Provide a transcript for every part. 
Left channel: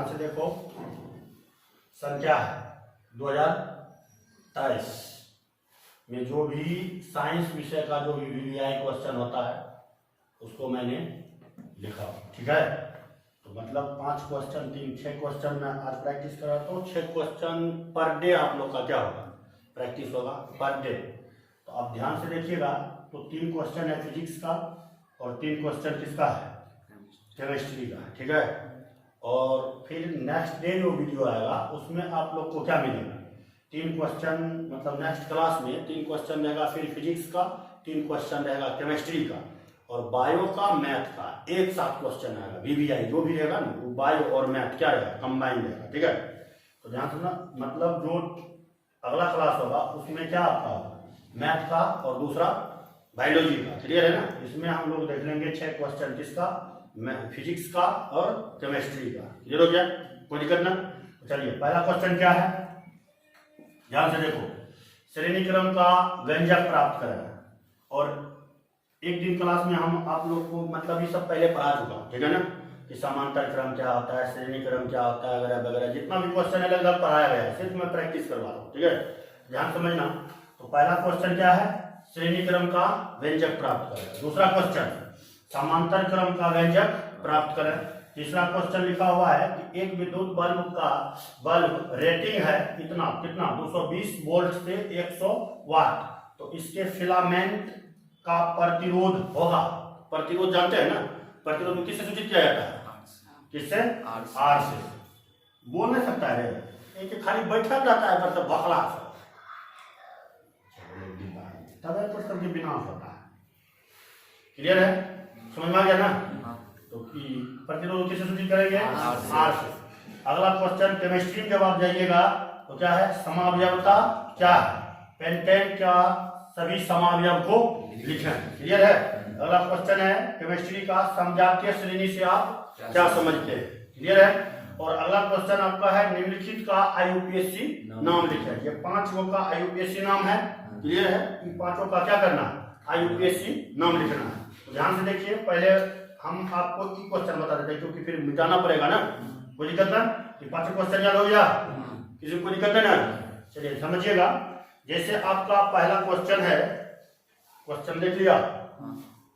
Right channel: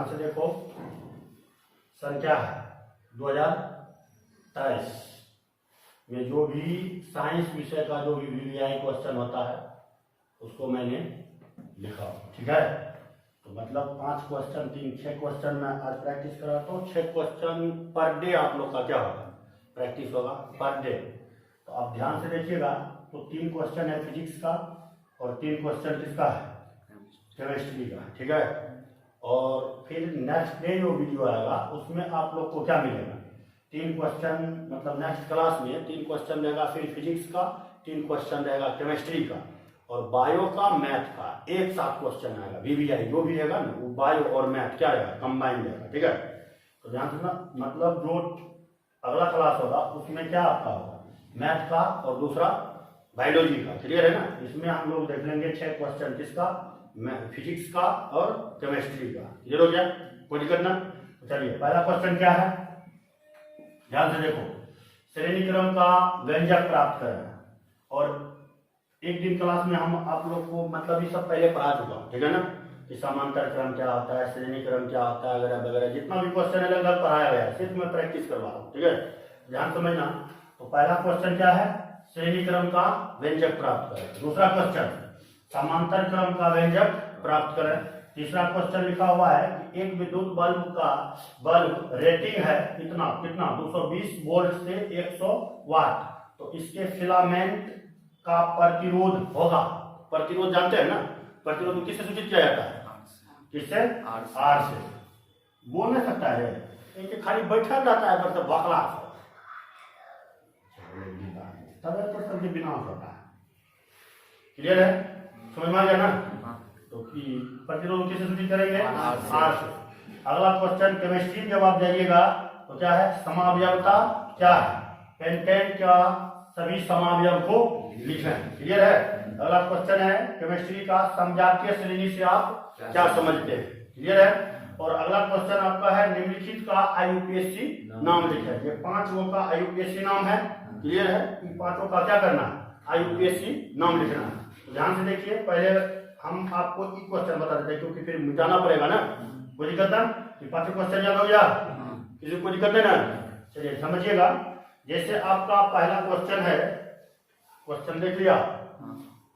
ध्यान से देखो, सन क्या है 2023 में जो भी साइंस विषय का जो भी VVI क्वेश्चन होता है उसको मैंने लिखा, ठीक है। तो मतलब 5 क्वेश्चन 6 क्वेश्चन मैं आज प्रैक्टिस कराता हूँ। 6 क्वेश्चन पर डे आप लोग का क्या होगा, प्रैक्टिस होगा पर डे। तो आप ध्यान से देखिएगा, तो 3 क्वेश्चन है फिजिक्स का और 3 क्वेश्चन किसका है, केमिस्ट्री का, ठीक है। और फिर नेक्स्ट डे जो वीडियो आएगा उसमें आप लोग को क्या मिलेगा, 3 क्वेश्चन, मतलब नेक्स्ट क्लास में 3 क्वेश्चन रहेगा, फिर फिजिक्स का 3 क्वेश्चन रहेगा, केमिस्ट्री का और बायो का, मैथ का एक साथ क्वेश्चन आएगा। VVI जो भी रहेगा ना वो बायो और मैथ क्या रहेगा, कंबाइन रहेगा, ठीक है। तो ध्यान से ना, मतलब जो अगला क्लास होगा उसमें क्या आपका होगा, मैथ का और दूसरा बायोलॉजी का, क्लियर है ना। इसमें हम लोग देख लेंगे 6 क्वेश्चन किसका, फिजिक्स का और केमिस्ट्री का, क्लियर हो गया, कोई दिक्कत ना। चलिए पहला क्वेश्चन क्या है, ध्यान से देखो, श्रेणी क्रम का व्यंजक प्राप्त करें। और एक दिन क्लास में हम आप लोग को मतलब ये सब पहले पढ़ा चुका हूँ, ठीक है ना, कि समांतर क्रम क्या होता है, श्रेणी क्रम क्या होता है, वगैरह वगैरह, जितना भी क्वेश्चन है लगभग पढ़ाया गया है, सिर्फ मैं प्रैक्टिस करवा रहा हूँ, ठीक है, ध्यान समझना। तो पहला क्वेश्चन क्या है, श्रेणी क्रम का व्यंजक प्राप्त करें। दूसरा क्वेश्चन समांतर क्रम का व्यंजक प्राप्त करें। तीसरा क्वेश्चन लिखा हुआ है कि एक विद्युत बल्ब रेटिंग है कितना 220 वोल्ट से 100 वाट, तो इसके फिलामेंट का प्रतिरोध होगा, प्रतिरोध जानते हैं ना, प्रतिरोध को किससे सूचित किया जाता है, किससे, आर से। बोल नहीं सकता है, एक खाली बैठा रहता है मतलब बकला तब पर सबके विनाश होता है, क्लियर है, समझ में आ गया ना। तो कि प्रतिरोध किससे सूचित करेंगे, आर से। अगला क्वेश्चन केमिस्ट्री में जब आप जाइएगा तो क्या है, समावयवता क्या है, पेंटेन का सभी समावयव को लिखें, क्लियर है। अगला क्वेश्चन है केमिस्ट्री का समजातीय श्रेणी से आप क्या समझते हैं, क्लियर है। और अगला क्वेश्चन आपका है निम्नलिखित का IUPAC नाम लिखें। ये 5 गो का IUPAC नाम है, क्लियर है, इन 5 का क्या करना है, IUPAC नाम लिखना है। तो ध्यान से देखिए, पहले हम आपको ई क्वेश्चन बता देते हैं क्योंकि फिर मिटाना पड़ेगा ना, कोई दिक्कत ना, 5 क्वेश्चन याद हो गया, किसी को दिक्कत है ना। चलिए समझिएगा, जैसे आपका पहला क्वेश्चन है, क्वेश्चन देख लिया,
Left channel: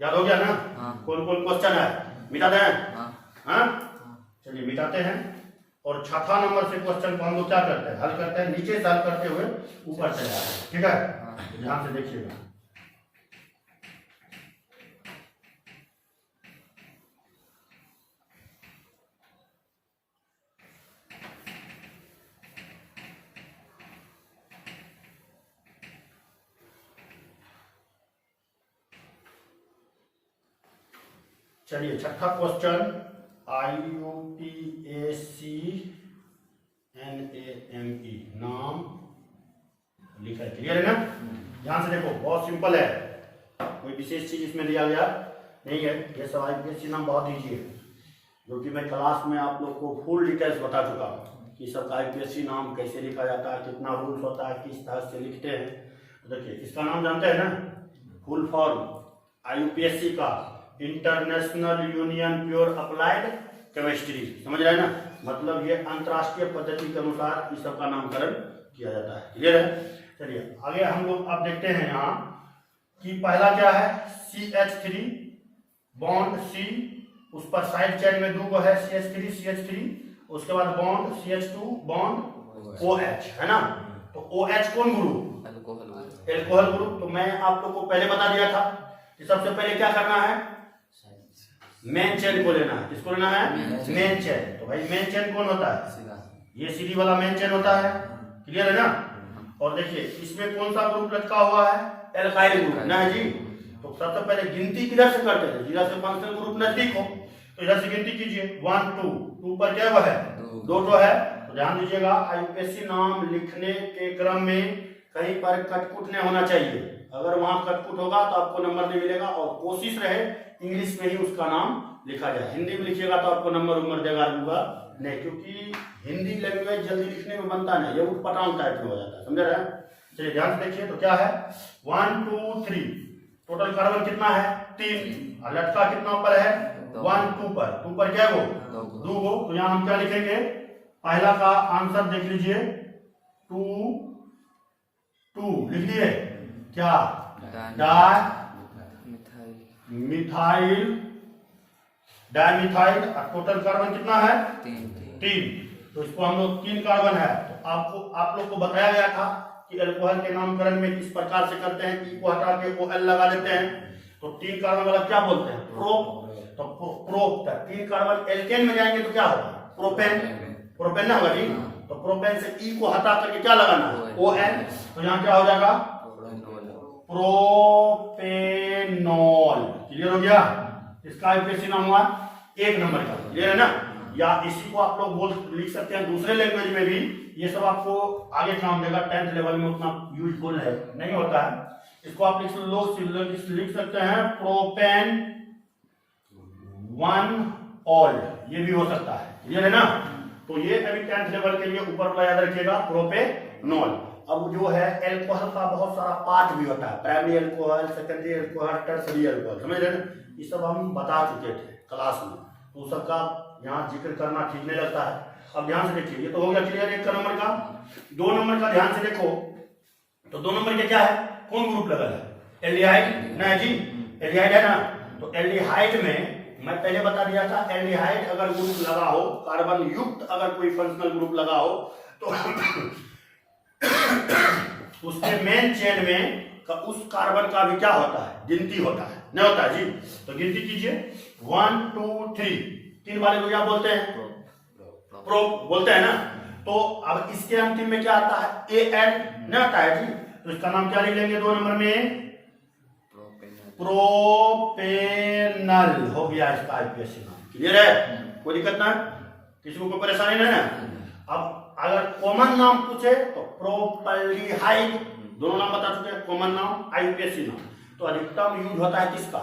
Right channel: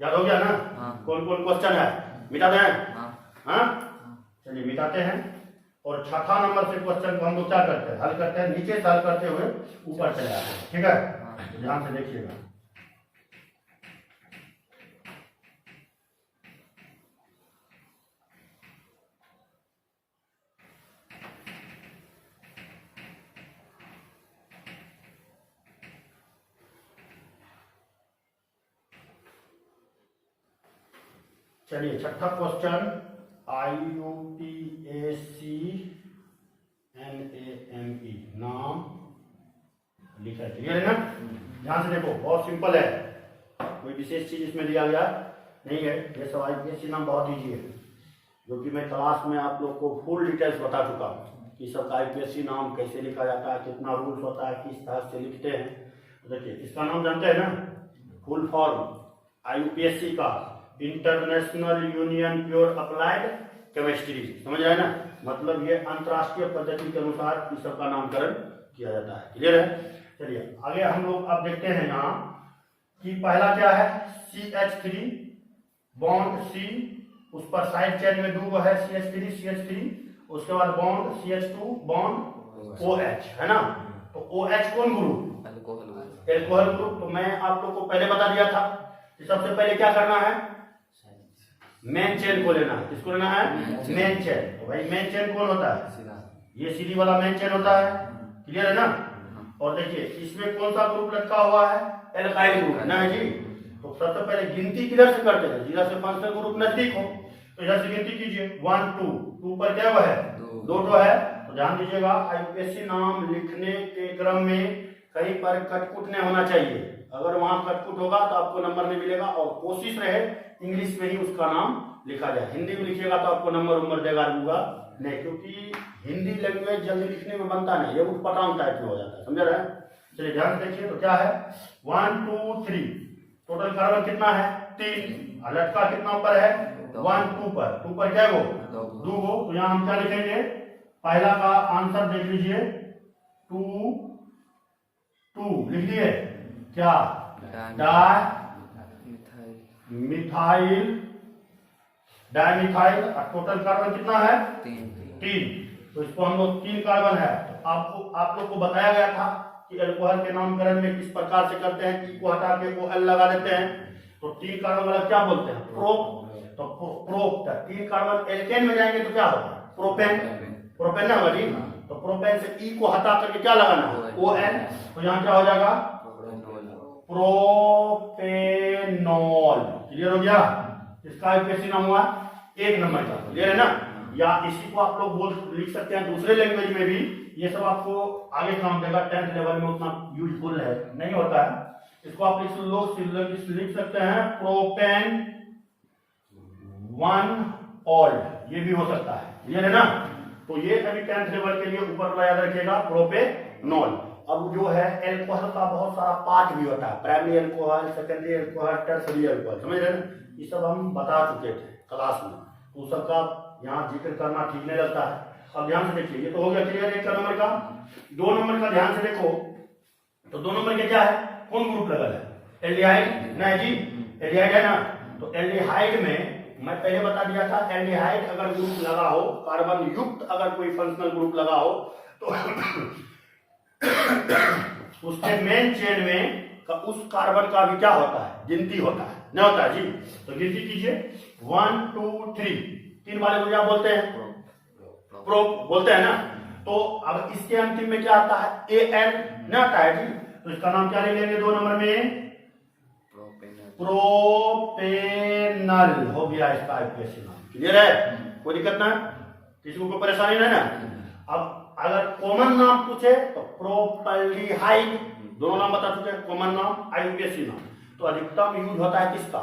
याद हो गया ना, कौन कौन क्वेश्चन है, मिटा दें, हाँ चलिए मिटाते हैं। और छठा नंबर से क्वेश्चन को हम लोग क्या करते हैं, हल करते हैं, नीचे से हल करते हुए ऊपर चले आते हैं, ठीक है। ध्यान से देखिएगा, चलिए छठा क्वेश्चन IUPAC NAME नाम लिखा है, क्लियर है ना। ध्यान से देखो, बहुत सिंपल है, कोई विशेष चीज इसमें लिया गया नहीं है। ये सब IUPAC नाम बहुत ईजी है, जो कि मैं क्लास में आप लोग को फुल डिटेल्स बता चुका हूँ कि सब IUPAC नाम कैसे लिखा जाता है, कितना रूल्स होता है, किस तरह से लिखते हैं। तो देखिए इसका नाम जानते हैं ना, फुल फॉर्म IUPAC का international union pure applied chemistry, समझ रहे हैं ना, मतलब ये अंतरराष्ट्रीय पद्धति के अनुसार इस सब का नामकरण किया जाता है, क्लियर है। चलिए आगे हम लोग अब देखते हैं यहाँ कि पहला क्या है, CH3 बॉन्ड C, उस पर साइड चेन में 2 है CH3, उसके बाद बॉन्ड CH2 बॉन्ड OH, है ना। तो OH कौन ग्रुप, एल्कोहल ग्रुप। तो मैं आप लोग को पहले बता दिया था कि सबसे पहले क्या करना है, मेन चेन को लेना है, किसको लेना है, मेन चेन। तो भाई मेन चेन कौन होता है, ये सीधी वाला मेन चेन होता है, क्लियर है ना। और देखिए इसमें कौन सा ग्रुप लटका हुआ है, एल्काइल ग्रुप ना है जी। तो सबसे पहले गिनती किधर से करते हैं, जिधर से फंक्शनल ग्रुप नजदीक हो, तो इधर से गिनती कीजिए, 1 2 पर क्या है, 2 है। तो ध्यान दीजिएगा, IUPAC नाम लिखने के क्रम में कहीं पर कटकुट नहीं होना चाहिए, अगर वहां कटकुट होगा तो आपको नंबर नहीं मिलेगा। और कोशिश रहे इंग्लिश में ही उसका नाम लिखा जाए, हिंदी में लिखिएगा तो आपको नंबर देगा नहीं, क्योंकि हिंदी लैंग्वेज जल्दी लिखने में बनता नहीं, ये उठपटांग टाइप में हो जाता है, समझ रहे हैं। चलिए ध्यान से देखिए, तो क्या है 1 2 3, टोटल कार्बन कितना है 3, लटका कितना ऊपर है 1 2 पर क्या है वो 2 गो। तो यहाँ हम क्या लिखेंगे, पहला का आंसर देख लीजिए 2 लिख लिए क्या, डाइमिथाइल। टोटल कार्बन कितना है 3। तो इसको हम लोग 3 कार्बन है। तो आप लोग को बताया गया था कि अल्कोहल के नामकरण में किस प्रकार से करते हैं, ई को हटा के ओ एल लगा देते हैं। तो 3 कार्बन वाला क्या बोलते हैं, प्रोप। तो प्रोप 3 कार्बन एल्केन में जाएंगे तो क्या होगा, प्रोपेन ना होगा जी। तो प्रोपेन से ई को हटा करके क्या लगाना है, ओ एन। तो यहाँ क्या हो जाएगा, प्रोपेनॉल। क्लियर हो गया। इसका आईयूपीएसी नाम हुआ 1 नंबर का। क्लियर है ना। या इसी को आप लोग लिख सकते हैं दूसरे लैंग्वेज में भी। ये सब आपको आगे काम देगा, 10th लेवल में उतना यूजफुल है नहीं होता है। इसको आप लिख सकते हैं प्रोपेन 1 ऑल, ये भी हो सकता है। क्लियर है ना। तो ये अभी 10th लेवल के लिए ऊपर का याद रखिएगा, प्रोपेनॉल। अब जो है एल्कोहल का बहुत सारा पार्ट भी होता है, primary alcohol, secondary alcohol, tertiary alcohol, समझ रहे हैं। ये सब हम बता चुके थे क्लास में, तो सबका यहाँ जिक्र करना ठीक नहीं लगता है। अब ध्यान से देखिए, ये तो हो गया क्लियर 1 नंबर का। 2 नंबर का ध्यान से देखो, तो 2 नंबर के क्या है, कौन ग्रुप लगल है, एल्डिहाइड ना जी, एल्डिहाइड है ना। तो एल्डिहाइड में मैं पहले बता दिया था, एल्डिहाइड अगर ग्रुप लगा हो, कार्बन युक्त अगर कोई फंक्शनल ग्रुप लगा हो, तो उसके मेन चेन में उस कार्बन का भी क्या होता है, गिनती होता है, नहीं होता है जी। तो गिनती कीजिए 1 2 3, 3 वाले को क्या बोलते हैं, प्रोप बोलते हैं ना। तो अब इसके अंतिम में क्या आता है, ए एन नहीं आता है जी। तो इसका नाम क्या लिख लेंगे 2 नंबर में, प्रोपेनल हो गया इसका आईयूपीएसी नाम। क्लियर है, कोई दिक्कत ना, किसी को कोई परेशानी नहीं ना। अब अगर कॉमन नाम पूछे तो प्रोपल्डिहाइड, दोनों नाम बता चुके हैं, कॉमन नाम, आईयूपीएसी नाम। तो अधिकतम यूज होता है किसका,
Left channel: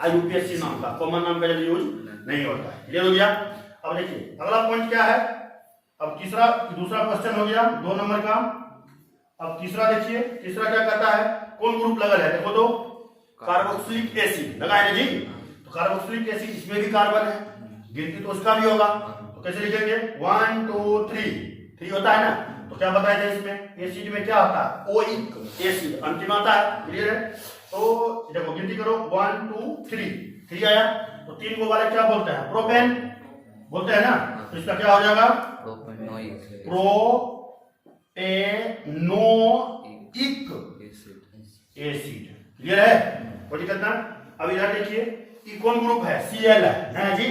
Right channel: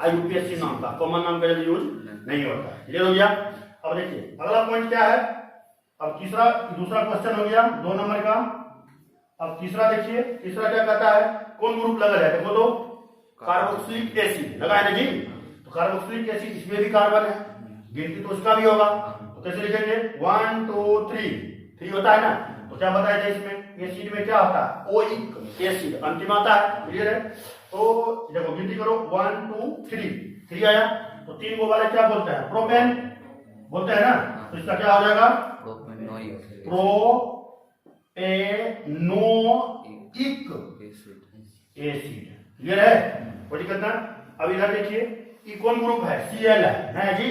आईयूपीएसी नाम का, कॉमन नाम का यूज नहीं होता है। क्लियर हो गया। अब देखिए अगला पॉइंट क्या है, अब दूसरा क्वेश्चन हो गया 2 नंबर का। अब तीसरा देखिए, तीसरा क्या कहता है, कौन ग्रुप लगा है, देखो तो कार्बोक्सिलिक एसिड लगा है ना जी। तो कार्बोक्सिलिक एसिड, इसमें भी कार्बन है, गिनती तो उसका भी होगा। तो कैसे लिखेंगे, 1 2 3 होता है ना। तो क्या बताया था इसमें, एसिड में क्या होता है, ओइक एसिड अंतिम आता है। क्लियर है। तो देखो गिनती करो 1 2 3 आया। तो 3 को वाले क्या बोलते हैं, प्रोपेन बोलते हैं ना। तो इसका क्या हो जाएगा, प्रोपेनोइक एसिड। क्लियर है, कोई दिक्कत ना। अब इधर देखिए, ये कौन ग्रुप है, Cl है जी।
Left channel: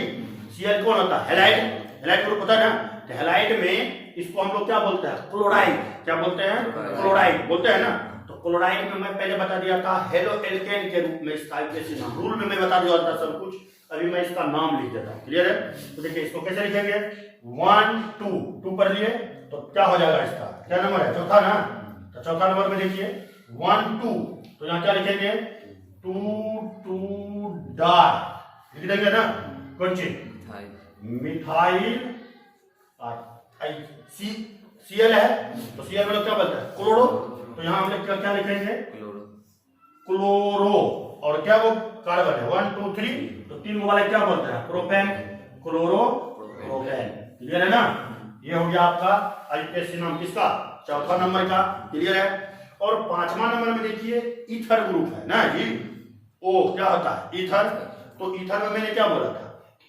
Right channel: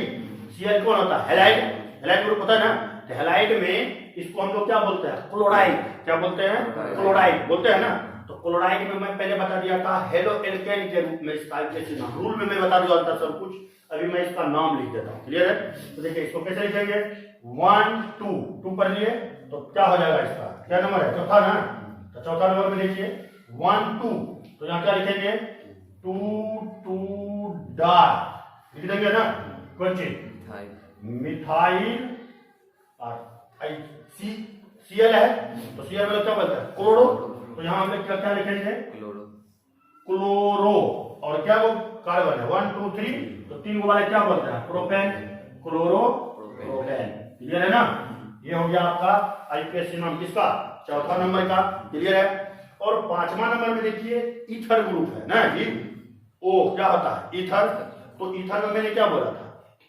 Cl कौन होता है, हैलाइड ग्रुप होता है ना। तो हैलाइड में इसको हम लोग क्या बोलते हैं, क्लोराइड। क्या बोलते हैं, क्लोराइड बोलते हैं ना। तो क्लोराइड में मैं पहले बता दिया था हेलो एल्केन के रूप में इसका आईयूपीएसी नाम, रूल में मैं बता दिया था सब कुछ, अभी मैं इसका नाम लिख देता हूँ। क्लियर है। तो देखिए इसको कैसे लिखेंगे, 1 2 पढ़ लिए तो क्या हो जाएगा, इसका क्या नंबर है, चौथा ना। तो चौथा नंबर में देखिए 1 2, तो यहाँ क्या लिखेंगे 2 डार लिख देंगे ना, कौन चीज, मिथाइल और Cl है। तो Cl मतलब क्या बोलते हैं, क्लोरो। तो यहाँ हम लोग क्या लिखेंगे, क्लोरो। और क्या वो कार्बन है 1 2 3, तो 3 को वाले क्या बोलते हैं, प्रोपेन, क्लोरो, प्रोपेन। क्लियर है ना। ये हो गया आपका आईयूपीएसी नाम किसका, चौथा नंबर का। क्लियर है। और 5वां नंबर में देखिए ईथर ग्रुप है ना जी। ओ क्या होता है, ईथर। तो ईथर में मैंने क्या बोला था,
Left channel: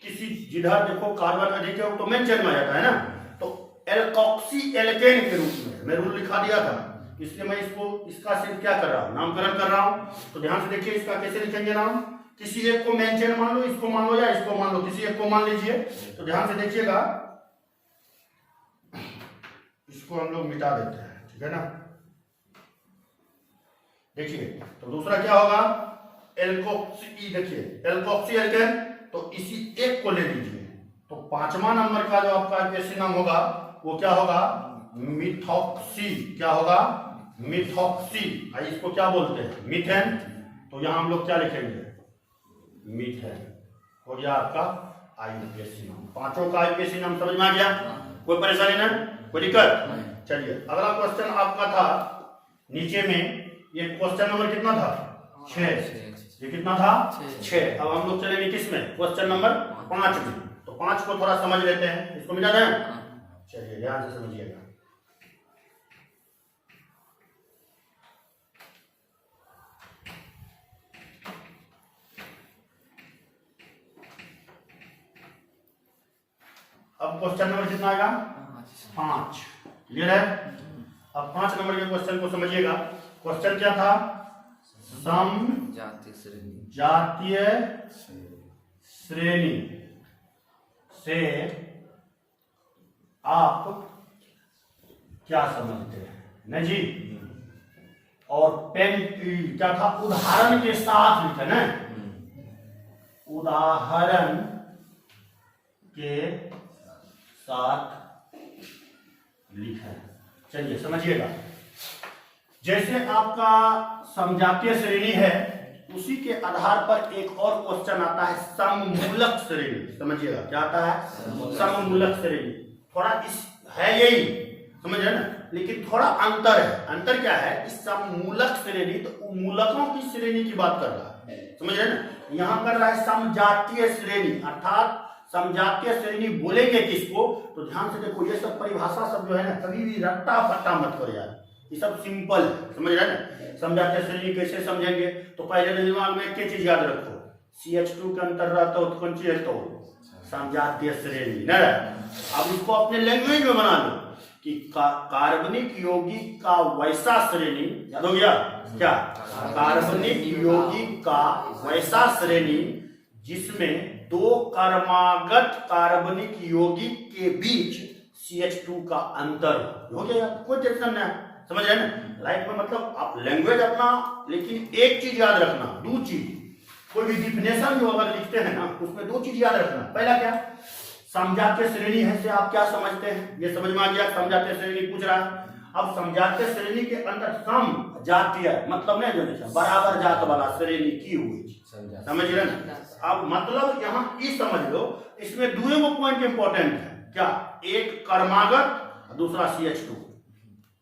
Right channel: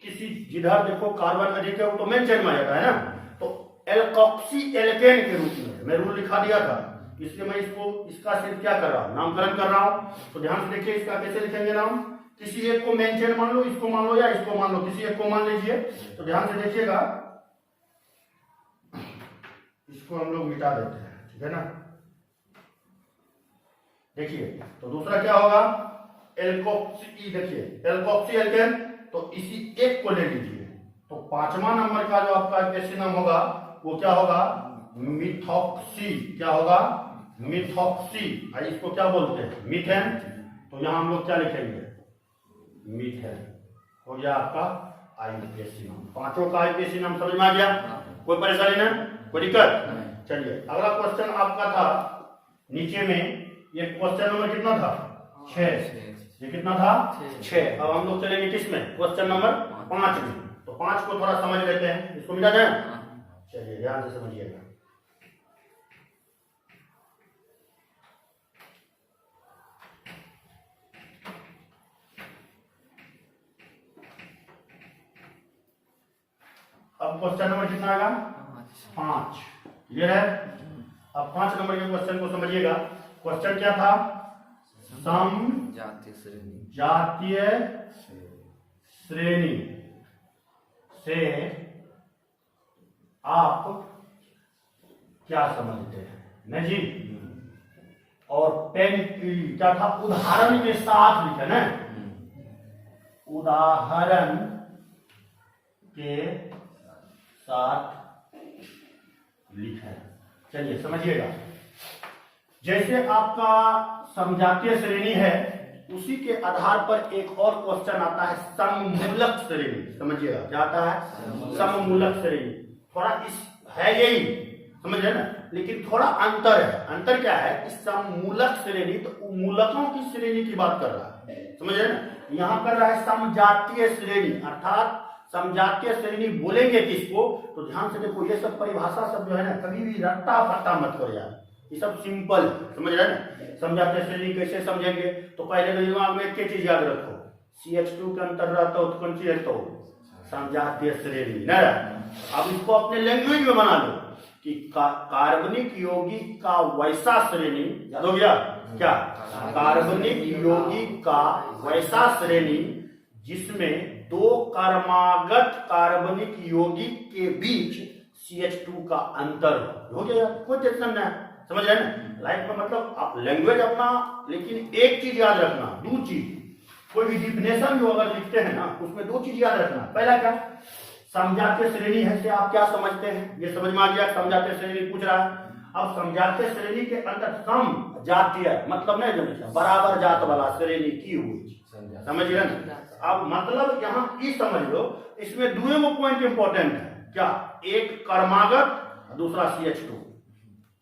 किसी जिधर देखो कार्बन अधिक है वो तो मेन चेन में आ जाता है ना। तो एल्कोक्सी एल्केन के रूप में मैं रूल लिखा दिया था, इसलिए मैं इसका सिर्फ क्या कर रहा हूँ, नामकरण कर रहा हूँ। तो ध्यान से देखिए इसका कैसे लिखेंगे नाम, किसी एक को मेन चेन मान लो, इसको मान लो या इसको मान लो, किसी एक को मान लीजिए। तो ध्यान से देखिएगा, इसको हम लोग मिटा देते हैं, ठीक है ना। देखिए तो दूसरा क्या होगा, एल्कोक्सी, देखिए एल्कोक्सी एल्केन। तो इसी एक को ले लीजिए। तो 5वां नंबर का जो आपका आईयूपीएसी नाम होगा वो क्या होगा, मिथॉक्सी। क्या होगा, मिथॉक्सी। इसको क्या बोलते हैं, मीथेन। तो यहां हम लोग क्या लिखेंगे, मीथेन। हो गया आपका आईयूपीएसी नाम। 5 का आईयूपीएसी नाम समझ में आ गया, कोई परेशानी ना, कोई दिक्कत। चलिए अगला क्वेश्चन आपका था नीचे में, ये क्वेश्चन नंबर कितना था, 6। ये कितना था? 6। अब हम लोग चलेंगे किसमें? क्वेश्चन नंबर 5 में। तो 5 को थोड़ा समझ लेते हैं, इसको मिला जाए। चलिए ध्यान से समझिएगा। अब क्वेश्चन नंबर कितना आएगा? 5। क्लियर है? अब 5 नंबर के क्वेश्चन को समझिएगा। क्वेश्चन क्या था? जातीय श्रेणी से आप क्या समझते हैं? नहीं जी। और पेन क्या था? उदाहरण के साथ लिखे ना, उदाहरण के साथ लिखें। चलिए समझिएगा। जैसे आपका समजातीय श्रेणी है, उसी के आधार पर एक और क्वेश्चन आता है सममूलक श्रेणी। समझिएगा क्या आता है? सममूलक श्रेणी। थोड़ा इस है यही, समझ रहे ना, लेकिन थोड़ा अंतर है। अंतर क्या है? इस सममूलक श्रेणी तो मूलकों की श्रेणी की बात कर रहा है, समझ रहे ना। यहाँ कर रहा है समजातीय श्रेणी, अर्थात समजातीय श्रेणी बोलेंगे किसको? तो ध्यान से देखो, ये सब परिभाषा सब जो है ना, कभी भी रट्टा फट्टा मत करो यार, ये सब सिंपल है, समझ रहे ना। समजातीय श्रेणी कैसे समझेंगे? तो पहले दिमाग में एक चीज याद रखो, CH2 का अंतर रहता हो तो कौन सी है? तो समजातीय श्रेणी ना। अब इसको अपने लैंग्वेज में बना लो कि कार्बनिक यौगिक का वैसा श्रेणी, याद हो गया क्या? कार्बनिक यौगिक का वैसा श्रेणी जिसमें 2 क्रमागत कार्बनिक यौगिक के बीच CH2 का अंतर हो गया। कोई टेंशन नहीं, समझ रहे ना। लाइफ में मतलब आप लैंग्वेज अपना, लेकिन एक चीज याद रखना, 2 चीज। कोई भी डिफिनेशन जो अगर लिखते हैं ना, उसमें 2 चीज याद रखना। पहला क्या? समजातीय श्रेणी है से आप क्या समझते हैं? ये समझ में आ गया। समजातीय श्रेणी पूछ रहा है। अब समजातीय श्रेणी के अंदर सम जातीय मतलब नहीं, जो बराबर जात वाला श्रेणी की हुई, समझ रहे ना। अब मतलब यहाँ ई समझ लो, इसमें 2 पॉइंट इंपॉर्टेंट है। क्या? एक क्रमागत, दूसरा CH2।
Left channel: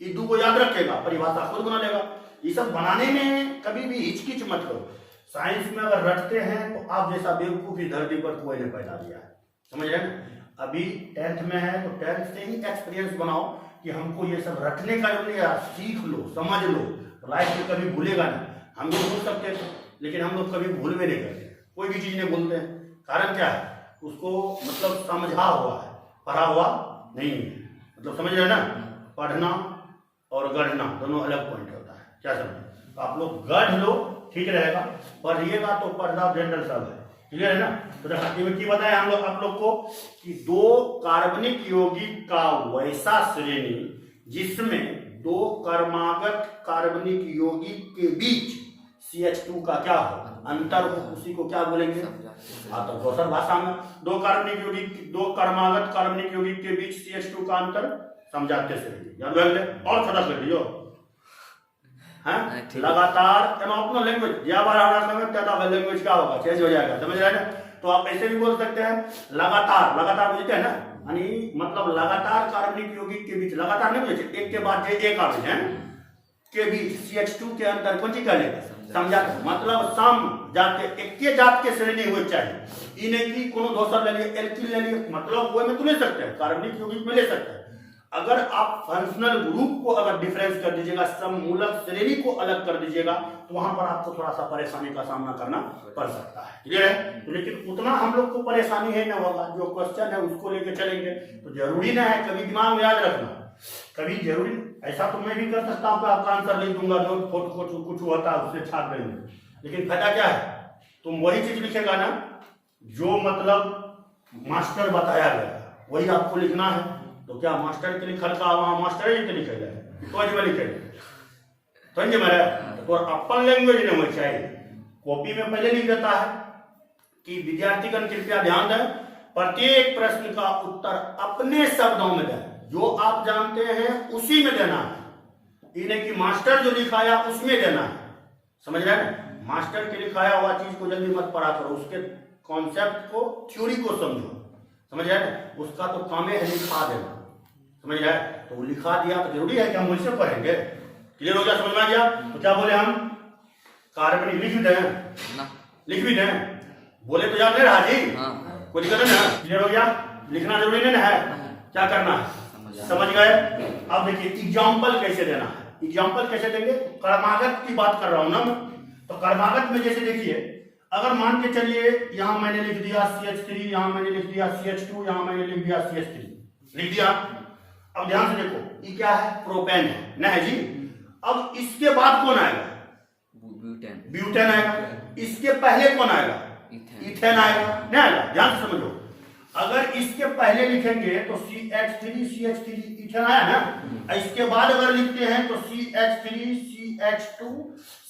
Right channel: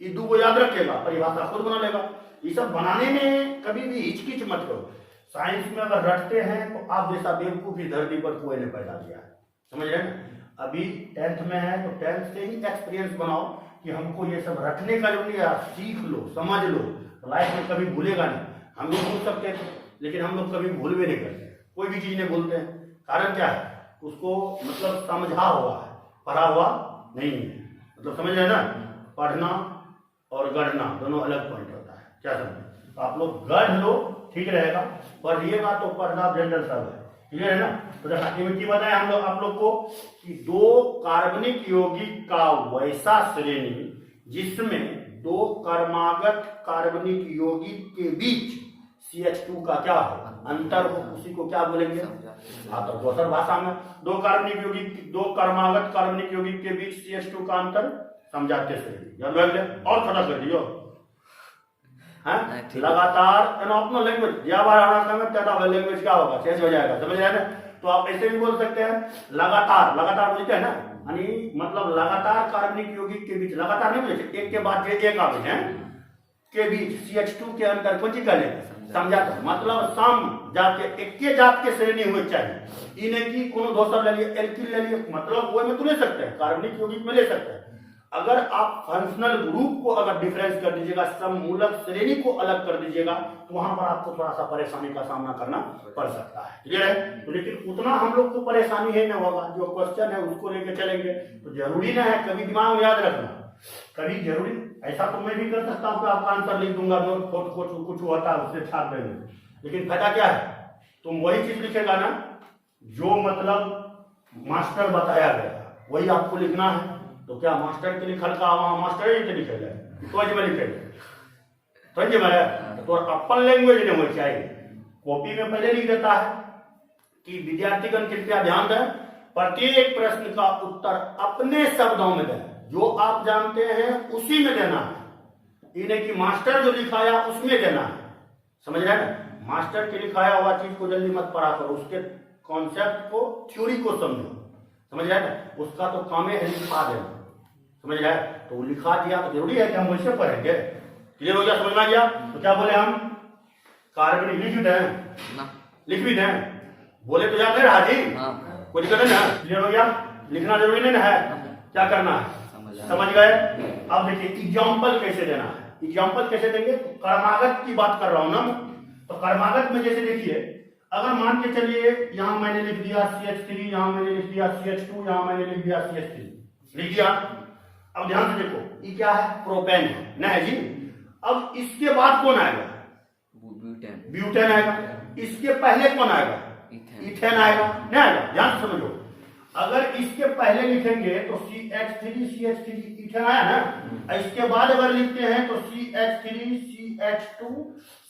ये 2 याद रखेगा, परिभाषा खुद बना लेगा। ये सब बनाने में कभी भी हिचकिच मत करो। साइंस में अगर रटते हैं तो आप जैसा बेवकूफी धरती पर कोई ने पैदा दिया है, समझ रहे ना। अभी 10th में है तो 10th से ही एक्सपीरियंस बनाओ कि हमको ये सब रटने का जो नहीं, सीख लो, समझ लो, लाइफ में कभी भूलेगा नहीं। हम लोग भूल सकते थे, लेकिन हम लोग कभी भूल भी नहीं करते। कोई भी चीज नहीं भूलते हैं। कारण क्या है? उसको मतलब समझा हुआ है, पढ़ा हुआ नहीं है। मतलब समझ रहे ना, पढ़ना और गढ़ना दोनों अलग पॉइंट होता है। क्या समझे? तो आप लोग गढ़ लो, ठीक रहेगा। पढ़िएगा तो पढ़ना जनरल सब है, ठीक है ना। तो देखा में की बताया हम लोग आप लोग को कि 2 कार्बनिक यौगिक का वैसा श्रेणी जिसमें 2 क्रमागत कार्बनिक यौगिक के बीच CH2 का क्या हो? अंतर हो, उसी को क्या बोलेंगे? हाँ, तो दूसर भाषा में 2 कार्बनिक यौगिक, 2 क्रमागत कार्बनिक यौगिक के बीच CH2 का अंतर समजातीय श्रेणी। याद रख ले और खत्म कर दियो। लगातार अपना लैंग्वेज ज्यादा लैंग्वेज क्या होगा? चेंज हो जाएगा, समझ रहे हैं। तो आप ऐसे भी बोल सकते हैं लगातार, लगातार बोलते हैं ना, यानी मतलब लगातार कार्बनिक यौगिक के बीच, लगातार नहीं बोलते, एक के बाद एक कार्बन है के बीच CH2 के अंतर कौन सी कर लेते? समझाते, मतलब सम जाते एक के जात के श्रेणी हुए चाहिए। इन्हें की कोनो दोसर ले लिए, एल्किल ले लिए, मतलब वो में तो ले सकते हैं, कार्बनिक यौगिक में ले सकते हैं। अगर आप फंक्शनल ग्रुप को अगर डिफरेंस कर दीजिएगा, सममूलक श्रेणी को अलग कर दीजिएगा, तो वहां पर आपको थोड़ा सा परेशानी का सामना करना पड़ सकता है, क्लियर है। तो लेकिन उतना हम लोग को परेशानी है न होगा, जो क्वेश्चन है उसको लेकर चलेंगे। तो जरूरी ना है, कभी दिमाग में याद रखना, कभी जरूरी ऐसा तो मैं भी कर सकता हूँ, आपका आंसर लिख दूंगा, नोट फोटो कुछ होता है उससे छाप देंगे, लेकिन फायदा क्या है? तुम वही चीज लिखेगा ना जो मतलब मास्टर बताया गया, वही आपको लिखना है। तो क्या मास्टर के लिखल का वहां मास्टर ही के लिखे जाए तो में लिखे समझे मेरे। तो अपन लैंग्वेज में होना चाहिए। कॉपी में पहले लिख देता है कि विद्यार्थीगण कृपया ध्यान दें, प्रत्येक प्रश्न का उत्तर अपने शब्दों में दें, जो आप जानते हैं उसी में देना है। इन्हें कि मास्टर जो लिखाया उसमें देना है, समझ रहे हैं। मास्टर के लिखाया हुआ चीज को जल्दी मत पढ़ा करो, उसके कॉन्सेप्ट को, थ्योरी को समझो, समझ रहे हैं। उसका तो काम है लिखा देना, समझ रहे हैं। तो वो लिखा दिया तो जरूरी है कि हम वैसे पढ़ेंगे, क्लियर हो गया, समझ में आ गया। तो क्या बोले हम कार्बनिक लिक्विड है ना। लिक्विड है, बोले तो याद नहीं रहा जी। हाँ। कोई दिक्कत है ना? क्लियर हो गया? लिखना जरूरी नहीं ना है, क्या करना है समझ गए। अब देखिए एग्जाम्पल कैसे देना है। एग्जाम्पल कैसे देंगे? कर्मागत की बात कर रहा हूं ना मैं। तो कर्मागत में जैसे देखिए, अगर मान के चलिए यहां मैंने लिख दिया CH3, यहां मैंने लिख दिया CH2, यहां मैंने लिख दिया CH3, लिख दिया। अब ध्यान से देखो, ये क्या है? प्रोपेन है ना है जी। अब इसके बाद कौन आएगा? ब्यूटेन। ब्यूटेन आएगा। इसके पहले कौन आएगा? इथेन आएगा, नहीं आएगा? ध्यान से समझो, अगर इसके पहले लिखेंगे तो CH3 CH3 इथेन आया ना। इसके बाद अगर लिखते हैं तो CH3 CH2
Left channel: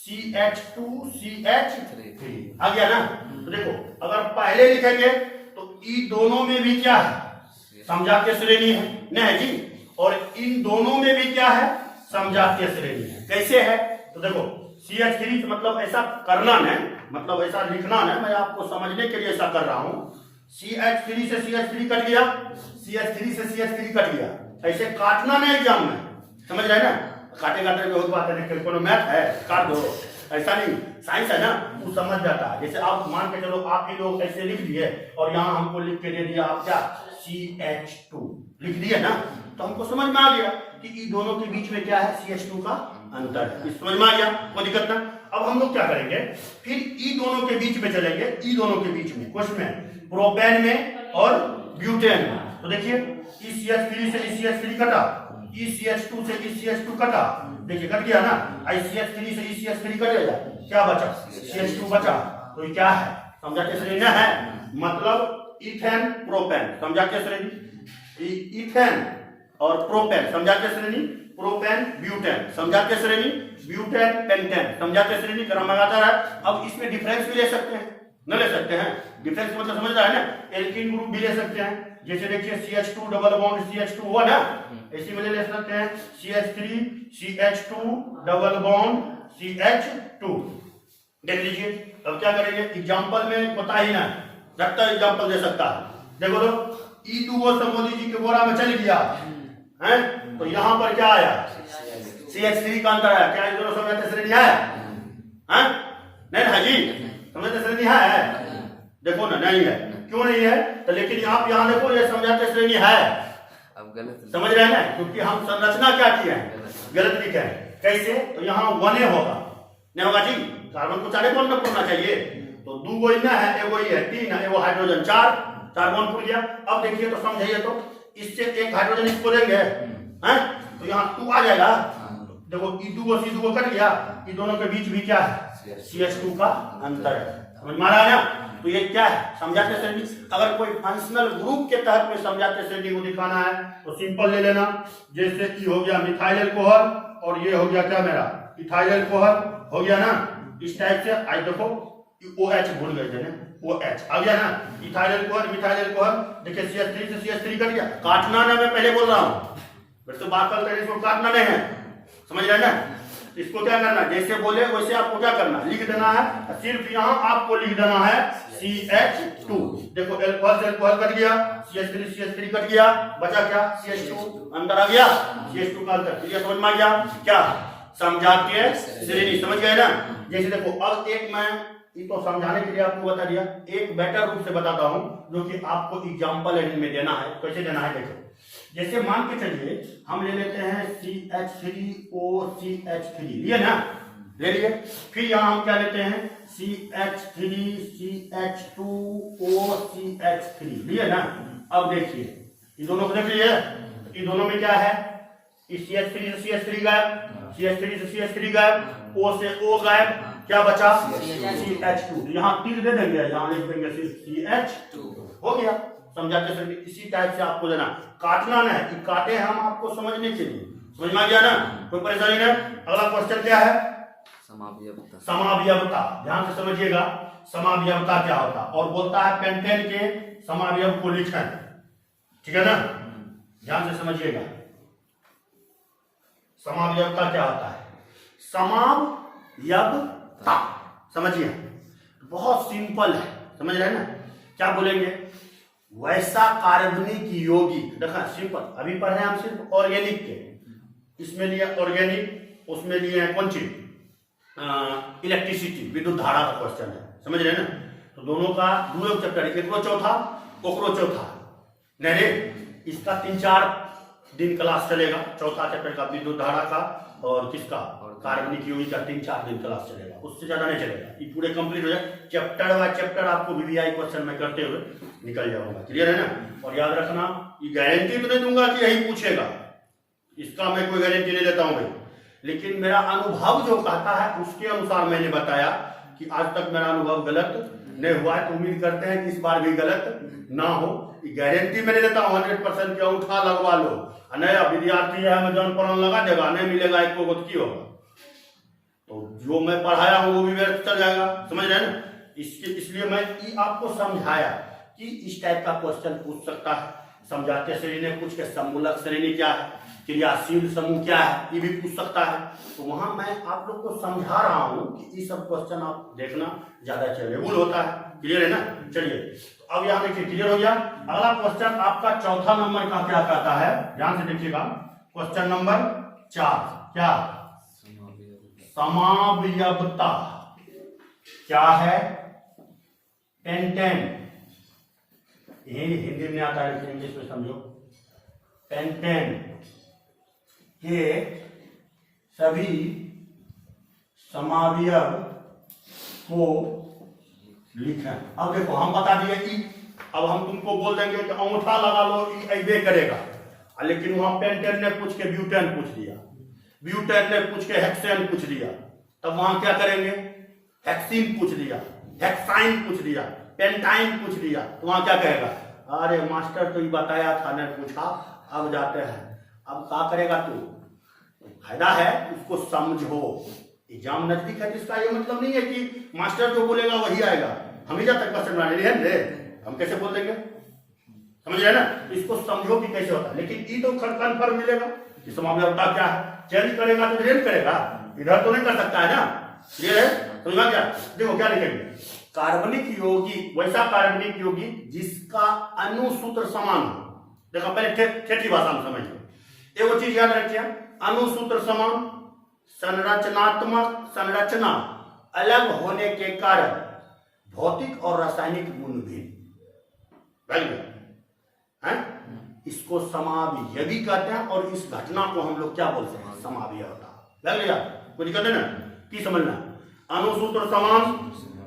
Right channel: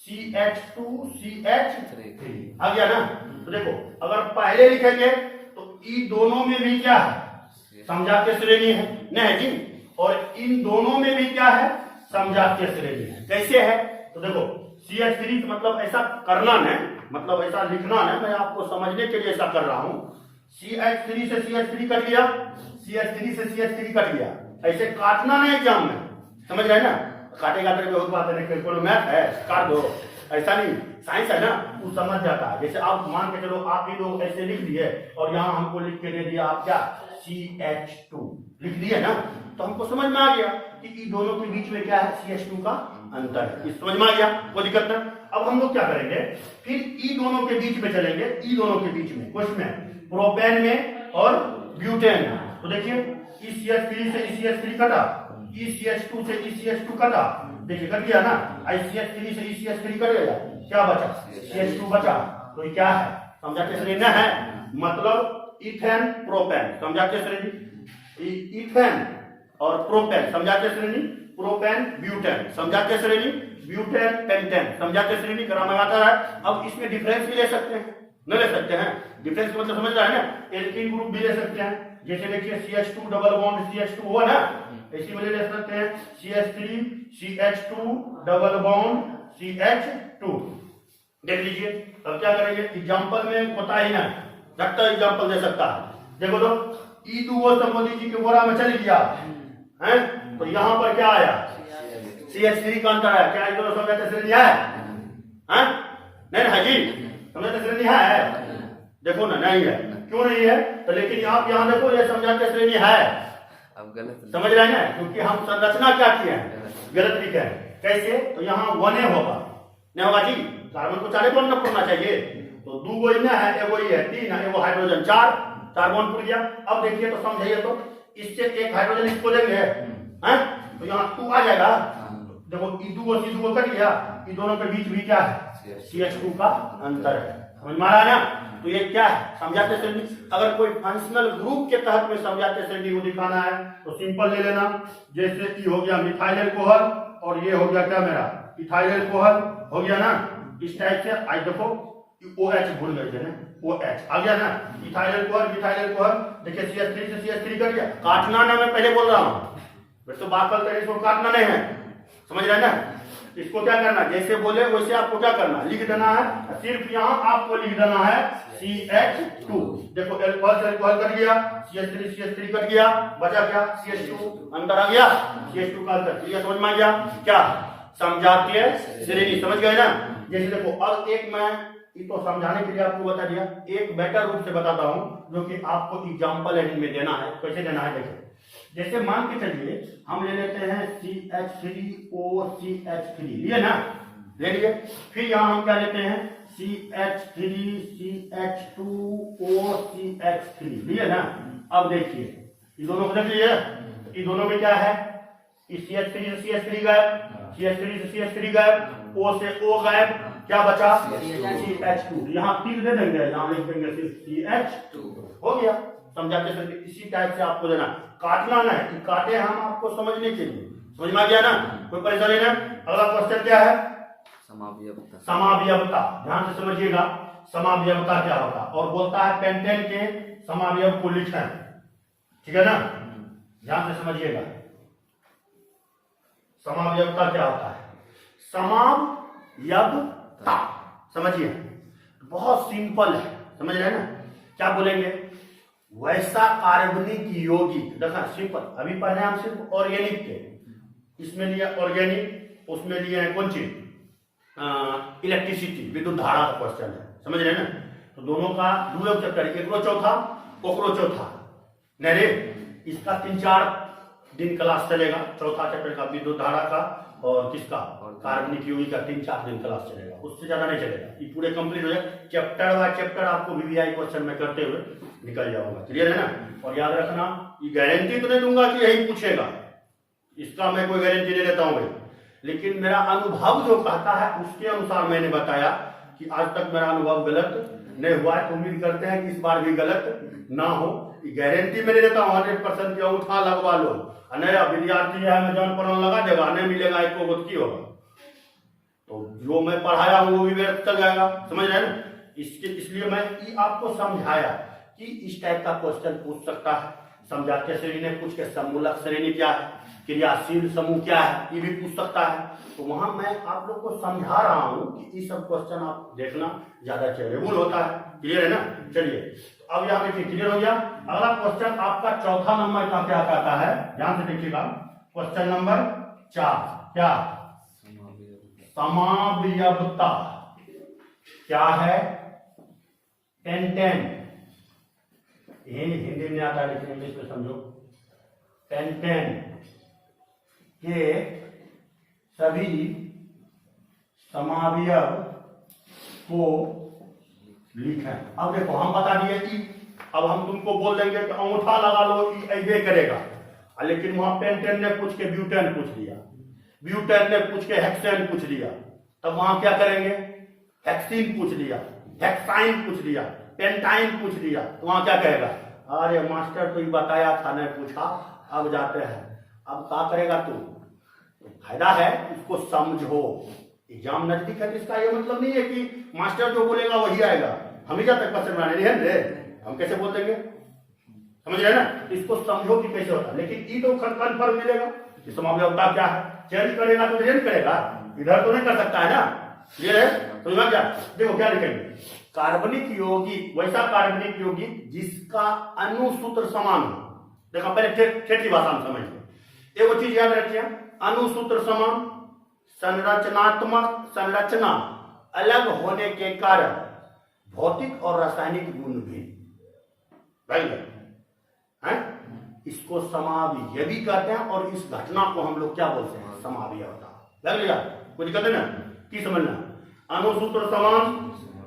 CH2 CH3 आ गया ना। तो देखो, अगर पहले लिखेंगे तो इन दोनों में भी क्या है? समजातीय श्रेणी है, नहीं है जी। और इन दोनों में भी क्या है? समजातीय श्रेणी है। कैसे है? तो देखो CH3 मतलब ऐसा करना है, मतलब ऐसा लिखना है, मैं आपको समझने के लिए ऐसा कर रहा हूं। CH3 से CH3 कट गया, CH3 से CH3 कट गया, ऐसे काटना ना एग्जाम में, समझ रहे ना? काटे काटे बहुत बात है, कोनो मैथ है काट दो, ऐसा नहीं। साइंस है ना, वो समझ जाता है। जैसे आप मान के चलो, आप ही लोग ऐसे लिख दिए और यहाँ हमको लिख के दे दिया आप क्या? CH2 लिख दिए ना, तो हमको समझ में आ गया कि इन दोनों के बीच में क्या है? CH2 का अंतर है। समझ में आ गया, कोई दिक्कत ना। अब हम लोग क्या करेंगे, फिर ई दोनों के बीच में चलेंगे। ई दोनों के बीच में क्वेश्चन में, प्रोपेन में और ब्यूटेन में। तो देखिए, ई CH3 से ई CH3 कटा, ई CH2 से ई CH2 कटा, देखिए कट गया ना। आई CH3 से ई CH3 कट गया, क्या बचा? CH2 बचा। तो ये क्या है? समझाते श्रेणी है, मतलब इथेन प्रोपेन समझाते श्रेणी, इथेन और प्रोपेन समझाते श्रेणी, प्रोपेन ब्यूटेन समझाते श्रेणी, ब्यूटेन पेंटेन समझाते श्रेणी। ग्रामर आता है। अब इसमें डिफरेंस भी ले सकते हैं, न ले सकते हैं? डिफरेंस मतलब समझ रहा है ना? एल्कीन ग्रुप भी ले सकते हैं। जैसे देखिए CH2 डबल बॉन्ड CH2 हुआ ना, इसी में ले सकते हैं CH3 CH2 double bond CH2। देख लीजिए। अब क्या करेंगे? एग्जांपल में पता ही ना, झटका एग्जांपल दे सकता है। देखो तो E2O संबोधि जी के बोरा में चल गया है, तो यहां पर क्या आया? CH3 का अंतर आया। क्या ये दोनों समझाते श्रेणी है? नहीं ना जी, समझाते श्रेणी है? देखो ना, नहीं है। क्यों नहीं है? तो लेकिन आप यहां देखो, ये समझाते श्रेणी है। अब गलत समझ रहे हैं ना? क्योंकि हम संरचना क्या किए हैं? गलत लिखे हैं। कैसे? तो यहाँ 1A होगा, नहीं होगा जी। कार्बन को 4 बॉन्ड करना चाहिए, तो 2 इतना है, एगो ये है 3 है, एगो हाइड्रोजन 4 बॉन्ड टूट गया। अब देखिए तो समझिए, तो इससे एक हाइड्रोजन इसको लेंगे हैं, तो यहाँ 2 आ जाएगा। देखो E2O C2O कट गया, इन दोनों के बीच भी क्या है? CH2 का अंतर है। समझ में आ रहा है ना? तो ये क्या है? समझाते श्रेणी। अगर कोई फंक्शनल ग्रुप के तहत में समझाते श्रेणी को दिखाना है तो सिंपल ले लेना। जैसे कि हो गया मिथाइल अल्कोहल, और ये हो गया क्या मेरा? इथाइल अल्कोहल हो गया ना। इस टाइप से आई देखो, OH भूल गए थे ना, OH आ गया ना। इथाइल अल्कोहल, मिथाइल अल्कोहल, देखिए CH3 से CH3 कट गया। काटना ना, मैं पहले बोल रहा हूँ, वैसे बात करते हैं, इसको काटना नहीं है, समझ रहे ना? इसको क्या करना, जैसे बोले वैसे आपको क्या करना, लिख देना है। सिर्फ यहाँ आपको लिख देना है CH2। देखो अल्कोहल से अल्कोहल कट गया, CH3 कट गया, बचा क्या? CH2 अंदर आ गया, CH2 का अंतर। ये समझ में आ गया क्या? समझाते श्रेणी, समझ गए ना? जैसे देखो, अब एक मैं ये तो समझाने के लिए आपको बता दिया, एक बेटर रूप से बताता हूँ जो कि आपको एग्जाम्पल में देना है। कैसे देना है देखो। जैसे मान के चलिए हम ले लेते हैं CH3OCH3, लिए ना, ले लिए। फिर यहां हम क्या लेते हैं? CH3CH2OCH3, लिए ना। अब देखिए इन दोनों को देख लीजिए, इन दोनों में क्या है? CH3 से CH3 गायब, CH3 से CH3 गायब, O से O गायब, क्या बचा? CH2। यहाँ तीर दे देंगे, यहाँ लिख देंगे सिर्फ CH2, हो गया। समझाते श्रेणी। इसी टाइप से आपको देना, काटना ना है कि काटे हम आपको समझने के लिए। समझ में आ गया ना? कोई परेशानी नहीं। अगला क्वेश्चन क्या है? समावयवता। समावयवता, ध्यान से समझिएगा। समावयवता क्या होता है? और बोलता है पेंटेन के समावयव को लिखें, ठीक है ना? ध्यान से समझिएगा। समावयवता क्या होता है? समावयवता समझिए, बहुत सिंपल है, समझ रहे हैं ना? क्या बोलेंगे? वैसा कार्बनिक यौगिक, देखा सिंपल। अभी पढ़ रहे हैं हम सिर्फ ऑर्गेनिक के, इसमें लिया ऑर्गेनिक, उसमें लिए हैं कौन चीज? इलेक्ट्रिसिटी विद्युत धारा का क्वेश्चन है, समझ रहे हैं ना। तो दोनों का दूसरा चैप्टर, एकरो चौथा ओकरो चौथा, नहीं रे इसका 3-4 दिन क्लास चलेगा। चौथा चैप्टर का विद्युत धारा का और किसका कार्बनिक यौगिक का 3-4 दिन क्लास चलेगा, उससे ज्यादा नहीं चलेगा। ये पूरे कंप्लीट हो जाए, चैप्टर बाय चैप्टर आपको वीवीआई क्वेश्चन में करते हुए निकल जाऊंगा, क्लियर है ना। और याद रखना, ये गारंटी तो नहीं दूंगा कि यही पूछेगा, इसका मैं कोई गारंटी नहीं देता हूं भाई, लेकिन मेरा अनुभव जो कहता है उसके अनुसार मैंने बताया कि आज तक मेरा अनुभव गलत नहीं हुआ है, तो उम्मीद करते हैं कि इस बार भी गलत ना हो। गारंटी मैंने देता हूँ 100% की, उठा लगवा लो, नया विद्यार्थी है अमेजॉन पर लगा देगा, नहीं मिलेगा एक को की होगा, तो जो मैं पढ़ाया हूँ वो भी व्यर्थ चल जाएगा, समझ रहे हैं ना। इसलिए मैं आपको समझाया कि इस टाइप का क्वेश्चन पूछ सकता है। समझाते श्रेणी ने पूछ के समूलक श्रेणी क्या है, क्रियाशील समूह क्या है, ये भी पूछ सकता है। तो वहां मैं आप लोग को समझा रहा हूं कि ये सब क्वेश्चन आप देखना ज्यादा चेलेबल होता है, क्लियर है ना। चलिए अब यहाँ देखिए क्लियर हो गया। अगला क्वेश्चन आपका चौथा नंबर का क्या कहता है, ध्यान से देखिएगा। क्वेश्चन नंबर 4 क्या, समावयवता क्या है, पेंटेन, हिंदी में आता है लेकिन इंग्लिश में समझो। पेंटेन के सभी समावयव को लिखें। अब देखो हम बता दिए कि अब हम तुमको बोल देंगे कि अंगूठा लगा लो, ऐसे करेगा, लेकिन वहां पेंटेन ने पूछ के ब्यूटेन पूछ लिया, ब्यूटेन ने पूछ के हेक्सेन पूछ लिया, तब वहां क्या करेंगे, हेक्सीन पूछ लिया, हेक्साइन पूछ लिया, पेंटाइन पूछ लिया, तो वहां क्या कहेगा, अरे मास्टर तो ये बताया था, नहीं पूछा, अब जाते हैं। अब क्या करेगा तू, फायदा है उसको समझो। एग्जाम नजदीक है, इसका ये मतलब नहीं है कि मास्टर जो बोलेगा वही आएगा। हम ही जब तक क्वेश्चन बनाने हैं रे, हम कैसे बोल देंगे, समझ रहे ना। इसको समझो कि कैसे होता है, लेकिन ये तो कन्फर्म मिलेगा कि समावयवता क्या है। चेंज करेगा तो चेंज करेगा, इधर तो नहीं कर सकता है ना, ये है समझा क्या। देखो क्या लिखेंगे, कार्बनिक यौगिक, वैसा कार्बनिक यौगिक जिसका अणुसूत्र समान हो। देखो पहले ठेठी भाषा में समझिए, एगो चीज याद रखिए, अणुसूत्र समान, संरचनात्मक संरचना अलग होने के कारण भौतिक और रासायनिक गुण भी है, इसको समावयवी कहते हैं। और इस घटना को हम लोग क्या बोलते हैं, समावयवता। कोई दिक्कत है ना, की समझना, अणुसूत्र समान,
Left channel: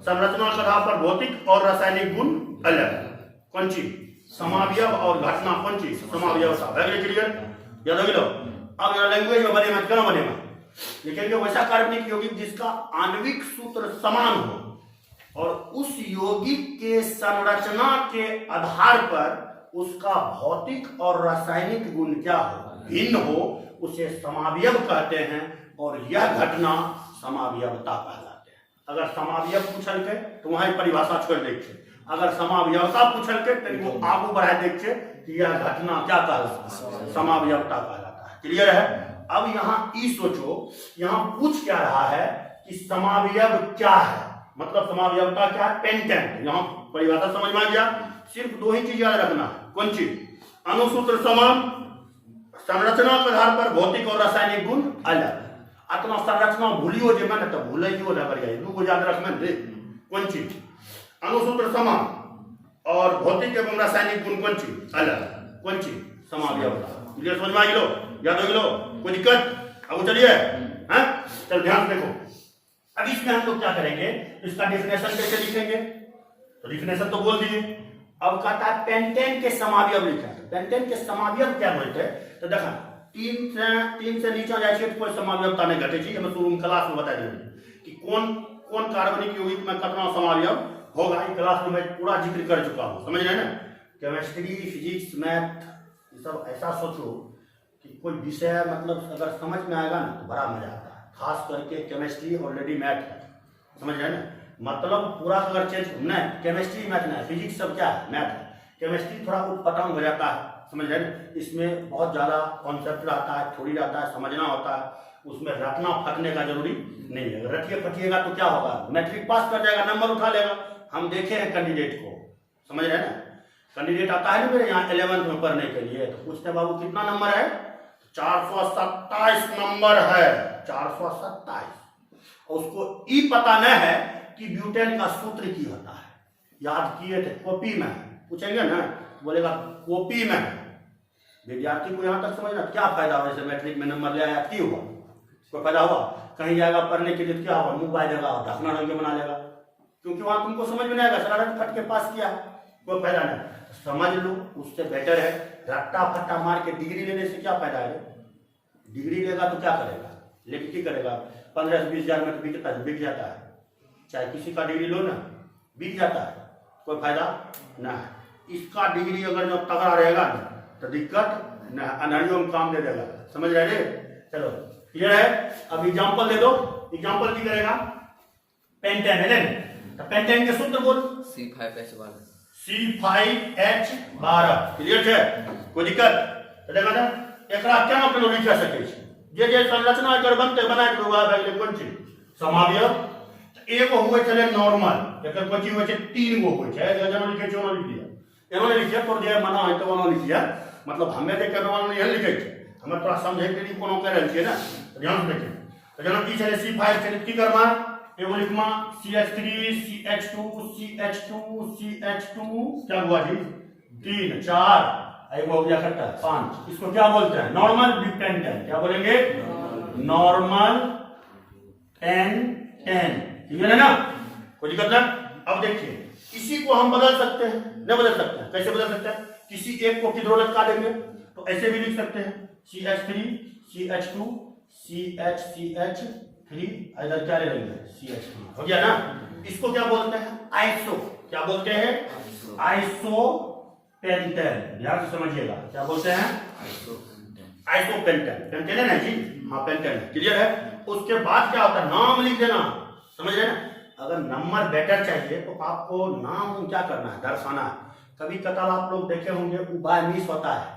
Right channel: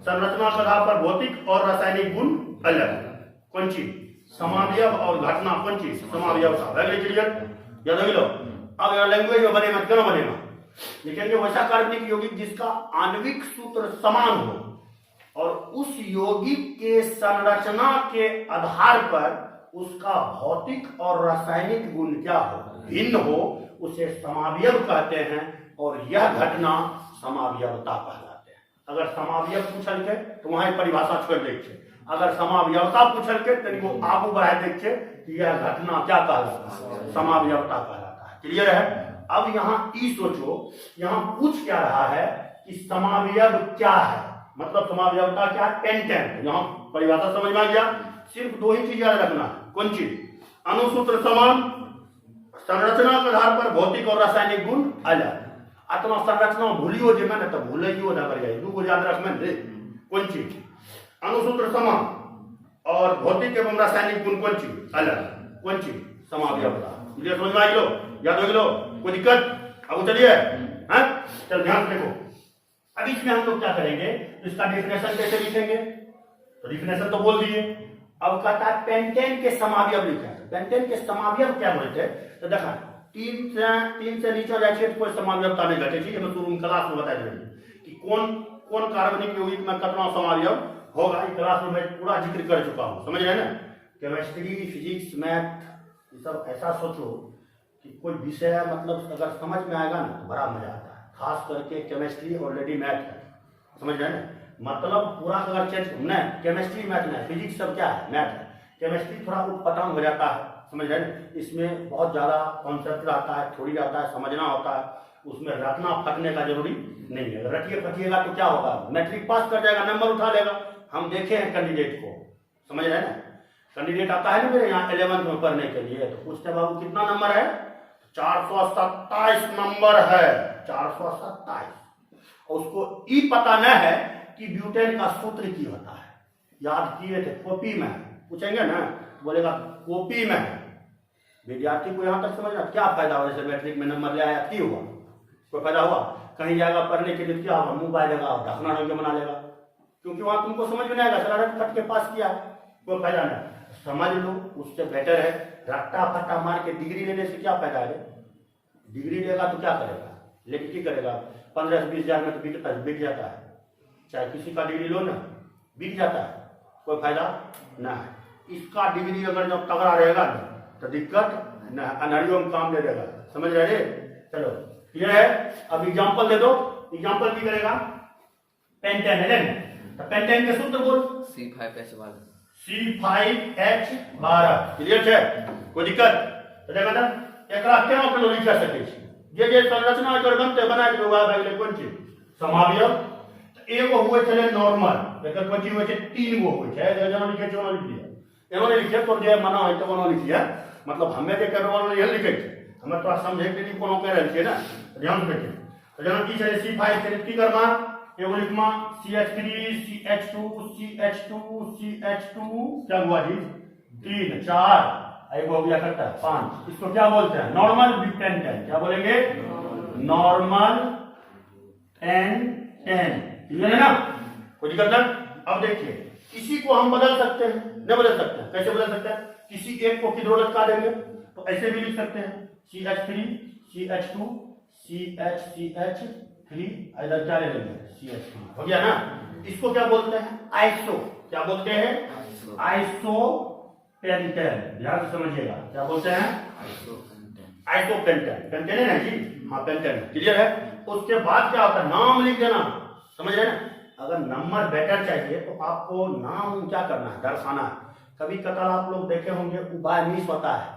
संरचना के आधार पर भौतिक और रासायनिक गुण अलग, कौन चीज, समावयव, और घटना कौन चीज, समावयवता। क्लियर, याद रख लो। अब यहाँ लैंग्वेज में बनेगा, क्या बनेगा, लिखेंगे वैसा कार्बनिक यौगिक जिसका आणविक सूत्र समान हो और उस यौगिक के संरचना के आधार पर उसका भौतिक और रासायनिक गुण क्या हो, भिन्न हो, उसे समावयव कहते हैं। और यह घटना समावयवता कहलाते हैं। अगर समावयव पूछल के तो वहां परिभाषा छोड़ देखे, अगर समावयवता पूछल के तो वो आगू बढ़ा देखे कि यह घटना क्या कहलाता है, समावयवता कहलाता है। क्लियर है। अब यहाँ ई सोचो, यहाँ पूछ क्या रहा है कि समावयव क्या है, मतलब समावयवता क्या है, पेंटेन। यहाँ परिभाषा समझ में आ गया। सिर्फ दो ही चीज याद रखना है, कौन चीज, अणुसूत्र समान, संरचना के आधार पर भौतिक और रासायनिक गुण अलग। आत्मा संरचना भूलियो जे मैंने तो भूलियो ना करिए, दू याद रख में दे, कौन चीज, अणुसूत्र समान और भौतिक एवं रासायनिक गुण कौन चीज अलग, कौन चीज, समावयवता। क्लियर, समझ में आ गया, याद हो गया, कोई दिक्कत। अब चलिए हैं, चल ध्यान देखो। अब इसमें हम लोग क्या करेंगे, तो इसका डेफिनेशन कैसे लिखेंगे, तो डेफिनेशन तो बोल दिए। अब कहता है पेंटेन के समावयव लिखा है, पेंटेन के समावयव क्या बोलते हैं, तो देखा तीन से नीचे जाए कोई समावयवता नहीं घटे। ठीक है, मैं शुरू में क्लास में बता देंगे कि कौन कौन कार्बनिक यौगिक में कितना समावयव होगा, इस क्लास में मैं पूरा जिक्र कर चुका हूँ, समझ रहे ना। केमिस्ट्री, फिजिक्स, मैथ, ये सब ऐसा सोचो कि कोई विषय मतलब अगर समझ में आएगा ना तो बड़ा मजा आता है। खास करके केमिस्ट्री ऑलरेडी मैथ है, समझ रहे ना, मतलब पूरा अगर चेंज नहीं, केमिस्ट्री मैथ नहीं, फिजिक्स सब क्या है, मैथ है। केमिस्ट्री थोड़ा उटपटांग हो जाता है, समझ रहे ना, इसमें बहुत ज्यादा कॉन्सेप्ट आता है, थोड़ी आता है, समझना होता है, उसमें रटना फटने का जरूरी नहीं है। रटिए फटिएगा तो क्या होगा, मैट्रिक पास कर जाएगा, नंबर उठा लेगा। हम देखे हैं कैंडिडेट को, समझ रहे ना, कैंडिडेट आता है ना मेरे यहाँ 11th में पढ़ने के लिए, तो पूछते हैं बाबू कितना नंबर है, 427 नंबर है, 427। और उसको ई पता न है कि ब्यूटेन का सूत्र की होता है, याद किए थे, कॉपी में पूछेंगे ना बोलेगा कॉपी में है। विद्यार्थी को यहाँ तक समझना क्या फायदा हुआ, जैसे मैट्रिक में नंबर ले आया की हुआ, कोई फायदा हुआ? कहीं जाएगा पढ़ने के लिए क्या होगा, मुंह पाएगा और ढकना ढंग के बना लेगा, क्योंकि वहां तुमको समझ में नहीं आएगा, शरारत फट के पास किया है, कोई फायदा नहीं। समझ लो, उससे बेटर है रट्टा फट्टा मार के डिग्री लेने से क्या फायदा है? डिग्री लेगा तो क्या करेगा, लेकिन क्या करेगा, 15-20 हजार में तो बिक जाता है, चाहे किसी का डिग्री लो ना बिक जाता है, कोई फायदा ना है। इसका डिग्री अगर जब तगड़ा रहेगा ना तो दिक्कत न, अनहरियों में काम दे देगा, समझ रहे? चलो क्लियर है। अब एग्जांपल दे दो, एग्जांपल की करेगा, पेंटेन है ना, तो पेंटेन के सूत्र बोल, C5H12 C5H12, क्लियर है, कोई दिक्कत? तो देखा था एकरा क्या मतलब लिख सके छी, जे संरचना कर बनते बना के हुआ है कौन चीज समावयव, एगो हुए चले नॉर्मल, एकर कोची होय छै 3 गो होय छै, जेना लिखे छै ओना लिख दिया, एनो नहीं लिखे तो जे मना होय तो ओना लिख दिया, मतलब हमें देखे नॉर्मल नहीं लिखे छै, हमें थोड़ा समझे के लिए कोनो कह रहल छियै ना, ध्यान से देखें। तो जेना की चले C5 चले की करना, एगो लिखमा CH3 CH2 क्या हुआ जी 3 4, एगो हो गया कट्टा 5, इसको क्या बोलते हैं, नॉर्मल पेंटेन, क्या बोलेंगे, नॉर्मल पेंटेन, क्लियर है ना, कोई दिक्कत नहीं। अब देखिए इसी को हम बदल सकते हैं, नहीं बदल सकते हैं, कैसे बदल सकते हैं, किसी एक को किधर लटका देंगे तो ऐसे भी लिख सकते हैं, CH3 CH2 CH3 इधर क्या ले लेंगे CH3, हो गया ना। इसको क्या बोलते हैं, आइसो, क्या बोलते हैं, आइसो पेंटेन, ध्यान से समझिएगा, क्या बोलते हैं, आइसो पेंटेन, पेंटेन है ना जी, हाँ पेंटेन, क्लियर है। उसके बाद क्या होता है, नाम लिख देना, समझ रहे ना, अगर नंबर बेटर चाहिए तो आपको नाम क्या करना है, दर्शाना है। कभी कतार आप लोग देखे होंगे उपाय मिस होता है,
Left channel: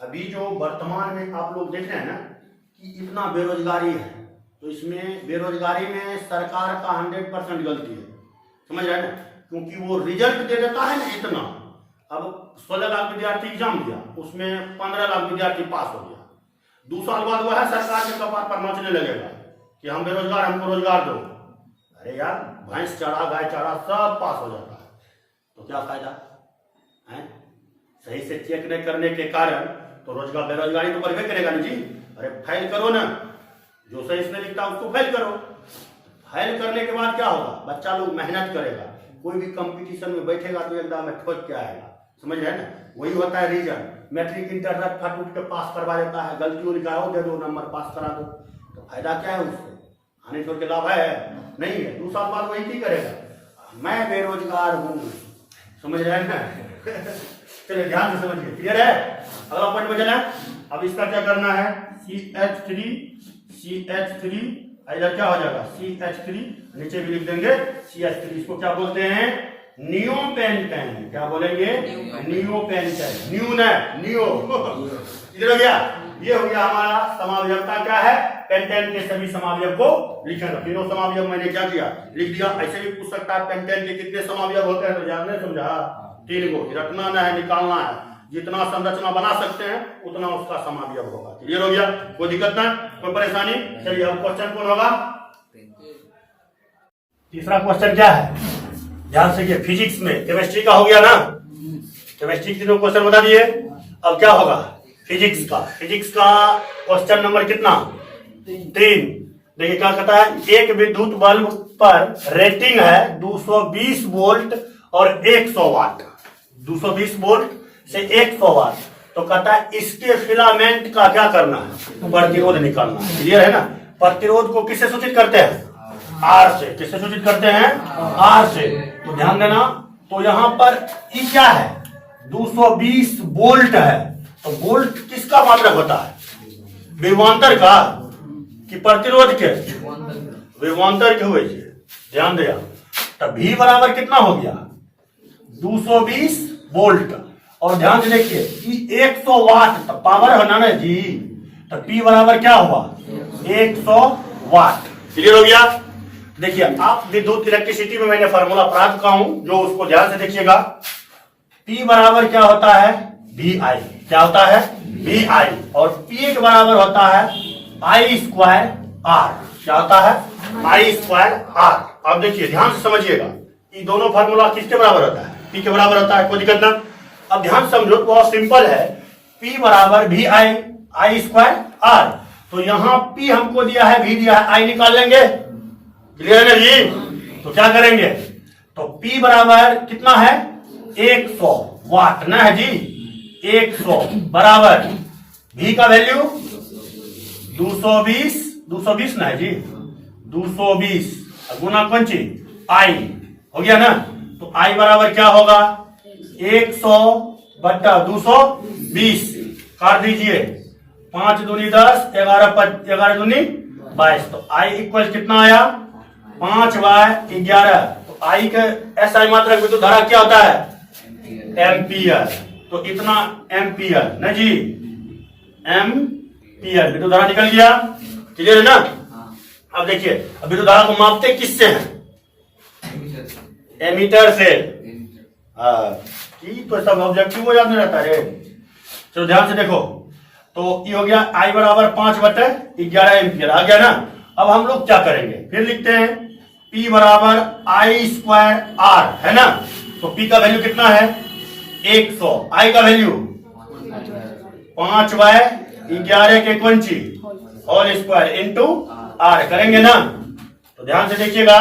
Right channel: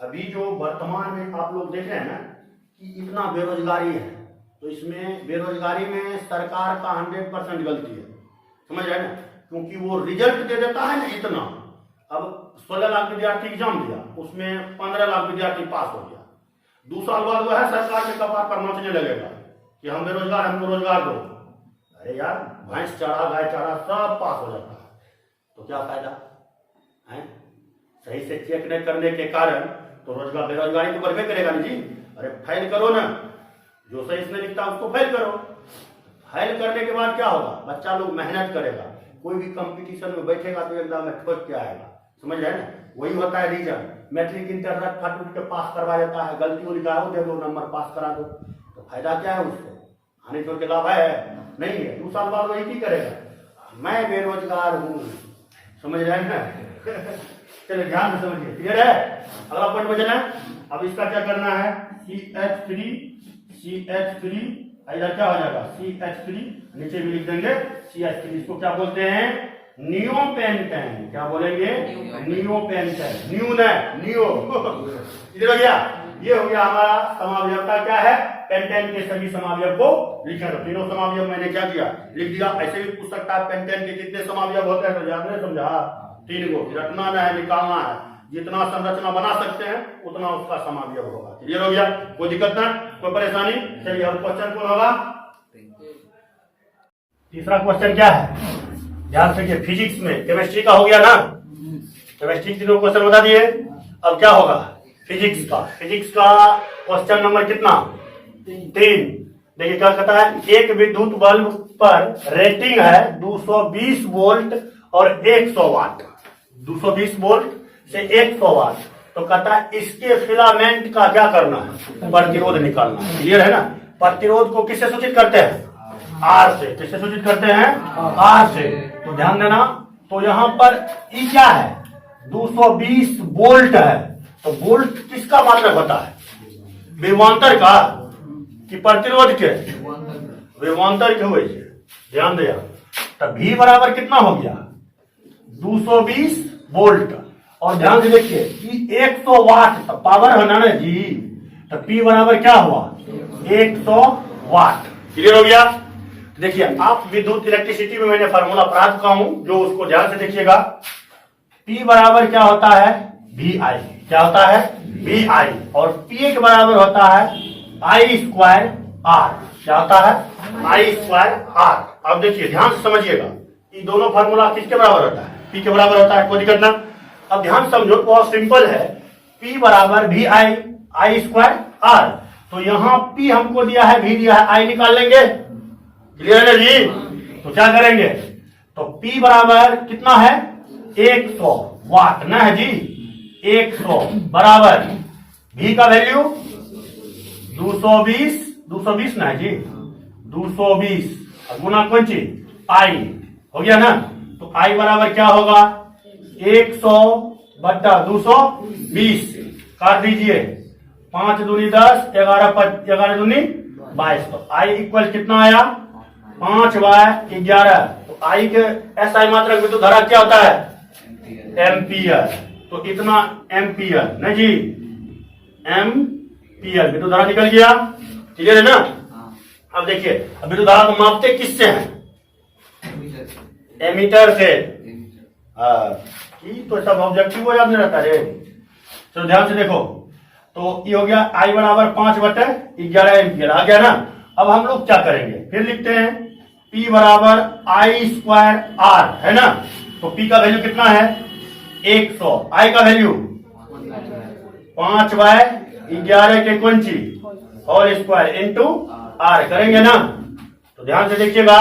अभी जो वर्तमान में आप लोग देख रहे हैं ना कि इतना बेरोजगारी है, तो इसमें बेरोजगारी में सरकार का 100% गलती है, समझ रहे हैं ना, क्योंकि वो रिजल्ट दे देता है ना इतना, अब 16 लाख विद्यार्थी एग्जाम दिया, उसमें 15 लाख विद्यार्थी पास हो गया, 2 साल बाद वो है सरकार के कपार पर नाचने लगेगा कि हम बेरोजगार, हमको रोजगार दो। अरे यार भैंस चारा गाय चारा सब पास हो जाता है, तो क्या फायदा है, सही से चेक नहीं करने के कारण तो रोजगार बेरोजगारी तो बढ़वे करेगा ना जी। अरे फाइल करो ना, जो सही इसमें लिखता है उसको फाइल करो, फाइल करने के बाद क्या होगा, बच्चा लोग मेहनत करेगा, कोई भी कंपटीशन में बैठेगा तो एकदम में ठोक के आएगा, समझ रहे ना, वही होता है रीजन। मैट्रिक इंटर रट फट उठ के पास करवा देता है, गलती लिखा हो दे दो नंबर पास करा दो, तो फायदा क्या है उससे, हानि छोड़ के लाभ है नहीं है। 2 साल बाद वही की करेगा, मैं बेरोजगार हूँ, समझ रहे हैं ना चलिए ध्यान से समझिए, क्लियर है। अगला पॉइंट बचना है, अब इसका क्या करना है, CH3 इधर क्या हो जाएगा CH3, नीचे भी लिख देंगे CH3, इसको क्या बोलते हैं, नियोपेंटेन, क्या बोलेंगे, नियोपेंटेन, न्यू न नियो इधर हो गया, ये हो गया हमारा समावयवता क्या है, पेंटेन के सभी समावयव को लिखा, तीनों समावयव मैंने क्या किया लिख दिया। ऐसे भी पूछ सकता है पेंटेन के कितने समावयव होते हैं, तो याद नहीं समझा, 3 को रखना ना है, निकालना है, जितना संरचना बना सकते हैं उतना उसका समावयव होगा, क्लियर हो गया, कोई दिक्कत ना, कोई परेशानी। चलिए अब क्वेश्चन कौन होगा, तीसरा क्वेश्चन क्या है, ध्यान से, फिजिक्स में केमिस्ट्री का हो गया ना, केमिस्ट्री के 2 क्वेश्चन बता दिए, अब क्या होगा फिजिक्स का क्वेश्चन नंबर कितना 3। देखिए क्या कहता है, एक विद्युत बल्ब पर रेटिंग है 220 वोल्ट और 100 वाट, 220 वोल्ट से 100 वाट, तो कहता है इसके फिलामेंट का क्या करना है, प्रतिरोध निकालना है, क्लियर है ना। प्रतिरोध को किससे सूचित करते हैं, आर से, किससे सूचित करते हैं, आर से, तो ध्यान देना, तो यहां पर ये क्या है 220 वोल्ट है, तो वोल्ट किसका मात्रक होता है, विभवांतर का कि प्रतिरोध के, विभवांतर के हुए, ध्यान दिया, तो V बराबर कितना हो गया 220 वोल्ट, और ध्यान से देखिए कि 100 वाट तो पावर है ना जी, तो P बराबर क्या हुआ 100 वाट, क्लियर हो गया। देखिए आप विद्युत इलेक्ट्रिसिटी में मैंने फार्मूला प्राप्त का हूं, जो उसको ध्यान से देखिएगा, P बराबर क्या होता है VI, क्या होता है VI, और P के बराबर होता है I² आर। क्या होता है? आई स्क्वायर आर। अब देखिए ध्यान से समझिएगा, ये दोनों फार्मूला किसके बराबर होता है? पी के बराबर होता है, कोई दिक्कत ना। अब ध्यान से समझो, बहुत सिंपल है। पी बराबर भी आई, आई स्क्वायर आर। तो यहाँ पी हमको दिया है, भी दिया है, आई निकाल लेंगे। क्लियर है जी? तो क्या करेंगे? तो पी बराबर कितना है? 100 वाट ना है जी, 100 बराबर भी का वैल्यू 220 ना है जी, 220 गुना पंची आई हो गया ना। तो आई बराबर क्या होगा? 100 बट्टा 220 काट दीजिए, 5 दूनी 10, 11 दूनी 22। तो आई इक्वल कितना आया? 5/11। तो आई के एसआई मात्रक विद्युत धारा क्या होता है? एम्पियर। तो इतना एम्पियर ना जी, एम्पियर विद्युत धारा निकल गया। क्लियर है ना? अब देखिए, अब विद्युत धारा को मापते किससे हैं? एमीटर से। की तो सब ऑब्जेक्टिव हो याद नहीं रहता रे। चलो ध्यान से देखो, तो ये हो गया आई बराबर 5/11 एम्पियर आ गया ना। अब हम लोग क्या करेंगे? फिर लिखते हैं P बराबर आई स्क्वायर आर है ना। तो P का वैल्यू कितना है? 100। आई का वैल्यू 5/11 के कुंची होल स्क्वायर इंटू आर करेंगे ना। तो ध्यान से देखिएगा,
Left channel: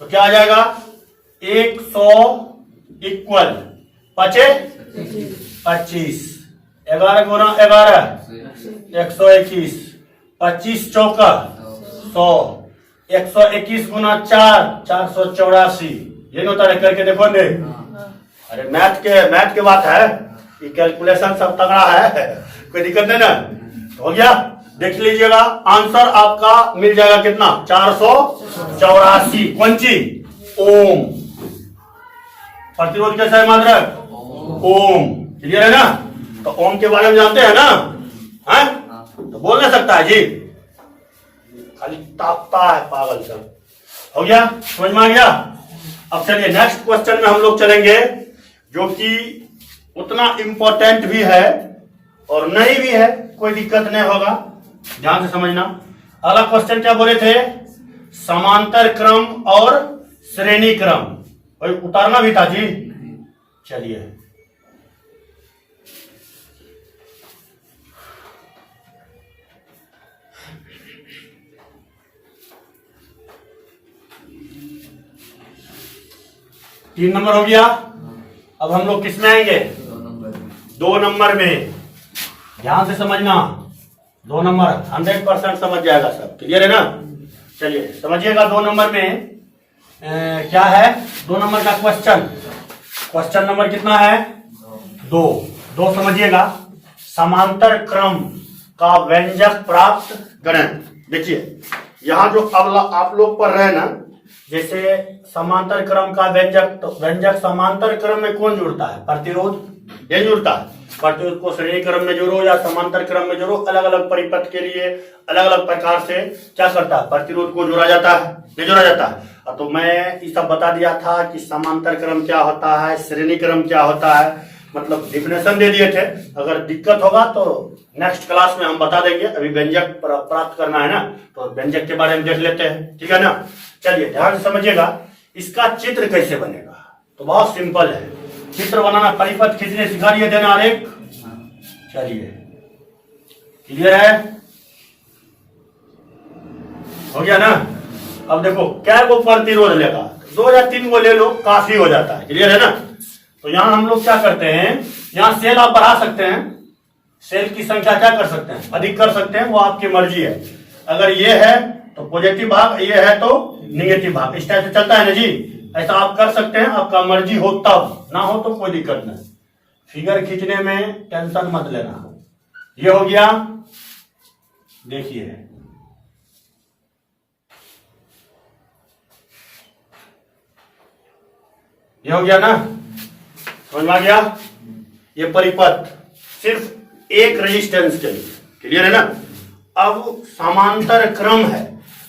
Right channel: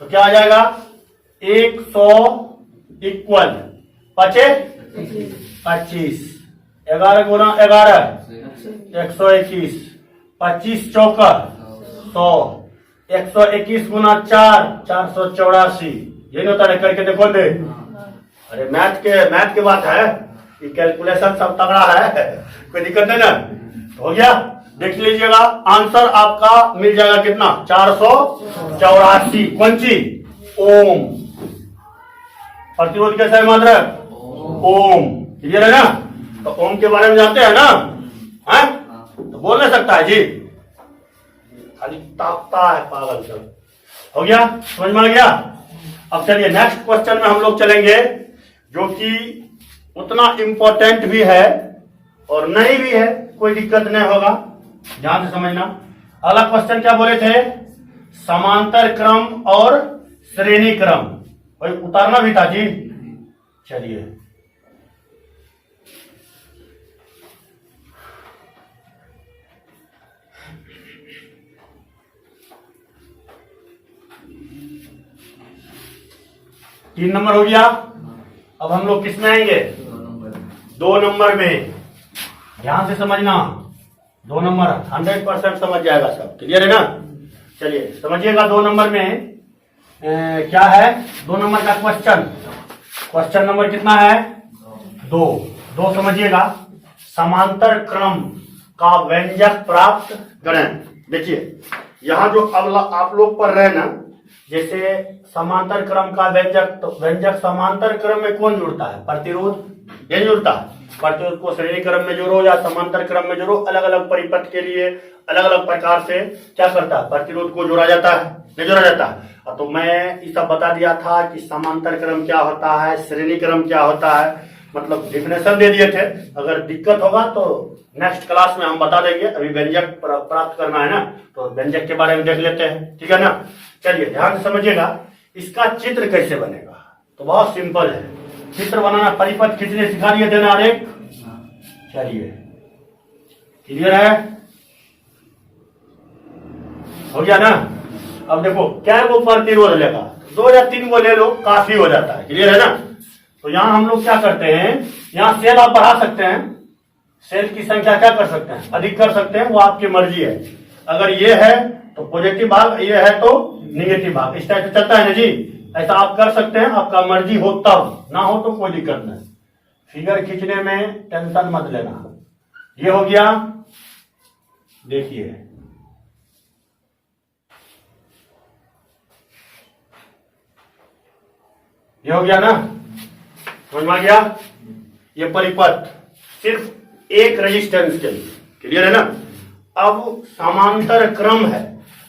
तो क्या आ जाएगा? 100 इक्वल 25, 11 गुना 11 121, 25 चौका 100, 121 गुना 4 484। ये होता है, करके देखो दे। अरे मैथ के बात है, ये कैलकुलेशन सब तगड़ा है, कोई दिक्कत नहीं ना। हो गया, देख लीजिएगा आंसर आपका मिल जाएगा कितना? 484 पंची ओम। प्रतिरोध कैसा है मात्रक? ओम। क्लियर है ना? तो ओम के बारे में जानते हैं ना? है? तो बोल नहीं सकता है जी, खाली ताकता है पागल सब। हो गया, समझ में आ गया? अब चलिए नेक्स्ट क्वेश्चन में हम लोग चलेंगे, जो कि उतना इंपॉर्टेंट भी है और नहीं भी है, कोई दिक्कत नहीं होगा, ध्यान से समझना। अगला क्वेश्चन क्या बोले थे? समांतर क्रम और श्रेणी क्रम। भाई उतारना भी था जी। चलिए, तीन नंबर हो गया। अब हम लोग किस में आएंगे? 2 नंबर में। ध्यान से समझना, 2 नंबर 100% समझ जाएगा सब। क्लियर है ना? चलिए समझिएगा, 2 नंबर में क्या है? 2 नंबर का क्वेश्चन नंबर कितना है? 2 समझिएगा। समांतर क्रम का व्यंजक प्राप्त करें। देखिए यहां जो अब आप लोग पढ़ रहे हैं ना, जैसे समांतर क्रम का व्यंजक, तो व्यंजक समांतर क्रम में कौन जुड़ता है? प्रतिरोध नहीं जुड़ता है। प्रतिरोध को श्रेणी क्रम में जोड़ो या समांतर क्रम में जोड़ो, अलग अलग परिपथ के लिए अलग अलग प्रकार से क्या करता है? प्रतिरोध को जोड़ा जाता है, नहीं जोड़ा जाता है। तो मैं ये सब बता दिया था कि समांतर क्रम क्या होता है, श्रेणी क्रम क्या होता है, मतलब डिफिनेशन दे दिए थे। अगर दिक्कत होगा तो नेक्स्ट क्लास में हम बता देंगे। अभी व्यंजक प्राप्त करना है ना, तो व्यंजक के बारे में देख लेते हैं, ठीक है ना। चलिए ध्यान से समझिएगा, इसका चित्र कैसे बनेगा? तो बहुत सिंपल है, चित्र बनाना परिपथ खींचने सिखा दिए थे ना आरेख। चलिए क्लियर है? हो गया ना? अब देखो क्या वो प्रतिरोध लेगा, 2 या 3 को ले लो, काफी हो जाता है। क्लियर है ना? तो यहां हम लोग क्या करते हैं, यहां सेल आप बढ़ा सकते हैं, सेल की संख्या क्या कर सकते हैं? अधिक कर सकते हैं, वो आपकी मर्जी है। अगर ये है तो पॉजिटिव भाग, ये है तो निगेटिव भाग, इस टाइप से चलता है ना जी। ऐसा आप कर सकते हैं, आपका मर्जी हो तब, ना हो तो कोई दिक्कत नहीं। फिगर खींचने में टेंशन मत लेना। ये हो गया, देखिए ये हो गया ना, समझ में आ गया? ये परिपथ सिर्फ एक रेजिस्टेंस के लिए। क्लियर है ना? अब समांतर क्रम है,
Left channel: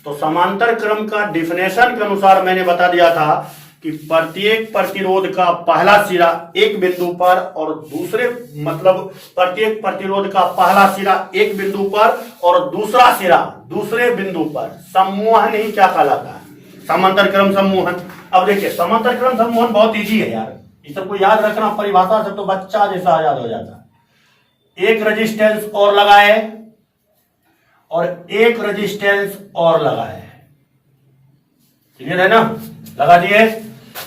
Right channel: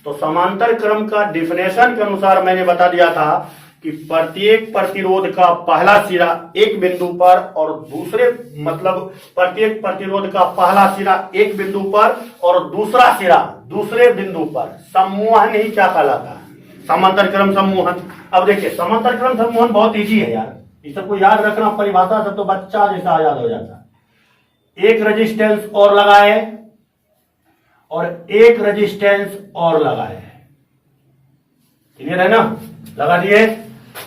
तो समांतर क्रम का डिफिनेशन के अनुसार मैंने बता दिया था कि प्रत्येक प्रतिरोध का पहला सिरा एक बिंदु पर और दूसरे मतलब प्रत्येक प्रतिरोध का पहला सिरा एक बिंदु पर और दूसरा सिरा दूसरे बिंदु पर सम्मोहन ही क्या कहलाता है? समांतर क्रम सम्मोहन। अब देखिए समांतर क्रम सम्मोहन बहुत इजी है यार, इस सबको याद रखना, परिभाषा से तो बच्चा जैसा याद हो जाता है। एक रेजिस्टेंस और लगाए और एक रेजिस्टेंस और लगाए, क्लियर है ना? लगा दिए,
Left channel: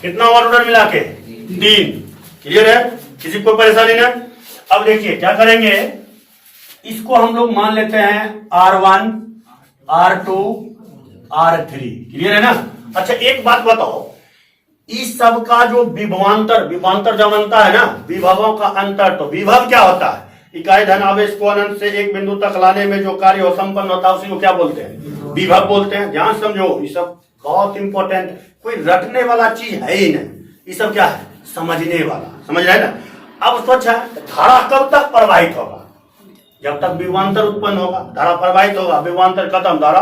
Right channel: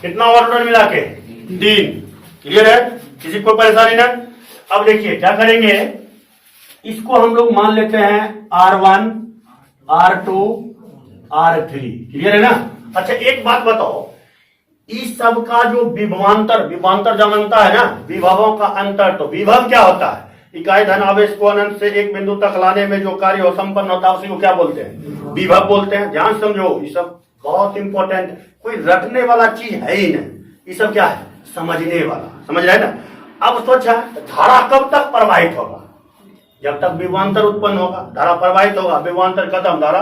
कितना वाट मिला के? 3। क्लियर है, किसी को परेशानी ना? अब देखिए क्या करेंगे, इसको हम लोग मान लेते हैं R1 R2 R3। क्लियर है ना? अच्छा एक बात बताओ, इस सब का जो विभवांतर जानता है ना, विभवों का अंतर, तो विभव क्या होता है? इकाई धन आवेश को अनंत से एक बिंदु तक लाने में जो कार्य हो संपन्न होता है उसी को क्या बोलते हैं? विभव बोलते हैं। ध्यान समझो, ये सब बहुत इंपॉर्टेंट, कोई रटने वाला चीज है ही नहीं, ये सब क्या है? समझने वाला, समझ रहे हैं ना? अब सोच है धारा कब तक प्रवाहित होगा? जब तक विभवांतर उत्पन्न होगा धारा प्रवाहित होगा, विभवांतर खत्म धारा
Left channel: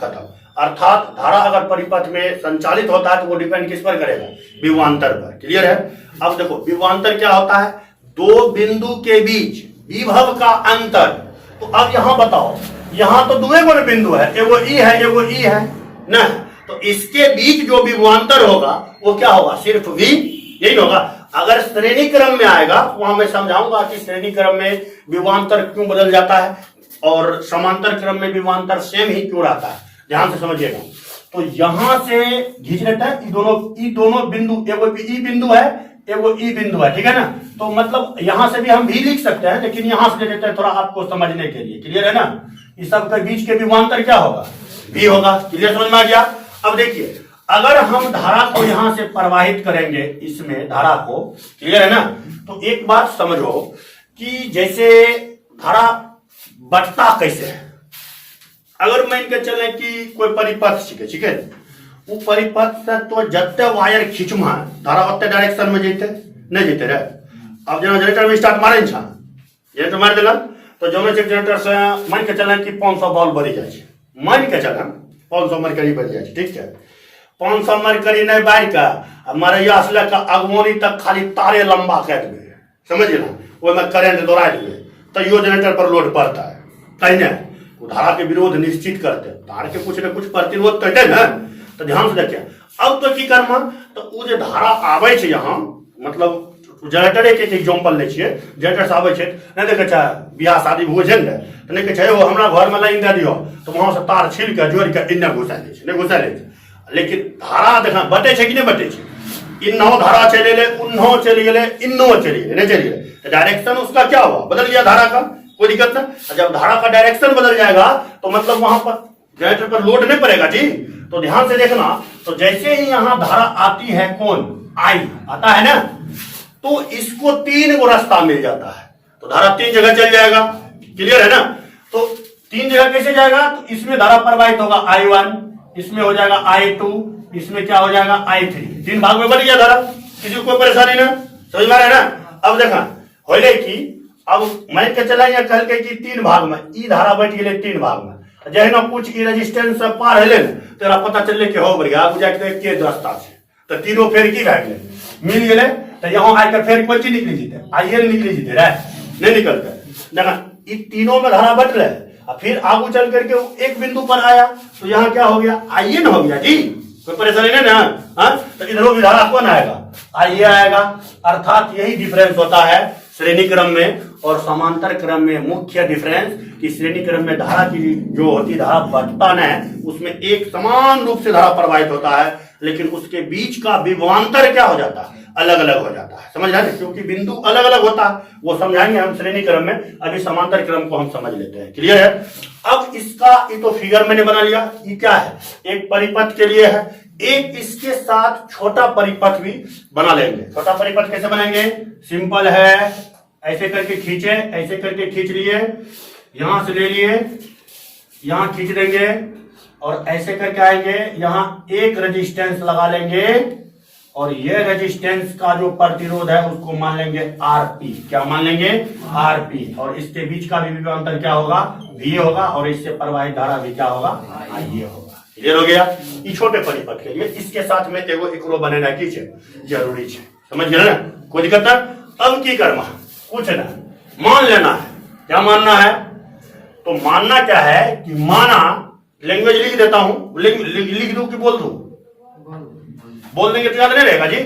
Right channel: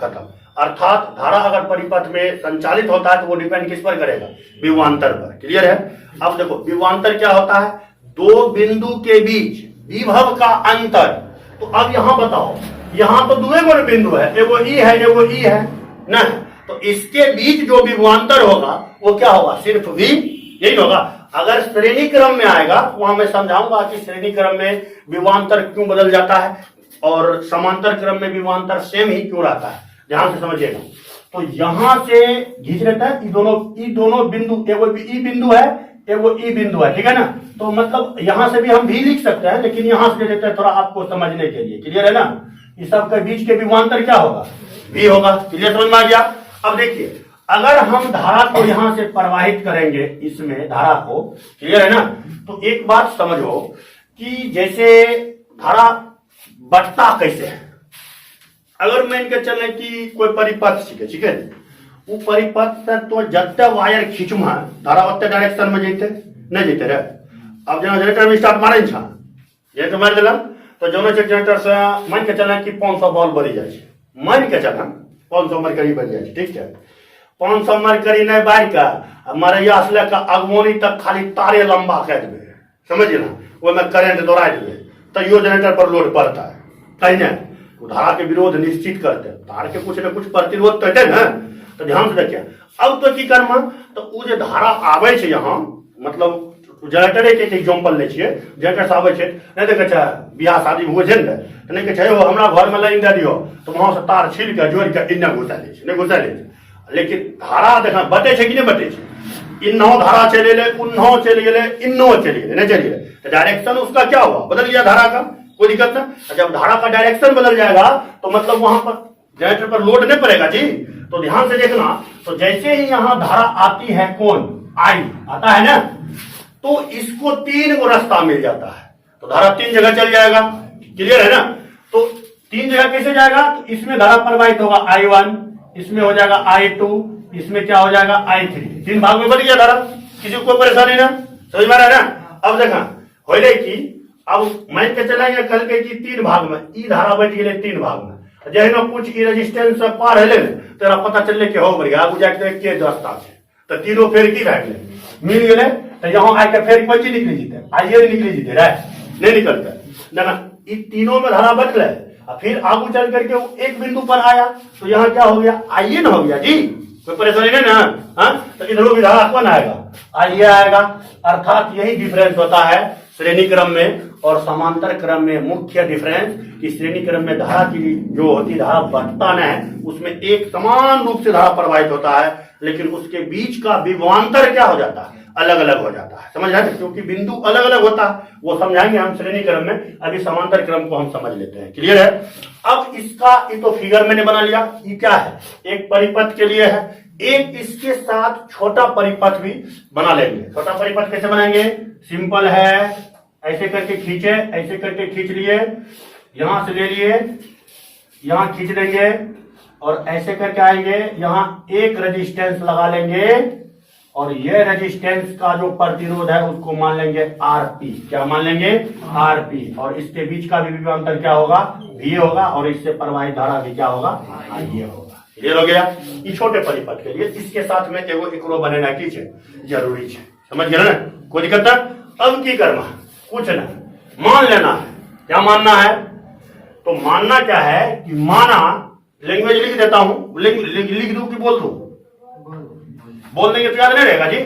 खत्म। अर्थात धारा अगर परिपथ में संचालित होता है तो वो डिपेंड किस पर करेगा? विभवांतर पर। क्लियर है? अब देखो विभवांतर क्या होता है? दो बिंदु के बीच विभव का अंतर। तो अब यहां बताओ, यहां तो दुए को बिंदु है, एगो ई है एगो ई है ना, तो इसके बीच जो विभवांतर होगा वो क्या होगा? सिर्फ v, यही होगा। अगर श्रेणी क्रम में आएगा तो वहां मैं समझाऊंगा कि श्रेणी क्रम में विभवांतर क्यों बदल जाता है और समांतर क्रम में विभवांतर सेम ही क्यों रहता है। ध्यान से समझिएगा। तो यहां से खींच लेता है, ई दोनों बिंदु, एगो ई बिंदु है एगो ई बिंदु है, ठीक है ना? तो मतलब यहां से भी हम भी लिख सकते हैं, लेकिन यहां से देते हैं थोड़ा आपको समझने के लिए। क्लियर है ना? इस सब के बीच के विभवांतर क्या होगा? भी होगा। क्लियर, समझ में आ गया? अब देखिए अगर हम धारा को यहां से प्रवाहित करेंगे, इसमें धारा को, क्लियर है ना? तो एक बात समझो कि जैसे धारा बटता कैसे है। अगर मान के चले कि कोई परिपथ छिके, ठीक है, वो परिपथ से तो जत्ते वायर खींचमा धारा ओते डायरेक्शन में जेते नहीं जेते रे। अब जना जनरेटर में स्टार्ट मारे छा, ये तो मार देला, तो जोनो से जनरेटर से मान के चले कि 500 वोल्ट बढ़ी जाए छे, मान के चले 500 मरकरी बढ़ जाए, ठीक है। 500 मरकरी नहीं बढ़ के हमारे असले का अगमोनी तक खाली तारे लंबा कर देबे, समझिए ना, वो में करंट दौड़ा देबे, तो यो जनरेटर पर लोड पड़ता है, कहीं नहीं धारा के विरोध निश्चित करते, धारा के कुछ न कुछ प्रतिरोध करते ना। तो ध्यान से देखिए, अब तो की कर्म, तो वो जो धारा आवे छे यहाँ, मतलब जनरेटर एक एग्जांपल ले छिए, जनरेटर से आवे छे, नहीं देखे छे बियाह शादी हुए छे ने, तो नहीं कहे छे ओ हमरा घर में लाइन दे दियो, तो वहां से तार छील के जोड़ के इन्ने घुसा ले छे, नहीं घुसा ले छे। लेकिन धारा देखा बटे छे कि नहीं बटे छे, इन्नो धारा चले ले, उन्नो चले गेले, इन्नो चले गेले, नहीं चले गेले, तो डायरेक्शन उसका क्या हुआ? बदल गया धारा का, कोई दिक्कत ना। जब धारा का डायरेक्शन बदल जाएगा तो मतलब वहां पर जनरेटर पर लोड नहीं पड़ेगा जी। तो ध्यान से देखना, तो जैसे ही यहां धारा आती है, कौन आई आता है ना, तो इसको 3 गो रास्ता मिल जाता है, तो धारा 3 जगह चल जाएगा। क्लियर है ना? तो 3 जगह कैसे जाएगा? तो इसमें धारा प्रवाहित होगा I1, इसमें हो जाएगा I2, इसमें क्या हो जाएगा I3, 3 भाग में बन गया धारा, किसी को कोई परेशानी ना, समझ में आ रहा है ना? अब देखा हो कि अब मान के चला कल के कि 3 भाग में ई धारा बैठ गए 3 भाग में, जही ना कुछ ई रेजिस्टेंस से पार हेले न, तेरा पता चलले कि हो बढ़िया आगू जाके के रास्ता छे, तो तीनों फेर की भए गेले, मिल गेले, तो यहाँ आके फेर कोई चीज निकली जीते, आइए निकली जीते रे, नहीं निकलते। देखा ई तीनों में धारा बटले, और फिर आगू चल करके वो एक बिंदु पर आया, तो यहाँ क्या हो गया? आइए ना हो गया जी, कोई परेशानी नहीं ना? हाँ, तो इधरों भी धारा कौन आएगा? आइए आएगा। अर्थात यही डिफरेंस होता है श्रेणी क्रम में और समांतर क्रम में। मुख्य डिफरेंस कि श्रेणी क्रम में धारा की जो होती धारा बटता न है, उसमें एक समान रूप से धारा प्रवाहित होता है, लेकिन उसके बीच का विभवांतर क्या हो जाता है? अलग अलग हो जाता है। समझ रहे हैं? क्योंकि बिंदु अलग अलग होता है, वो समझाएंगे हम श्रेणी क्रम में, अभी समांतर क्रम को हम समझ लेते हैं। क्लियर है? अब इसका ये तो फिगर मैंने बना लिया, ये क्या है? एक परिपथ के लिए है, एक इसके साथ छोटा परिपथ भी बना लेंगे। छोटा परिपथ कैसे बनाएंगे? सिंपल है, ऐसे करके खींचे, ऐसे करके खींच लिए, यहां से ले लिए, यहां खींच देंगे और ऐसे करके आएंगे, यहां एक रेजिस्टेंस लगा लेंगे और ये रेजिस्टेंस का जो प्रतिरोध है उसको मान लेंगे आरपी। क्या मान लेंगे? आरपी। और इसके बीच का भी विभवांतर क्या होगा? वी होगा, और इससे प्रवाहित धारा भी क्या होगा? आईए होगा। क्लियर हो गया। ये छोटे परिपथ के लिए इसके साथ में एगो एकरो बनाना की छे जरूरी छे, समझ गए ना, कोई दिक्कत है। अब की करना कुछ ना मान लेना है, क्या मानना है, तो मानना क्या है कि माना, लैंग्वेज लिख देता हूं, लिख दूं कि बोल दूं, बोल देंगे तो याद नहीं रहेगा जी,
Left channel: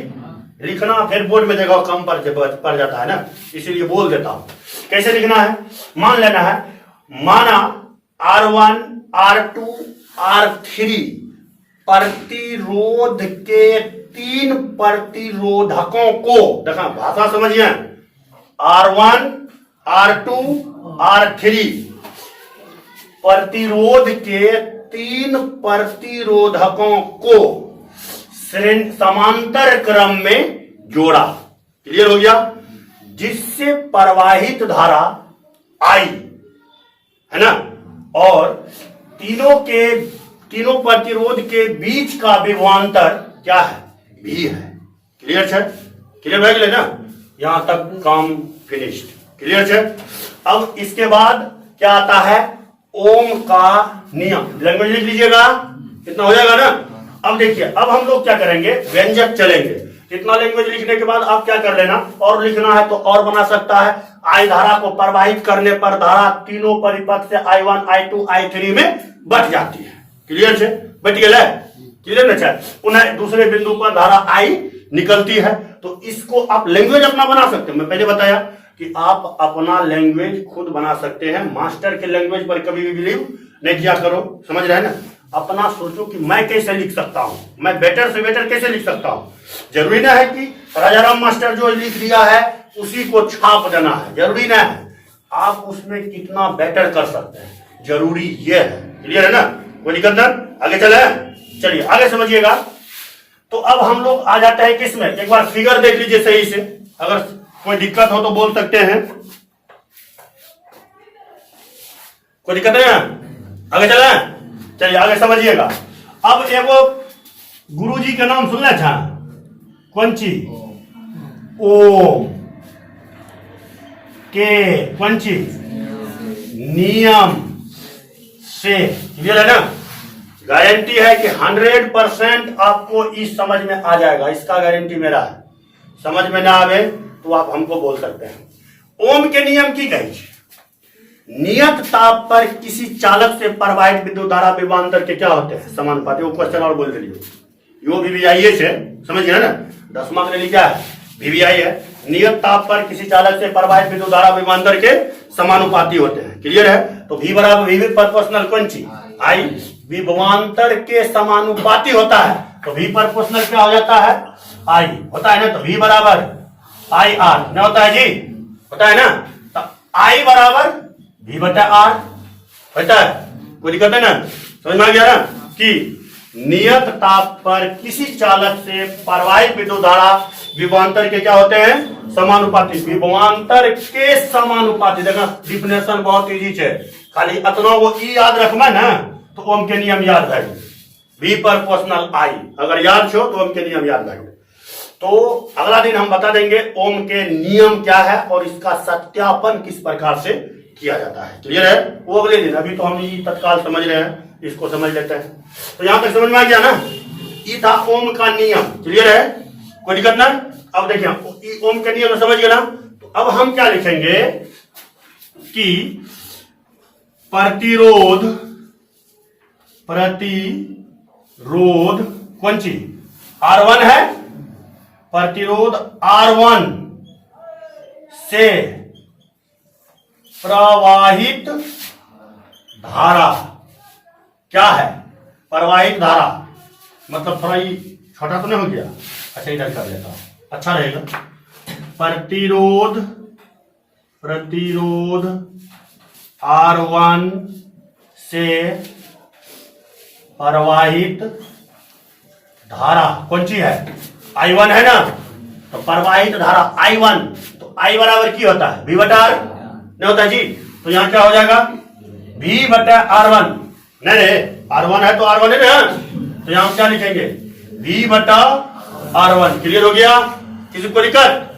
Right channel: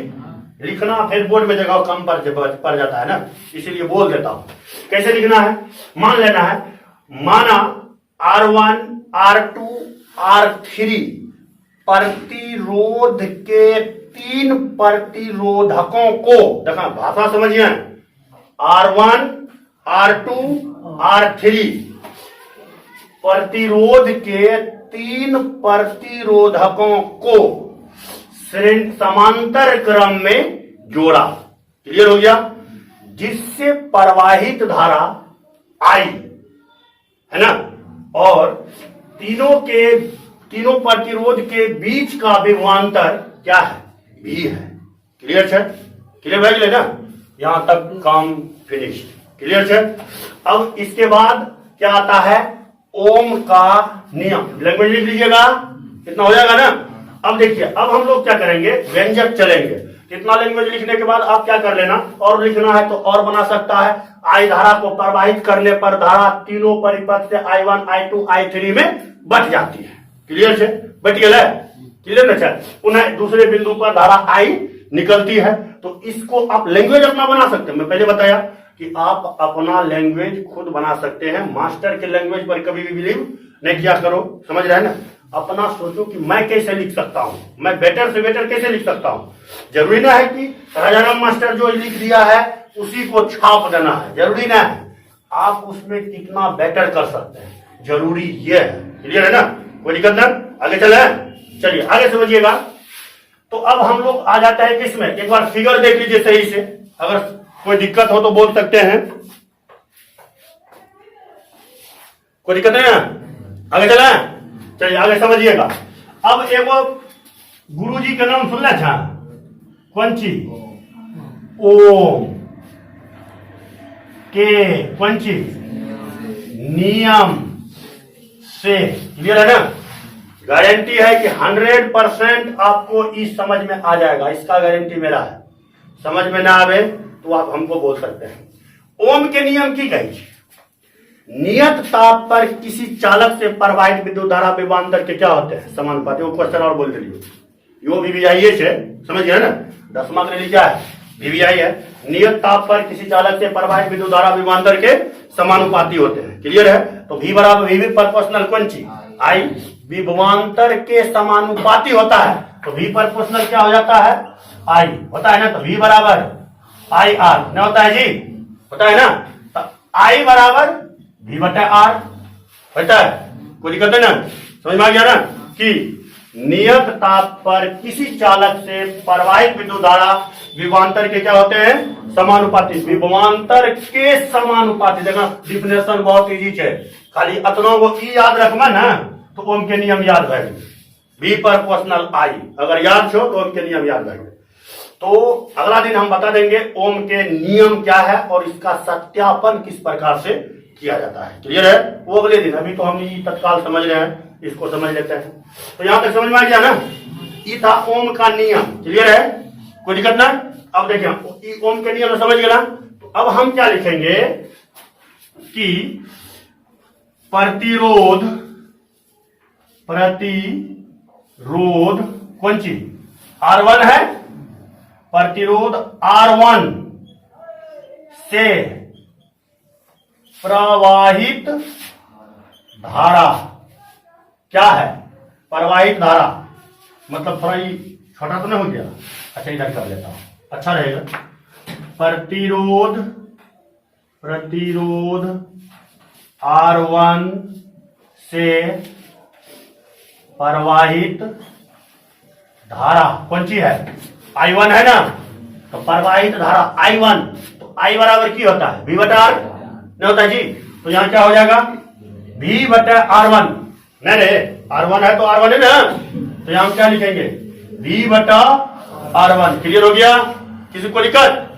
लिखना फिर बोर्ड में जगह कम पड़ जाता है ना, इसीलिए बोल देता हूं। कैसे लिखना है, मान लेना है, माना R1 R2 R3 प्रतिरोध के 3 प्रतिरोधकों को, देखा भाषा समझिए, R1 R2 R3 प्रतिरोध के 3 प्रतिरोधकों को समांतर क्रम में जोड़ा, क्लियर हो गया, जिससे प्रवाहित धारा I है ना, और तीनों प्रतिरोध के बीच का विभवांतर क्या है, V है। क्लियर है, क्लियर भाई ले ना, यहां तक काम फिनिश्ड, क्लियर है। अब इसके बाद क्या आता है, ओम का नियम, लैंग्वेज लिख लीजिएगा, इतना हो जाएगा ना। अब देखिए, अब हम लोग क्या करेंगे, व्यंजक चलेंगे। इतना लैंग्वेज लिखने के बाद आप क्या कर लेना, और लिखना है तो और बना सकता है। आई धारा को प्रवाहित करने पर धारा तीनों परिपथ से I1 I2 I3 में बट जाती है, क्लियर है, बट गया है, क्लियर ना। पुनः दूसरे बिंदु पर धारा I निकलती है, तो इसको आप लैंग्वेज अपना बना सकते हैं। मैं पहले बताया कि आप अपना लैंग्वेज खुद बना सकते हैं, मास्टर के लैंग्वेज पर कभी भी बिलीव नहीं किया करो, समझ रहे हैं ना। अपना सोचो कि मैं कैसे लिख सकता हूं, मैं बेटर से बेटर कैसे लिख सकता हूं। जरूरी ना है कि राजाराम मास्टर जो लिख दिया है उसी को छाप देना है, जरूरी ना है, आप उसमें कितना बेटर कर सकते हैं, जरूरी ये है, क्लियर है ना, कोई दिक्कत ना। आगे चले, चलिए आगे समझिएगा। तो अब हम लोग आ जाते हैं किसमें, एक बार फिगर देख लीजिए सही से, अगर कोई दिक्कत हो तो बोल सकते हैं, कोई दिक्कत नहीं है, आगे चले, चलिए आगे समझिएगा। अब एगो गुरुजी के नाम सुन ले छा, कौन चीज, ओम के कौन चीज, नियम से, क्लियर है ना। गारंटी है कि 100% आपको इस समझ में आ जाएगा, इसका गारंटी मेरा है। समझ में ना आवे तो आप हमको बोल सकते हैं। ओम के नियम की कही, नियत ताप पर किसी चालक से प्रवाहित विद्युत धारा विभवांतर के क्या होते हैं, समानुपाती। वो क्वेश्चन और बोल रही यो VVI है, समझ गए ना, 10वां के लिए क्या है, VVI है। नियत ताप पर किसी चालक से प्रवाहित विद्युत धारा विभवांतर के समानुपाती होते हैं, क्लियर है। तो V बराबर V प्रोपोर्शनल कौन चीज, I विभवांतर के समानुपाती होता है, तो V प्रोपोर्शनल क्या हो जाता है, I होता है ना। तो V बराबर IR न होता है जी, होता है ना। तो I बराबर V बटा R होता है, कोई दिक्कत है ना, समझ में आ गया ना, कि नियत ताप पर किसी चालक से प्रवाहित विद्युत धारा विभवांतर के क्या होते हैं, समानुपाती। विभवांतर के समानुपाती, देखना डिफिनेशन बहुत इजी है, खाली अतनों को ई याद रखना ना, तो ओम के नियम याद रहेंगे। V प्रोपोर्शनल I अगर याद छो तो ओम के नियम याद रहेंगे। तो अगला दिन हम बता देंगे ओम के नियम क्या है और इसका सत्यापन किस प्रकार से किया जाता है, क्लियर है, वो अगले दिन। अभी तो हम ये तत्काल समझ रहे हैं, इसको समझ लेते हैं। तो यहां तक समझ में आ गया ना, ये था ओम का नियम, क्लियर है, कोई दिक्कत ना। अब देखिए ओम के नियम समझ गए ना, तो अब हम क्या लिखेंगे कि प्रतिरोध कौन सी, R1 है, प्रतिरोध R1 से प्रवाहित धारा क्या है, प्रवाहित धारा, मतलब थोड़ा ये छोटा तो नहीं हो गया, अच्छा इधर कर लेता हूं, अच्छा रहेगा। प्रतिरोध R1 से प्रवाहित धारा कौन सी है, I1 है ना, तो प्रवाहित धारा I1, तो I बराबर की होता है V बटा R नहीं होता जी, तो यहां क्या हो जाएगा V बटा R1, नहीं रे R1 है तो R1 है ना, तो यहां हम क्या लिखेंगे V बटा R1, क्लियर हो गया, किसी को दिक्कत।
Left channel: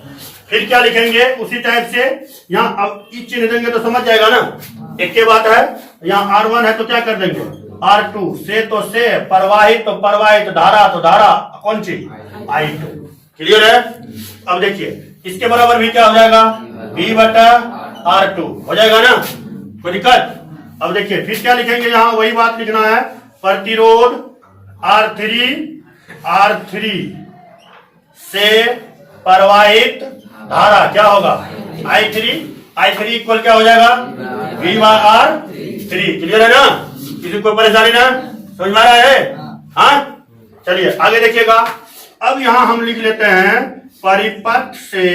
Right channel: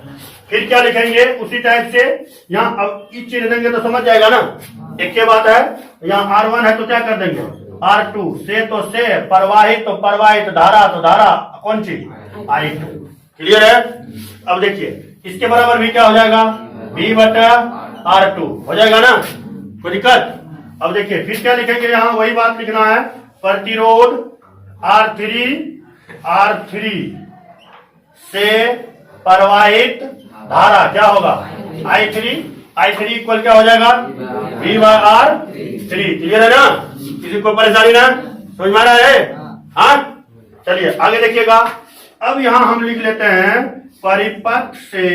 फिर क्या लिखेंगे उसी टाइप से, यहाँ अब ई चिन्ह देंगे तो समझ जाएगा ना, एक के बात है, यहाँ R1 है तो क्या कर देंगे R2, से तो से, प्रवाहित तो प्रवाहित, धारा तो धारा, कौन सी I2। क्लियर है। अब देखिए इसके बराबर भी क्या हो जाएगा, V बटा R2 हो जाएगा ना, कोई दिक्कत। अब देखिए फिर क्या लिखेंगे, यहां वही बात लिखना है, प्रतिरोध R3 से प्रवाहित धारा क्या होगा, I3 इक्वल क्या हो जाएगा, V बाय R3। क्लियर है ना, किसी कोई परेशानी ना, समझ में आ रहा है। हाँ चलिए आगे देखिएगा। अब यहां हम लिख लेते हैं परिपथ से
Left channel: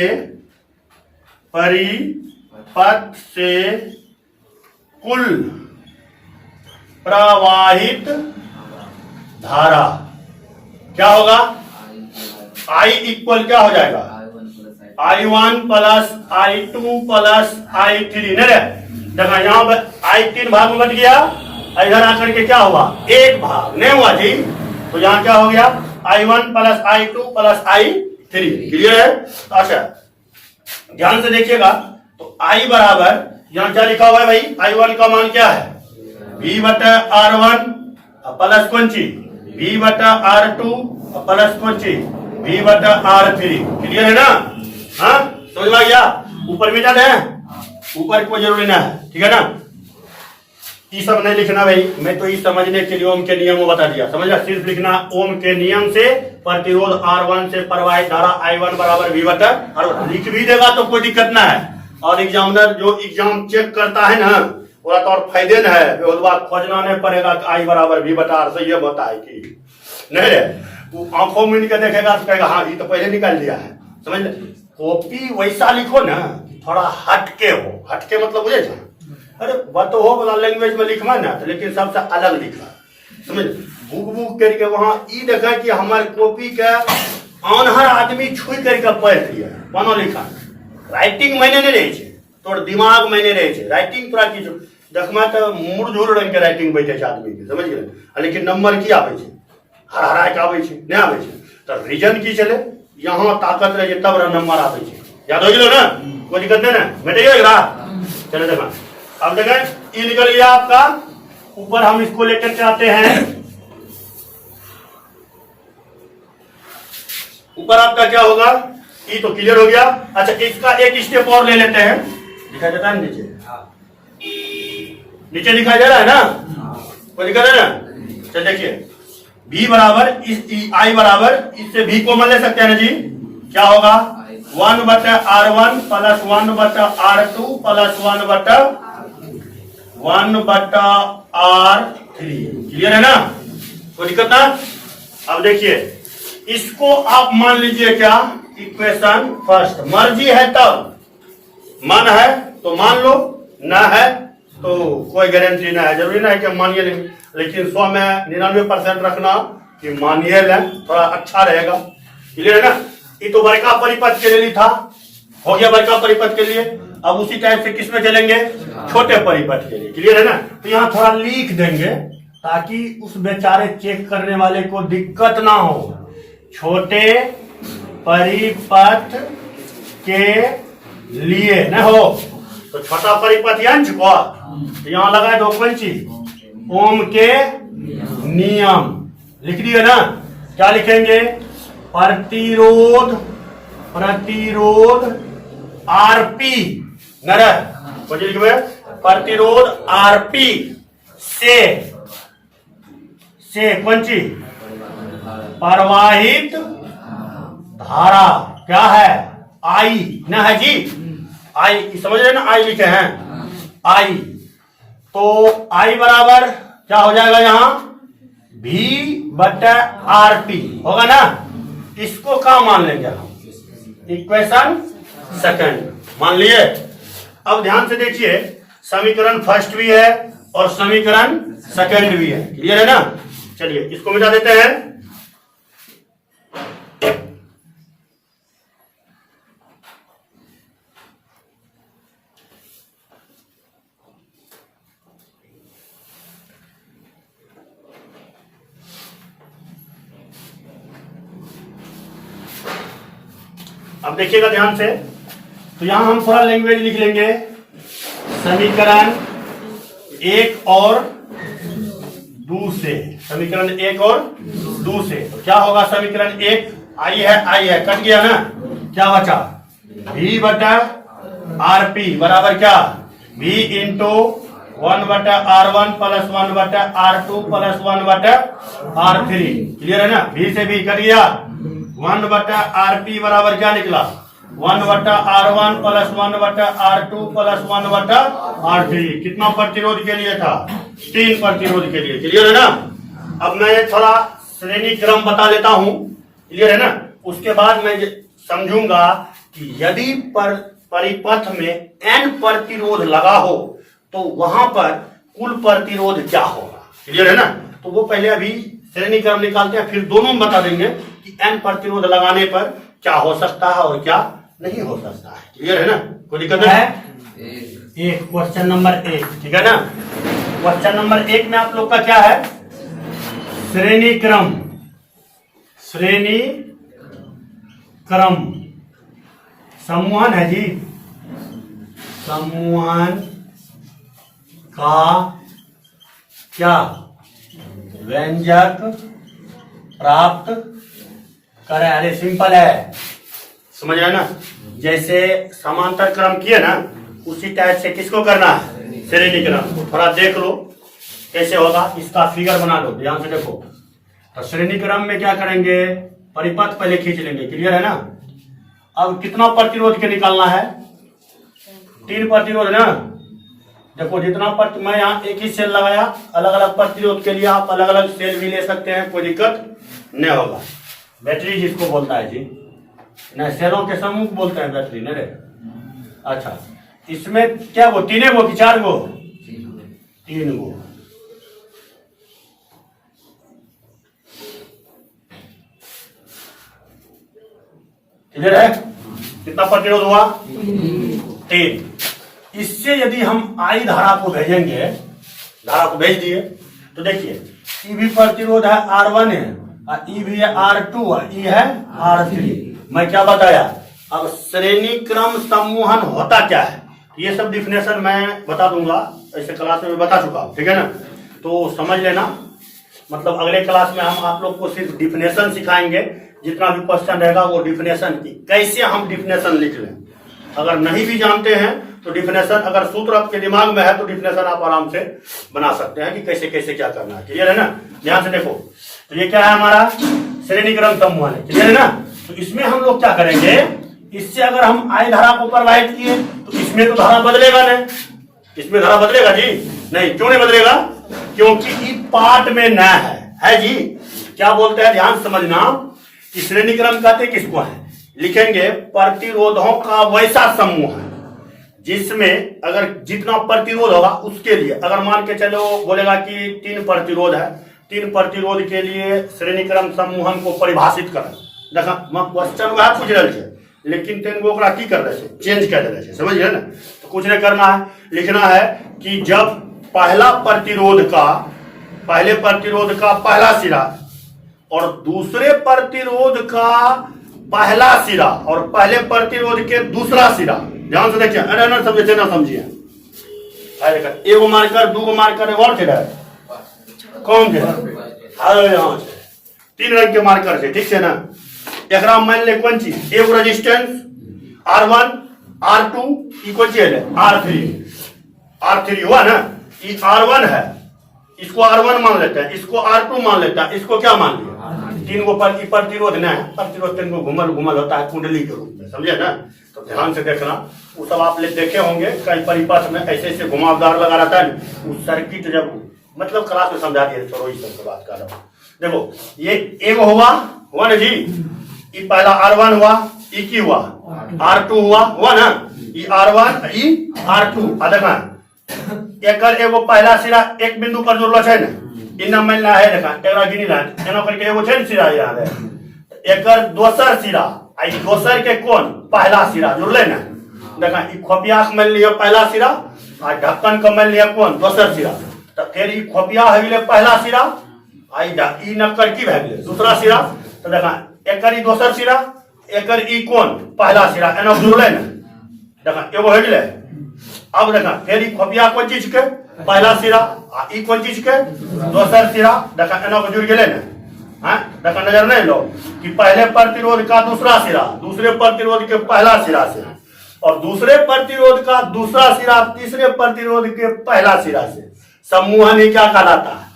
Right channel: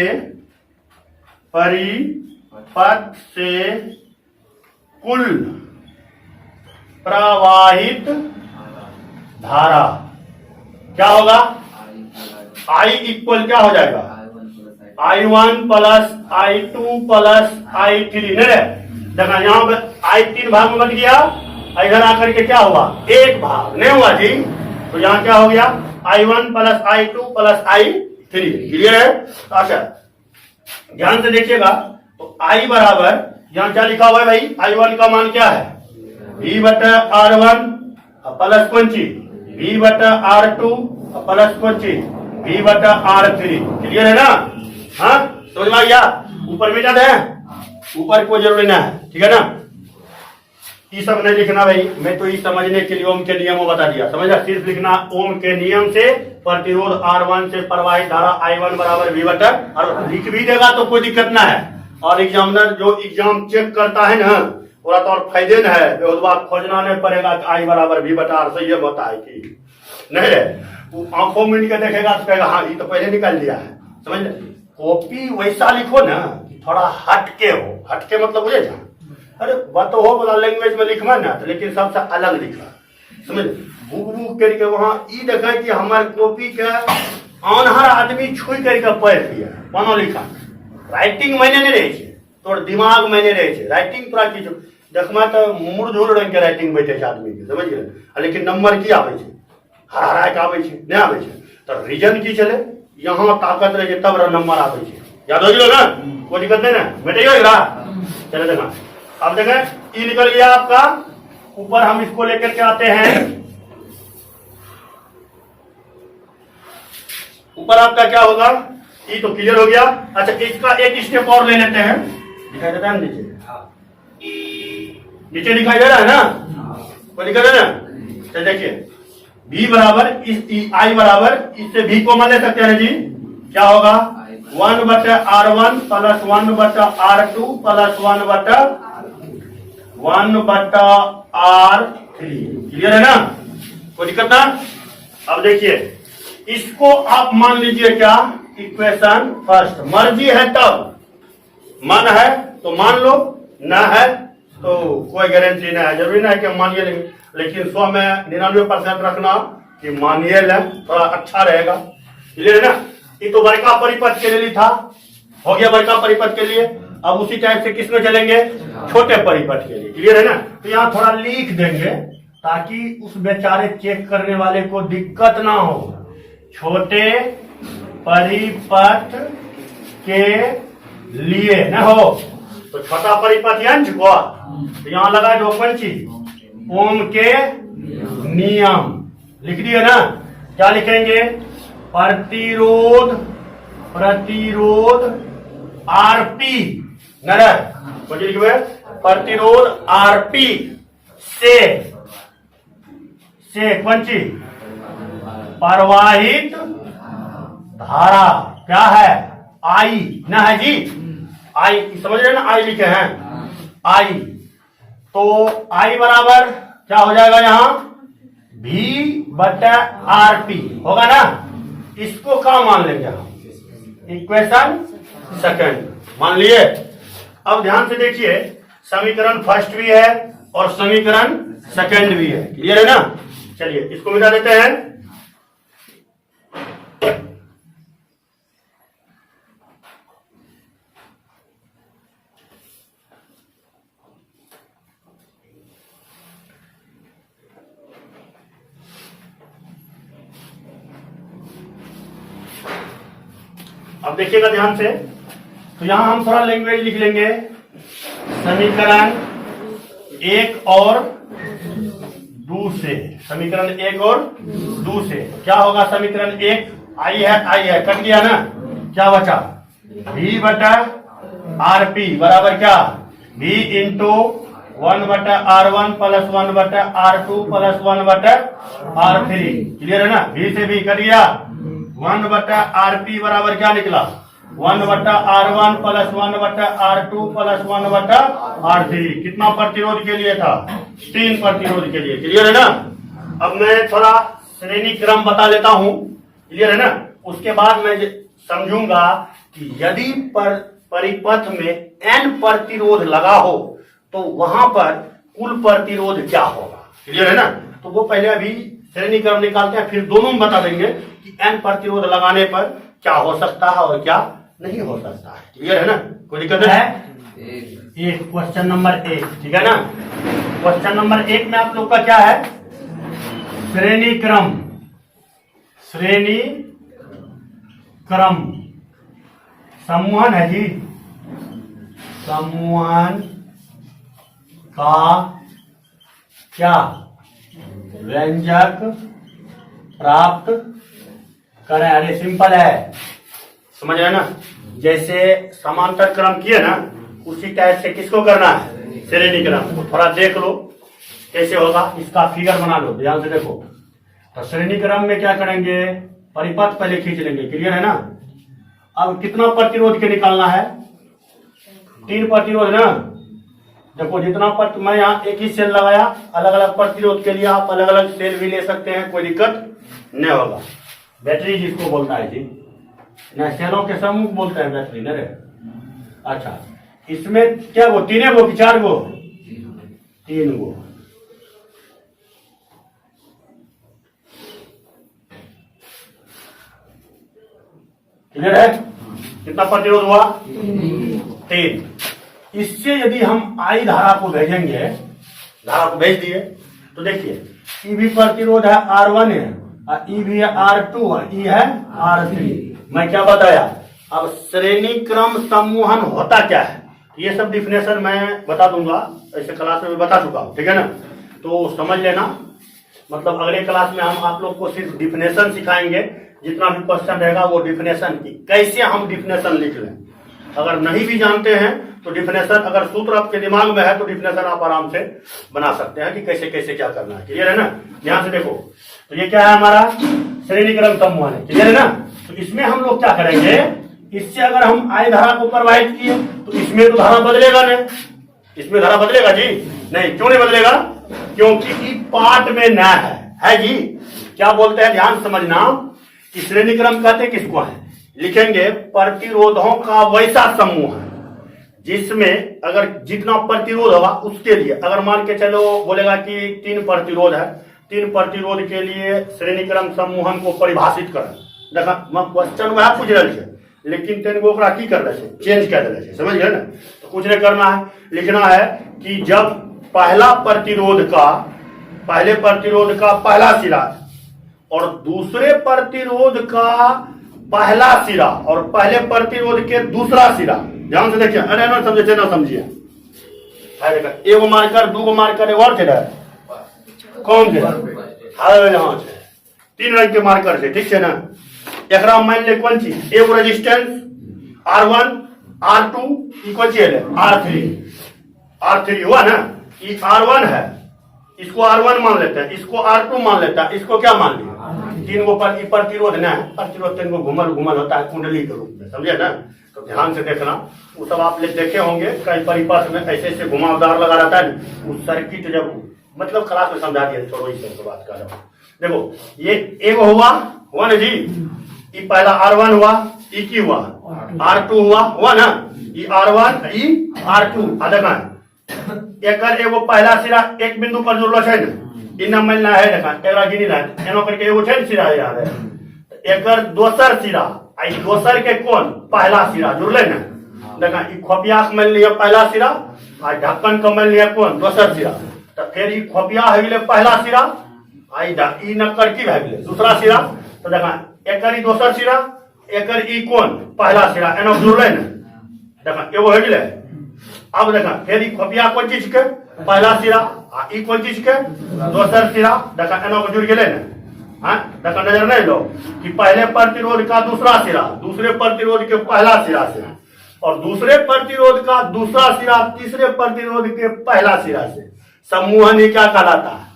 कुल प्रवाहित धारा क्या होगा, I इक्वल क्या हो जाएगा, I1 plus I2 plus I3। नहीं देखा यहाँ पर I3 भाग में बच गया, इधर आकर के क्या हुआ, एक भाग नहीं हुआ जी, तो यहाँ क्या हो गया, I1 plus I2 plus I3। Clear है। अच्छा ध्यान से देखिएगा, तो I बराबर यहाँ क्या लिखा हुआ है भाई, I1 का मान क्या है, V बटा R1 प्लस कौन सी, V बटा R2 प्लस कौन सी, V बटा R3। क्लियर है ना। हाँ समझ में आ गया। ऊपर मिटा दे, ऊपर कोई जरूरी ना है, ठीक है ना। ये सब नहीं लिखना भाई, मैं तो ये समझने के लिए ओम के नियम को बता दिया, समझ गया। सिर्फ लिखना ओम के नियम से प्रतिरोध R1 से प्रवाहित धारा I1 बराबर V बटा R1। लिख भी देगा तो कोई दिक्कत ना है, और एग्जामिनर जो एग्जाम चेक करता है ना, पूरा तो और फायदे न है, उसके बाद खोजना नहीं पड़ेगा कि I बराबर V बटा R। सही है बता है कि नहीं रे, वो आंखों में के देखेगा तो कहेगा हाँ ये तो पहले निकाल दिया है, समझ ले। कॉपी वैसा लिखो ना थोड़ा हटके हो, हटके मतलब बुझे जा, अरे बात तो हो बता लैंग्वेज में लिखवा ना, तो लेकिन सबसे अलग लिखा, समझ। बुक करके वहां ई देखा कि हमारे कॉपी का अनहर आदमी छुई करके पढ़ लिया बनो लिखा। राइटिंग मैंने नहीं रहे छे, तोर दिमाग मैंने रहे छे, राइटिंग तोरा की देखमा तो मुरझुर रंग के राइटिंग बैठे छे आदमी के, समझ गए। लेकिन नंबर की आवे छे, हरा के आवे छे, नहीं आवे छे, तो रीजन की चले, यहाँ ताकत रहे तब नंबर आवे छे। याद हो गया ना, कोई दिक्कत नहीं ना, बेटे होगा। चले देखा, अब देखें ये निकल गया आपका। ऊपर हम इसको लेकर के आते हैं, ऊपर आपका क्या होगा, ये तो क्लियर हो गया। अच्छा इसका एक स्टेप और ले लेते हैं, दिखाई देता है नीचे, नीचे दिखाई दे रहा है ना, कोई दिक्कत है ना। चल देखिए V बराबर इस I बराबर इससे V को मान ले सकते हैं ना जी, क्या होगा 1 बटा R1 प्लस 1 बटा R2 प्लस 1 बटा R3। क्लियर है ना, कोई दिक्कत ना। अब देखिए इसको आप मान लीजिए क्या, इक्वेशन फर्स्ट। मर्जी है तब, मन है तो मान लो, ना है तो कोई गारंटी ना है, जरूरी ना है कि मानिए, लेकिन 100 में 99% रखना कि मानिए लें, थोड़ा अच्छा रहेगा। क्लियर है ना। ये तो बड़का परिपथ के लिए था, हो गया बड़का परिपथ के लिए। अब उसी टाइप से किसमें चलेंगे, छोटे परिपथ के लिए। क्लियर है ना। तो यहाँ थोड़ा लिख देंगे ताकि उस बेचारे चेक करने वाले को दिक्कत ना हो। छोटे परिपथ के लिए न हो तो छोटा परिपथ यंच को तो यहाँ लगाए दो कौन चीज, ओम के नियम लिख दिए ना। क्या लिखेंगे, प्रतिरोध आरपी नर प्रतिरोध आरपी से कौन चीज, प्रवाहित धारा क्या है, आई ना है जी, आई समझ रहे ना, आई लिखे हैं आई। तो आई बराबर क्या हो जाएगा यहाँ V बटा आरपी होगा ना। इसको क्या मान लेंगे हम, इक्वेशन सेकंड मान लिए। अब ध्यान से देखिए, समीकरण फर्स्ट भी है और समीकरण सेकंड भी है। क्लियर है ना। चलिए इसको मिटा देते हैं। अब देखिएगा ध्यान से, तो यहां हम थोड़ा लैंग्वेज लिख लेंगे। समीकरण 1 और 2 से, समीकरण 1 और 2 से। तो क्या होगा समीकरण 1, आई है कट गया ना, क्या बचा v बटा आर पी बराबर क्या v इंटू 1 बटा R1 प्लस 1 बटा R2 प्लस 1 बटा R3। क्लियर है ना, v से v कट गया, 1 बटा RP बराबर क्या निकला 1 बटा R1 प्लस 1 बटा R2 प्लस 1 बटा R3। कितना प्रतिरोध के लिए था 3 प्रतिरोध के लिए। क्लियर है ना। अब मैं थोड़ा श्रेणी क्रम बता लेता हूं, क्लियर है ना। उसके बाद मैं समझूंगा कि यदि परिपथ में n प्रतिरोध लगा हो तो वहां पर कुल प्रतिरोध क्या होगा। क्लियर है ना। तो वो पहले अभी श्रेणी क्रम निकालते हैं, फिर दोनों में बता देंगे कि n प्रतिरोध लगाने पर क्या हो सकता है और क्या नहीं हो सकता है। क्लियर है ना, कोई दिक्कत है। एक क्वेश्चन नंबर 1, ठीक है ना। क्वेश्चन नंबर 1 में आप लोग का क्या है, श्रेणी क्रम, श्रेणी क्रम समूहन है जी, समूहन का क्या व्यंजक प्राप्त करें। अरे सिंपल है, समझ रहे ना। जैसे समांतर क्रम किए ना, उसी टाइप से किसको करना है, श्रेणी क्रम। तो थोड़ा देख लो कैसे होगा, इसका फिगर बना लो, ध्यान से देखो। तो श्रेणी क्रम में क्या करेंगे, परिपथ पहले खींच लेंगे। क्लियर है ना। अब कितना प्रतिरोध के निकालना है, 3 प्रतिरोध ना। देखो जितना मैं यहाँ एक ही सेल लगाया, अलग अलग प्रतिरोध के लिए आप अलग अलग सेल भी ले सकते हैं, कोई दिक्कत नहीं होगा। बैटरी जिसको बोलता है जी, नहीं सेलों के समूह बोलते हैं बैटरी, नहीं रे। अच्छा, इसमें क्या वो 3 गो कि 4 गो, 3 गो। क्लियर है, कितना प्रतिरोध हुआ 3। इससे यदि हम आई धारा को भेजेंगे, धारा को भेज दिए तो देखिए ई भी प्रतिरोध है R1 है, ई भी है R2 और ई है R3। मैं क्या बताया, अब श्रेणी क्रम समूहन होता क्या है, ये सब डिफिनेशन मैं बता दूंगा, ऐसे क्लास में बता चुका हूं, ठीक है ना। तो समझ लेना, मतलब अगले क्लास में हम आप लोग को सिर्फ डिफिनेशन सिखाएंगे। जितना भी क्वेश्चन रहेगा वो डिफिनेशन की, कैसे हम डिफिनेशन लिख लें। अगर नहीं भी जानते हैं तो डिफिनेशन, अगर सूत्र आपके दिमाग में है तो डिफिनेशन आप आराम से बना सकते हैं कि कैसे कैसे क्या करना है। क्लियर है ना। ध्यान से देखो, तो ये क्या है हमारा श्रेणी क्रम समूहन है। क्लियर है ना। तो इसमें हम लोग क्या करेंगे, इससे अगर हम आई धारा को प्रवाहित किए तो इसमें तो धारा बदलेगा नहीं, इसमें धारा बदलेगा जी नहीं। क्यों नहीं बदलेगा, क्योंकि ई पार्ट में न है जी। क्या बोलते हैं, ध्यान समझना कि श्रेणी क्रम कहते किसको है, लिखेंगे प्रतिरोधों का वैसा समूह है जिसमें अगर जितना प्रतिरोध होगा उसके लिए, अगर मान के चलो बोलेगा कि 3 प्रतिरोध है, 3 प्रतिरोध के लिए श्रेणी क्रम समूहन को परिभाषित करें। देखा क्वेश्चन वह पूछ रहे थे, लेकिन 3 गो की कर रहे थे, चेंज कर रहे थे, समझ गए ना। तो कुछ नहीं करना है, लिखना है कि जब पहला प्रतिरोध का, पहले प्रतिरोध का पहला सिरा और दूसरे प्रतिरोध का पहला सिरा और पहले प्रतिरोध के दूसरा सिरा, ध्यान से देखिए, अरे ना समझे ना समझिए, एगो मार्कर 2 गो मार्कर एक और थे, कौन थे, यहाँ से 3 रंग के मार्कर थे, ठीक है ना। एक मान ले कौन चीज, एगो रेजिस्टेंस R1 R2 इक्वल है R3 हुआ ना। ये R1 है, इसको R1 मान लेते हैं, इसको R2 मान लेता है, इसको क्या मान लिया 3 गो पर प्रतिरोध न है, प्रतिरोध 3 गो घुमल होता है कुंडली के रूप में, समझे ना। तो ध्यान से देखना, वो सब आप देखे होंगे कई परिपथ में ऐसे ऐसे घुमावदार लगा रहता है, वो सर्किट जब मतलब क्लास में समझा दिया, छोड़ो इस सब बात कर रहा हूँ। देखो ये एगो हुआ 1 जी, ये पहला R1 हुआ, ई की हुआ R2 हुआ ना, ये R1 ई R2 देखा एकर एगो पहला सिरा एक बिंदु पर जुड़लो है ना, इन मिलना है, देखा एकरा गिनी ला एनो करके एगो छै सिरा याद है, एकर दोसर सिरा आई दोसर के कौन पहला सिरा जुड़ले ना, देखा ई खोपिया के मिल लिया पहला सिरा आ ढक्कन के मिल लिया कौन दोसर सिरा। तो फिर ई खोपिया है गेले पहला सिरा, आई ई नक्कर की भए गेले दूसरा सिरा। तो देखा एकर ई दोसर सिरा, एकर ई कौन पहला सिरा, एनो जुड़ले ना, देखा एगो है गेले अब देखा फिर खोपिया कौन चीज के पहला सिरा ई कौन चीज के दोसर सिरा देखा एना को जुड़ गेले ना। हाँ देखा नजर नहीं लो कि पहले प्रतिरोध का दूसरा सिरा दूसरे प्रतिरोध के पहला सिरा से और दूसरे प्रतिरोध का दूसरा सिरा तीसरे प्रतिरोध के पहला सिरा से सम्मोहन ही क्या कहलाता है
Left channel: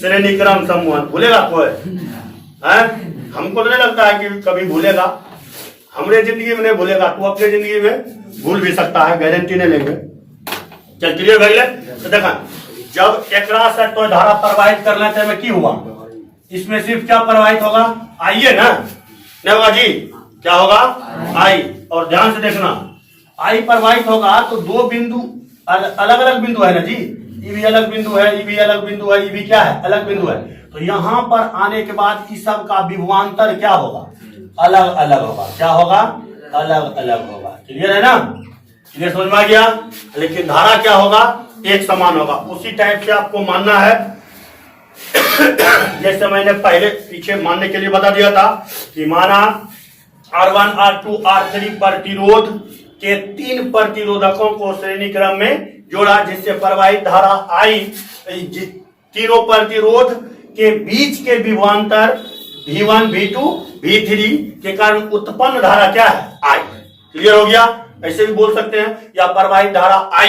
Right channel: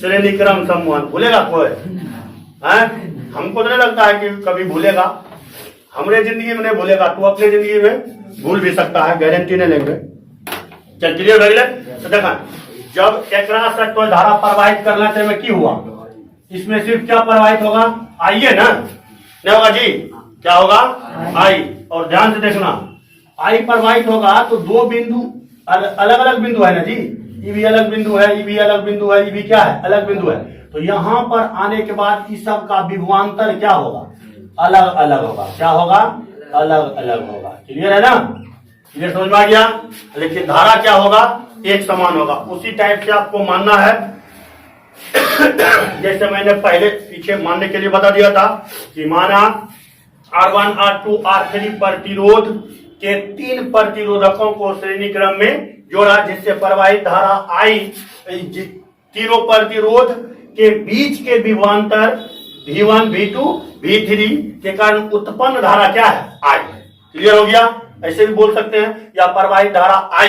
श्रेणी क्रम सम्मोहन। भूलेगा कोई है? हमको नहीं लगता है कि कभी भूलेगा, हमरे जिंदगी में नहीं भूलेगा, तू अपने जिंदगी में भूल भी सकता है, गारंटी नहीं लेंगे। चल क्लियर भैया। तो देखा जब एकरा से तो धारा प्रवाहित करना चाहिए की हुआ इसमें सिर्फ क्या प्रवाहित होगा आइए ना नहीं होगा जी क्या होगा आई। और ध्यान से देखना आई प्रवाहित होगा तो दो बिंदु अलग अलग बिंदु है ना जी, ये भी अलग बिंदु है, ये भी अलग बिंदु है, ये भी क्या है अलग बिंदु है। तो यहाँ पर आने के बाद इस सब का विभवांतर क्या होगा अलग अलग होगा। क्या होगा अलग अलग होगा। क्लियर है ना, क्लियर समझ में आ गया। लेकिन धारा क्या होगा एक समान होगा। उसी टाइप से आपको मानना है जैसे मैंने पहले पीछे मानने के लिए बता दिया था कि माना R1 R2 R3 प्रतिरोध के 3 प्रतिरोधकों को श्रेणी क्रम में जोड़ा जिससे प्रवाहित धारा आई। तीनों प्रतिरोध के बीच के विभवांतर V1 V2 V3 के कारण उत्पन्न धारा क्या है I। क्लियर हो गया। ऐसे भी बोल सकते हैं या प्रवाहित धारा I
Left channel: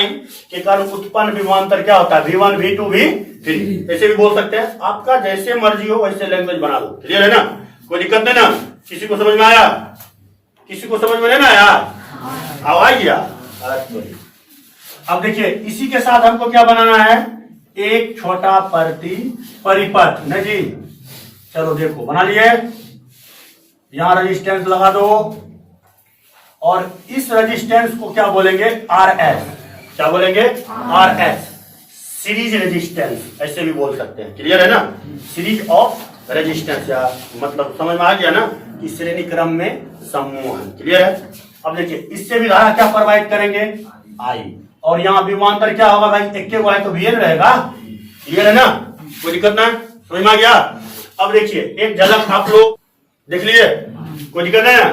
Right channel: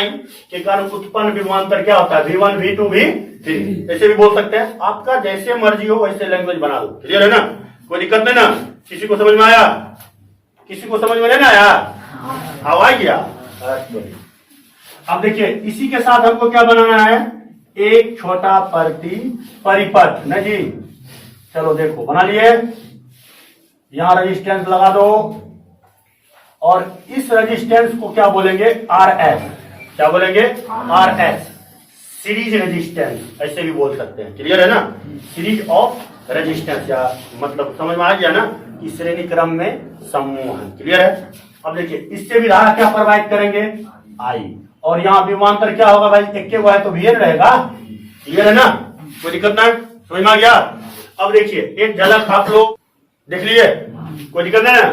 के कारण उत्पन्न विभवांतर क्या होता है V1 V2 V3 ऐसे भी बोल सकते हैं। आपका जैसे मर्जी हो वैसे लैंग्वेज बना दो। क्लियर है ना, कोई दिक्कत नहीं ना। किसी को समझ में आया, किसी को समझ में नहीं आया आवाज गया। अब देखिए इसी के साथ हमको क्या बनाना है एक छोटा परिपथ न जी। चलो देखो बना लिए, यहां रेजिस्टेंस लगा दो और इस रेजिस्टेंस को क्या बोलेंगे RS। क्या बोलेंगे RS सीरीज रेजिस्टेंस ऐसे भी बोल सकते हैं। क्लियर है ना, सीरीज ऑफ रेजिस्टेंस या मतलब समझ में आ गया ना कि श्रेणी क्रम में सम्मोहन। क्लियर है। अब देखिए इससे भी धारा क्या प्रवाहित करेंगे I और यहाँ विभवांतर क्या होगा भाई एक के है तो VN रहेगा। क्लियर है ना, कोई दिक्कत ना, समझ में आ गया। अब देखिए एक झलक आप लोग देख लिए, कोई दिक्कत है ना।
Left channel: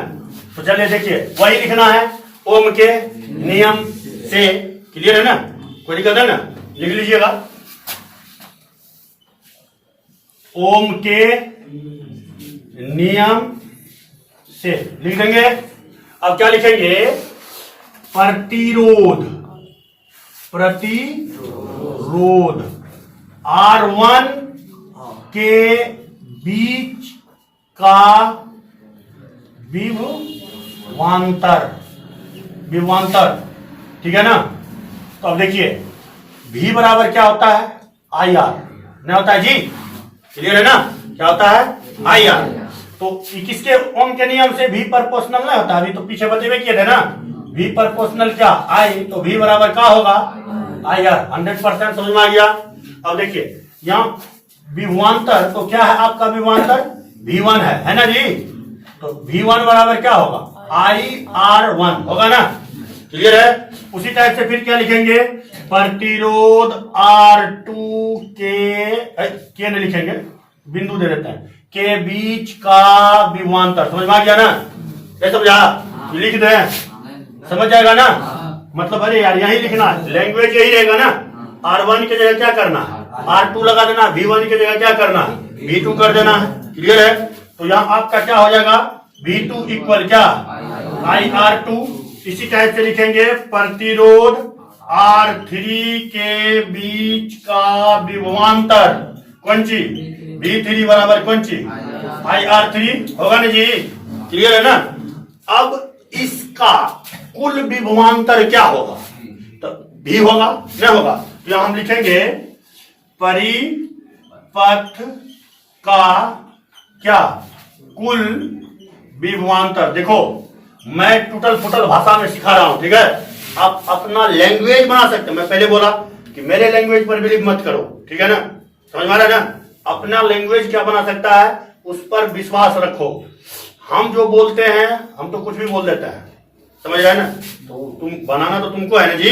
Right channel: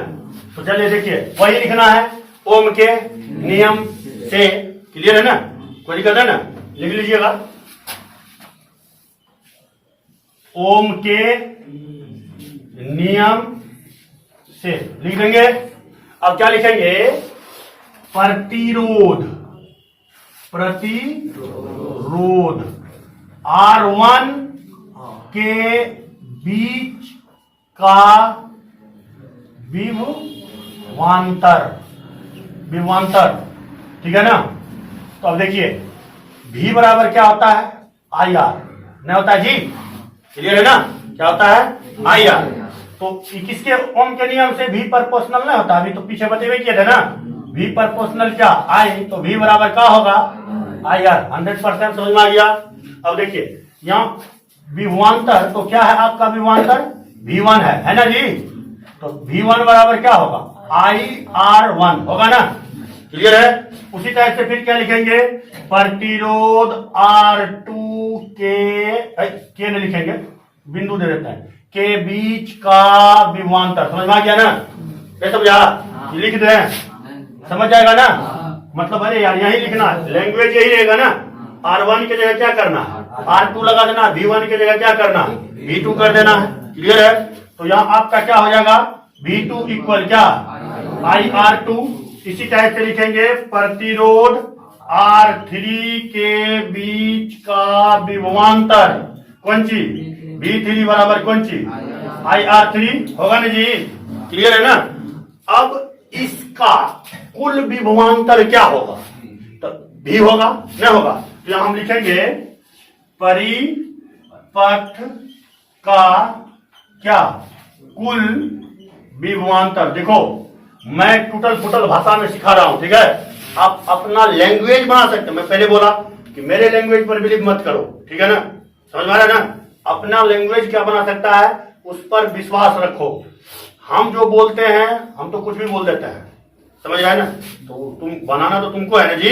तो चलिए देखिए वही लिखना है ओम के नियम से। क्लियर है ना, कोई दिक्कत है ना, लिख लीजिएगा ओम के नियम से लिख देंगे। अब क्या लिखेंगे प्रतिरोध R1 के बीच का विभवांतर ठीक है ना। तो अब देखिए V बराबर क्या होता है IR नहीं होता है जी। क्लियर है ना, क्या होता है IR। तो किसके ओम के नियम से V प्रोपोर्शनल नहीं होता, अभी तो पीछे बतेवे किए थे ना V प्रोपोर्शनल क्या I। तो V बराबर क्या होगा IR। 100% समझ में आ गया। अब देखिए यहाँ विभवांतर तो क्या है आपका विभवांतर V1 है ना जी। तो V1 बराबर क्या होगा IR1 होगा ना। क्लियर है। उसी टाइप से फिर क्या लिखेंगे प्रतिरोध R2 के नहीं लिखेंगे बिंदु दे देते हैं के बीच का विभवांतर। समझ में आ गया ना, नहीं समझा लिख दे समझ जाएगा ना। मतलब अरे यार यही लिखना लैंग्वेज यही रहेगा ना। R1 की जगह क्या करना R2 लगा देना, V1 की जगह क्या करना V2 कर देना है। क्लियर है। तो यहाँ आपका क्या हो जाएगा V2 इक्वल क्या IR2। इसी टाइप से लिखेंगे प्रतिरोध R3 के बीच का विभवांतर कौन सी V3 बराबर कौन सी IR3 होगा ना जी। क्लियर है ना। अब इसका कुल विभवांतर क्या होगा तो V होगा नहीं होगा। तो यहां हम लिखेंगे परिपथ का क्या कुल विभवांतर। देखो मैं टूटल फुटल भाषा में सिखा रहा हूं, ठीक है। आप अपना लैंग्वेज बना सकते हैं। मैं पहले बोला कि मेरे लैंग्वेज पर बिलीव मत करो, ठीक है ना, समझ में आ रहा है ना। अपना लैंग्वेज क्या बना सकता है उस पर विश्वास रखो। हम जो बोलते हैं हम तो कुछ भी बोल देते हैं, समझ रहे हैं ना। तो तुम बनाना तो तुमको है ना जी।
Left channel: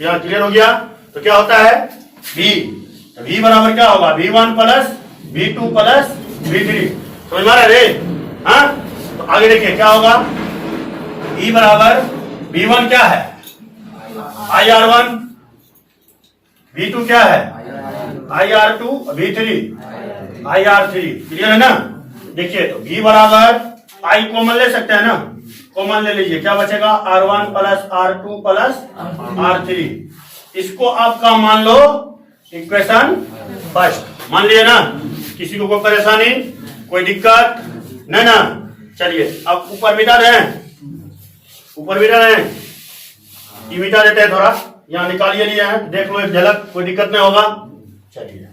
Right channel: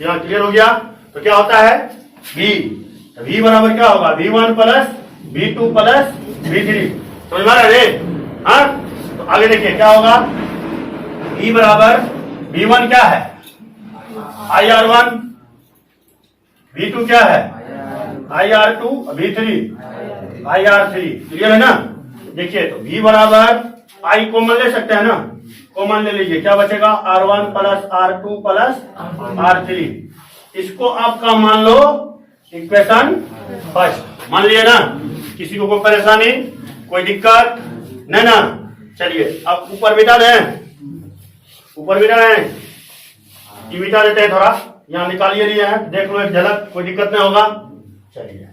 यहाँ क्लियर हो गया। तो क्या होता है V बराबर क्या होगा V1 plus V2 plus V3। समझ में आ रहा है रे। हाँ तो आगे देखिए क्या होगा V बराबर V1 क्या है IR1, V2 क्या है IR2, V3 IR3, क्लियर है ना। देखिए तो V बराबर I कॉमन ले सकते हैं ना, कॉमन ले लीजिए, क्या बचेगा R1 plus R2 plus R3। इसको आपका मान लो इक्वेशन फर्स्ट, मान लिए ना। किसी को कोई परेशानी, कोई दिक्कत नहीं ना। चलिए अब ऊपर बिठा दें, ऊपर बिठा दें, ये बिठा देते हैं, थोड़ा यहाँ निकालिए लिए हैं, देख लो एक झलक, कोई दिक्कत नहीं होगा। चलिए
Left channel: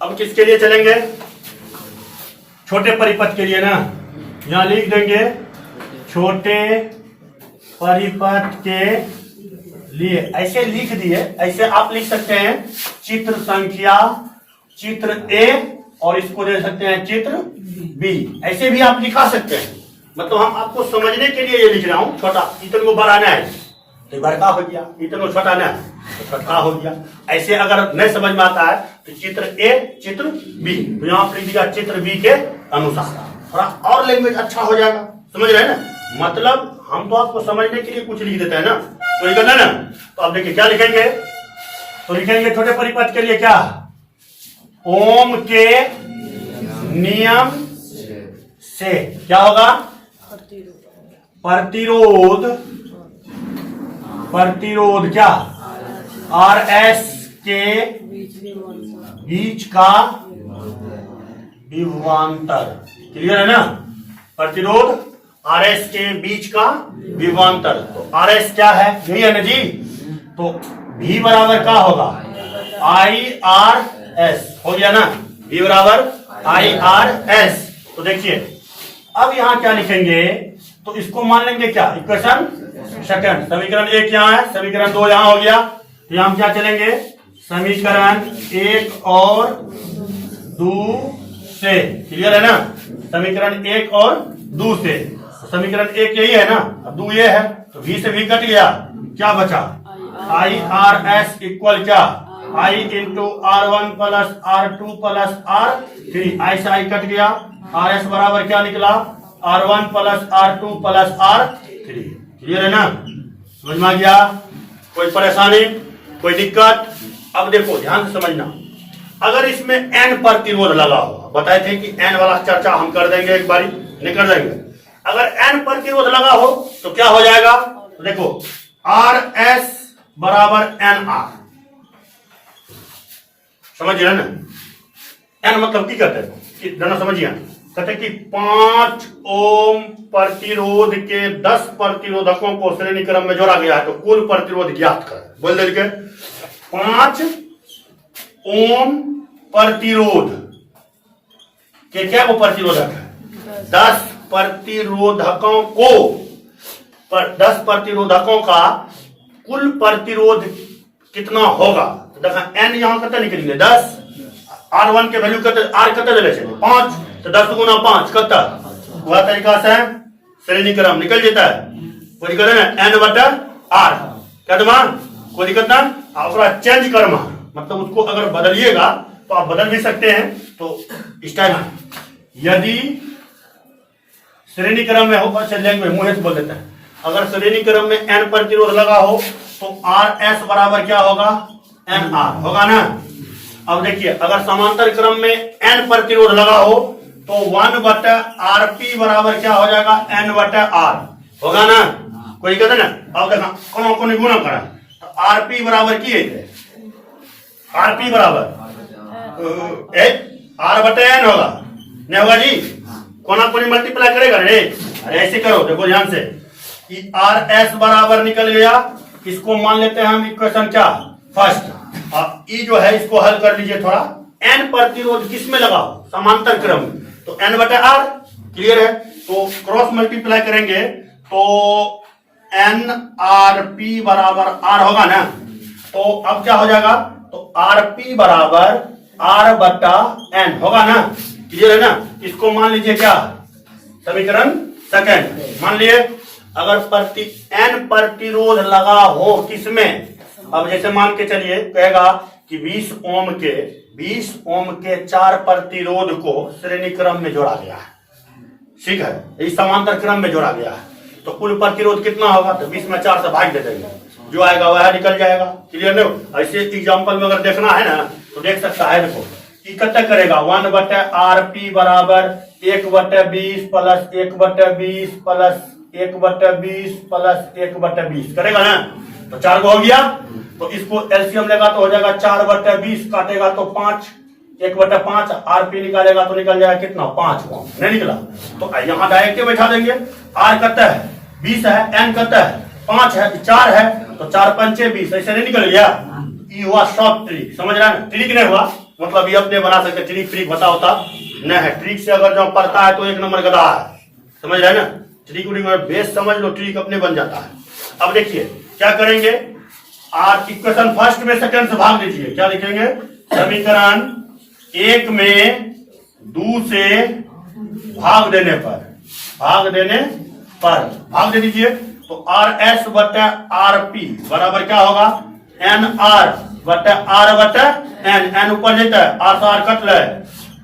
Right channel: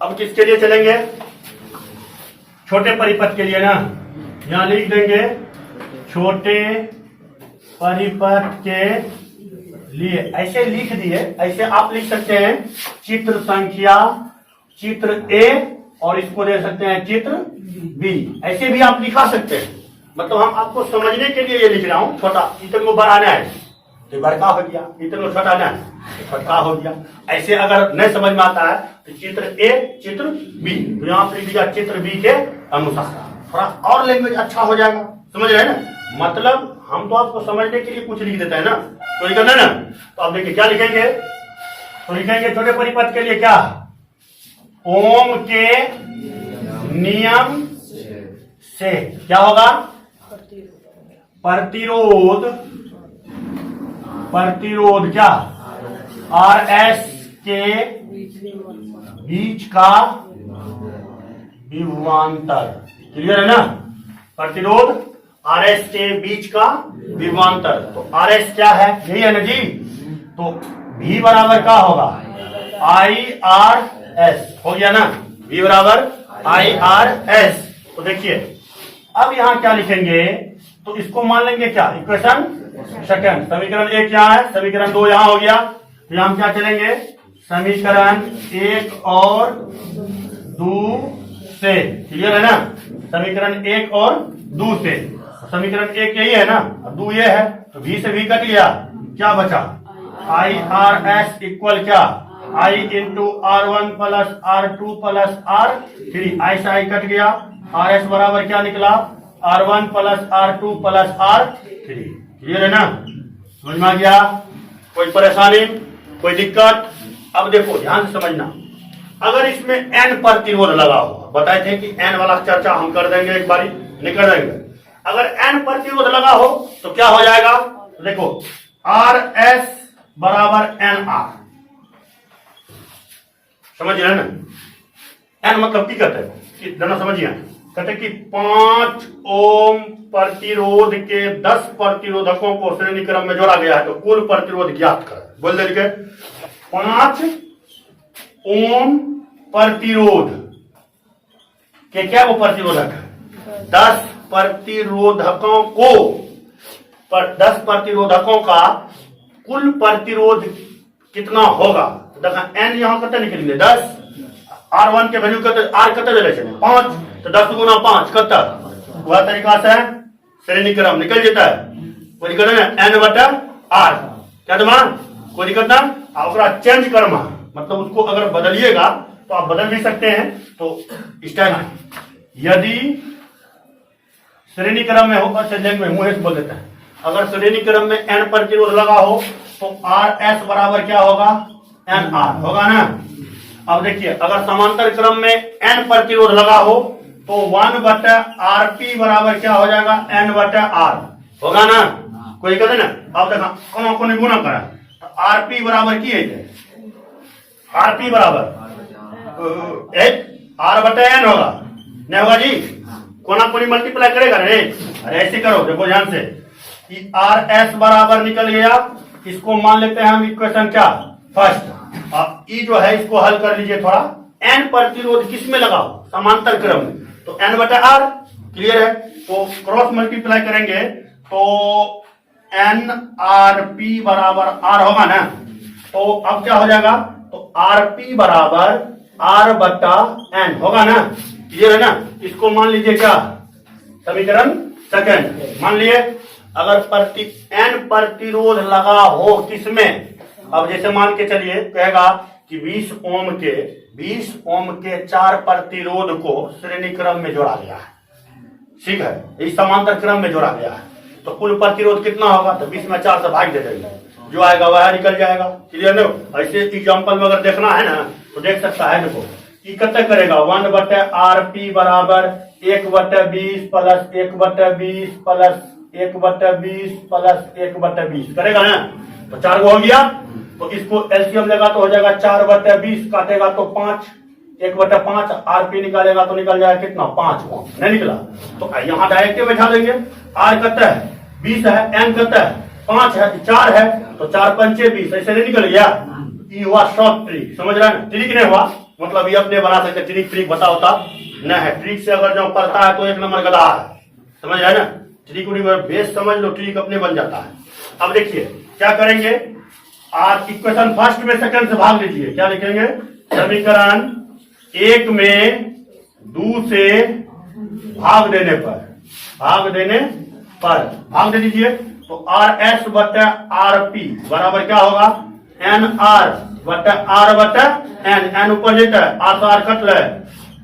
अब किसके लिए चलेंगे, छोटे परिपथ के लिए ना। यहां लिख देंगे छोटे परिपथ के लिए, ऐसे लिख दिए। ऐसे आप लिख सकते हैं चित्र संख्या, चित्र ए, और इसको दे सकते हैं चित्र बी, ऐसे भी आप लिखा सकते हैं। मतलब हम आपको समझने के लिए ये लिख रहा हूं, छोटा इतने को बढ़ाना है तो बड़का हो गया, इतने को छोटा ना तो छोटा हो गया। ऐसे अगर नहीं समझ में आता है तो चित्र ए चित्र बी, तो यहाँ पर लिख दिया चित्र बी के अनुसार, थोड़ा और लैंग्वेज अच्छा हो जाएगा, समझ रहे हैं ना। मतलब हम तो आपको समझने के लिए कुछ लिख देते हैं ना, तो लिखा ना। तो आप देखिए क्या लिखेंगे, तो लिखेंगे छोटे परिपथ के लिए क्या, ओम के नियम से क्या होगा, प्रतिरोध, प्रतिरोध क्या RS के बीच का विभवांतर, क्लियर है ना। प्रतिरोध RS के बीच का विभवांतर, तो RS क्या है, यही है ना जी। तो V बराबर क्या होगा IRS, हो गया ना, V बराबर IRS। तो देखिए अब यहां क्या लिखेंगे, तो इसको मान लेंगे क्या इक्वेशन सेकंड। समीकरण 1 यहाँ है, समीकरण 2 यहाँ हो गया, तो यहां हम क्या चलेंगे समीकरण 1 और 2 से, क्लियर है ना। समीकरण 1 और 2 से, समीकरण 1 यही है ना, अब 2 ये है, तो V से V कट गया, क्या बचा IRS इक्वल क्या I into R1 plus R2 plus R3, I से I कट गया, RS बराबर क्या निकला R1 plus R2 plus R3, clear है ना, समझ में आ गया। कोई परेशानी, कोई दिक्कत। अब देखो ध्यान से समझना, अगर इसमें N प्रतिरोध लगा हो, बताए थे कि N वाला चर्चा हम कर देंगे एक बारी, नहीं कर देंगे। अगर N प्रतिरोध लगा हो तो क्या हो जाएगा, तो देखो RS बराबर NR, समझ रहे ना। N मतलब की कहते हैं, दोनों समझिए, कहते कि 5 ओम प्रतिरोध के 10 प्रतिरोधकों को श्रेणी क्रम में जोड़ा गया है, तो कुल प्रतिरोध ज्ञात कर, बोल देंगे 5 ओम प्रतिरोध के क्या वो प्रतिरोधक है, 10 प्रतिरोधकों को, 10 प्रतिरोधकों का कुल प्रतिरोध कितना होगा। तो देखा N यहां कते निकलेंगे 10, R1 के वैल्यू कते, R कते चले 5, तो 10 गुना 5 कते, वह तरीका से श्रेणी क्रम निकल जाता है। कोई दिक्कत ना, N बटा R क्या दमा, कोई दिक्कत ना। और चेंज करना मतलब उसको अगर बदलिएगा तो आप बदल भी सकते हैं। तो स्टाइल यदि श्रेणी क्रम में हो, लैंग्वेज मुंह से बोल देते हैं, अगर श्रेणी क्रम में N प्रतिरोध लगा हो तो RS बराबर क्या होगा NR होगा ना। अब देखिए अगर समांतर क्रम में N प्रतिरोध लगा हो तो 1 बटा RP बराबर क्या हो जाएगा N बटा R होगा ना, कोई कहते ना। अब देखा कौन को गुणा करा तो RP बराबर की है, RP बराबर R बटा N होगा, नहीं होगा जी, कोना कोनी मल्टीप्लाई करेगा रे। अरे ऐसे करो, देखो ध्यान से, RS बराबर निकल गया, इसको मान लेते हैं हम इक्वेशन क्या फर्स्ट। अब ई जो है इसको हल कर लीजिए थोड़ा। N प्रतिरोध किस में लगा हो, समांतर क्रम में, तो N बटा R, क्लियर है। तो क्रॉस मल्टीप्लाई करेंगे तो NRP बराबर R होगा ना। तो अब क्या हो जाएगा, तो RP बराबर R बटा N होगा ना, क्लियर है ना। इसको मान लीजिए क्या समीकरण सेकंड मान लिए। अगर N प्रतिरोध लगा हो किसमें, अब जैसे मान के चलिए कहेगा कि 20 ओम के 4 प्रतिरोध को श्रेणी क्रम में जोड़ा गया है। ठीक है, इस समांतर क्रम में जोड़ा गया है, तो कुल प्रतिरोध कितना होगा? तो 20 में 4 से भाग दे देंगे, जो आएगा वह निकल जाएगा। क्लियर नहीं? ऐसे एग्जाम्पल में अगर देखना है ना तो देख सकता है। देखो कि कितना करेगा, 1/RP बराबर 1/20 प्लस 1/20 प्लस 1/20 प्लस 1/20 करेगा ना, तो 4 को हो गया। तो इसको एलसीएम लेगा तो हो जाएगा 4/20, काटेगा तो 5, 1/5, आरपी निकालेगा तो निकल जाएगा कितना? 5 ओम। नहीं निकला तो यहाँ डायरेक्ट बैठा देंगे। आर कहता है 20 है, एन कहता है 5 है, 4 है, तो 4 पंचे 20, ऐसे नहीं निकल गया। ये हुआ शॉर्ट ट्रिक, समझ रहे हैं ना? ट्रिक नहीं हुआ मतलब ये अपने बना सकते, ट्रिक ट्रिक बता होता नहीं है। ट्रिक से अगर जो पढ़ता है तो 1 नंबर गधा है, समझ रहे हैं ना? ट्रिक बेस समझ लो, ट्रिक अपने बन जाता है। अब देखिए क्या करेंगे, आर इक्वेशन फर्स्ट में सेकंड से भाग दीजिए। क्या लिखेंगे? समीकरण 1 में 2 से भाग देने पर भाग दे दीजिए, तो आर एस बटा आर पी बराबर क्या होगा? एन आर बटा एन, एन ऊपर लेता है, आर से आर कट ले,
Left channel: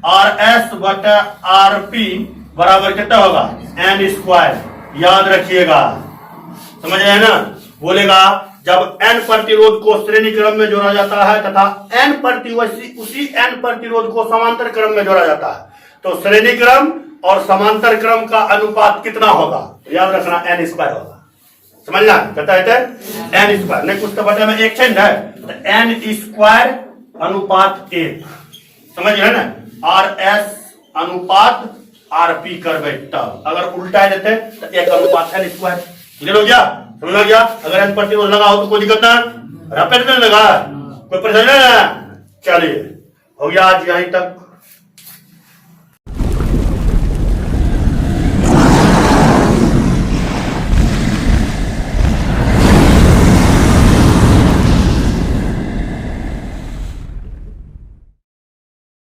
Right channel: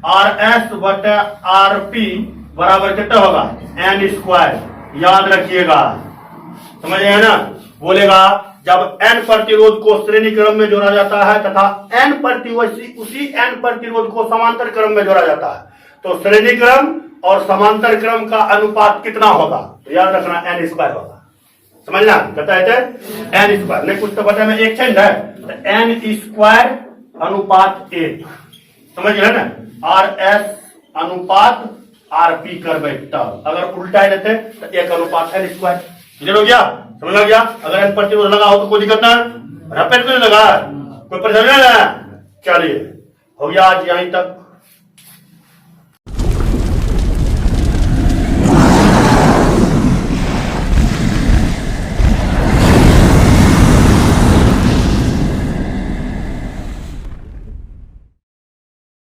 आर एस बटा आर पी बराबर कितना होगा? N square. याद रखिएगा, समझ रहे हैं ना? बोलेगा जब एन प्रतिरोध को श्रेणी क्रम में जोड़ा जाता है तथा एन उसी एन प्रतिरोध को समांतर क्रम में जोड़ा जाता है, तो श्रेणी क्रम और समांतर क्रम का अनुपात कितना होगा? तो याद रखना एन स्क्वायर होगा। समझना? कहता है एन स्क्वायर, नहीं कुछ तो बटे में एक चेंज है, तो एन स्क्वायर अनुपात 1। समझ रहे ना? आर एस अनुपात आर पी कर बैठता, अगर उल्टा देते तो 1 अनुपात एन स्क्वायर। क्लियर हो गया? समझ गया? अगर एन प्रतिरोध लगा हो तो कोई दिक्कत ना, रपेट में लगा कोई परेशानी ना। चलिए हो गया आज यहीं तक।